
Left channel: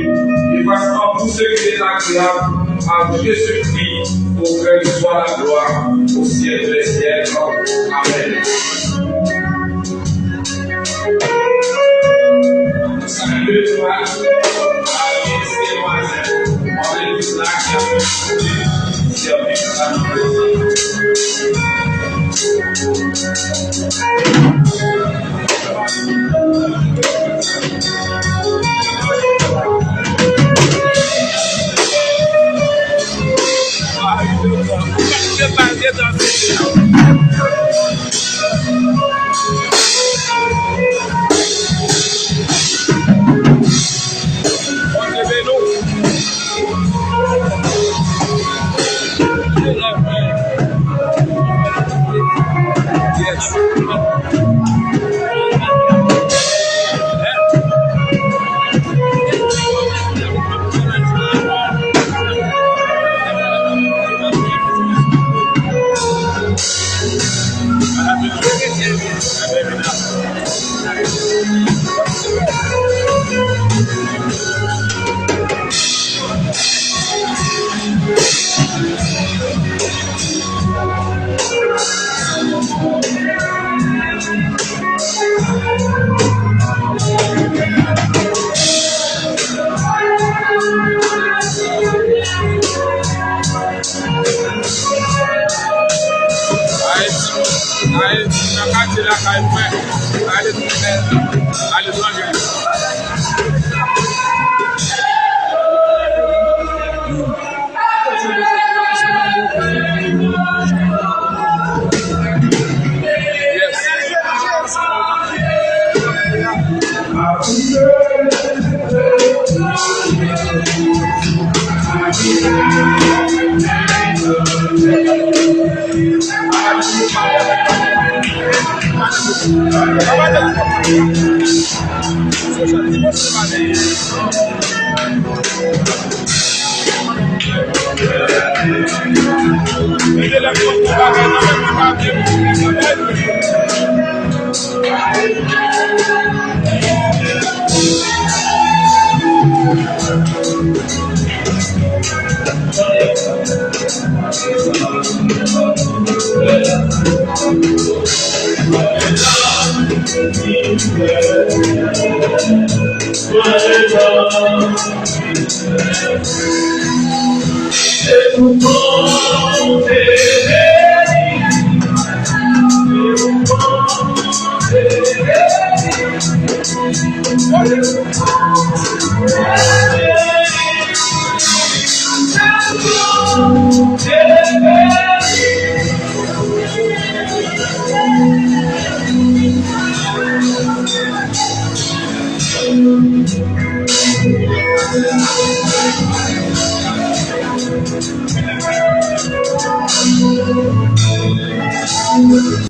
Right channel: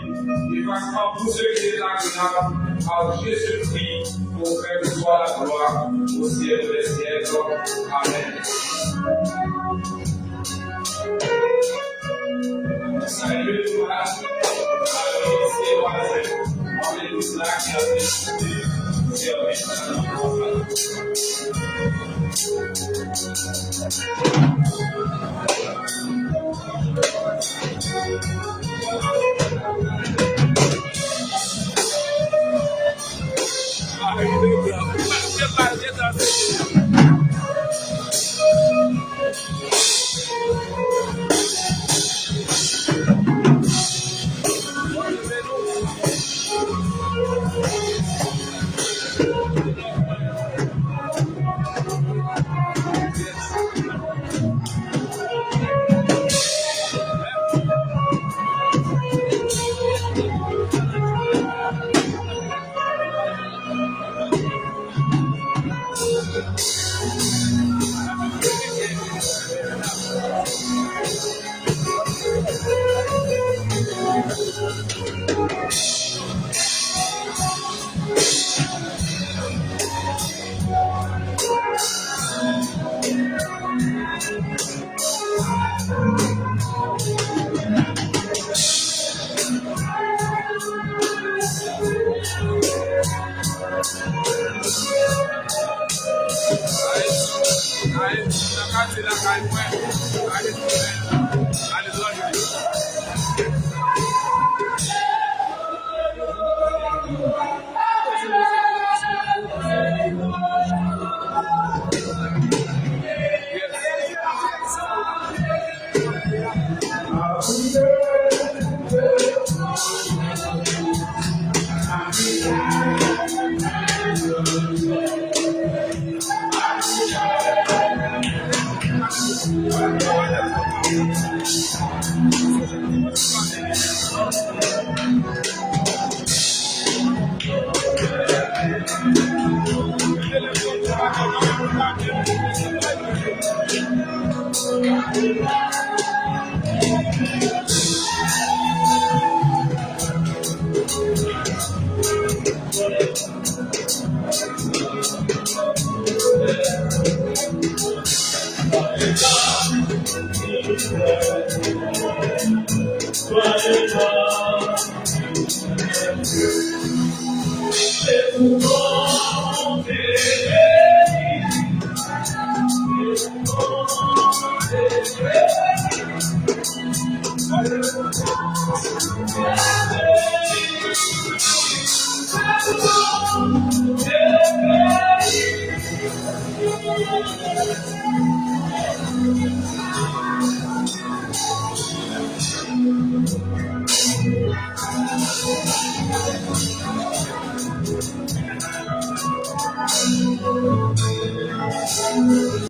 et fasse en tout ce qui est agréable à Jésus-Christ, pour que soit la gloire au ciel des siècles. Amen. Salut toi, Amen, c'est moi, on est tous là qui a servi à nous.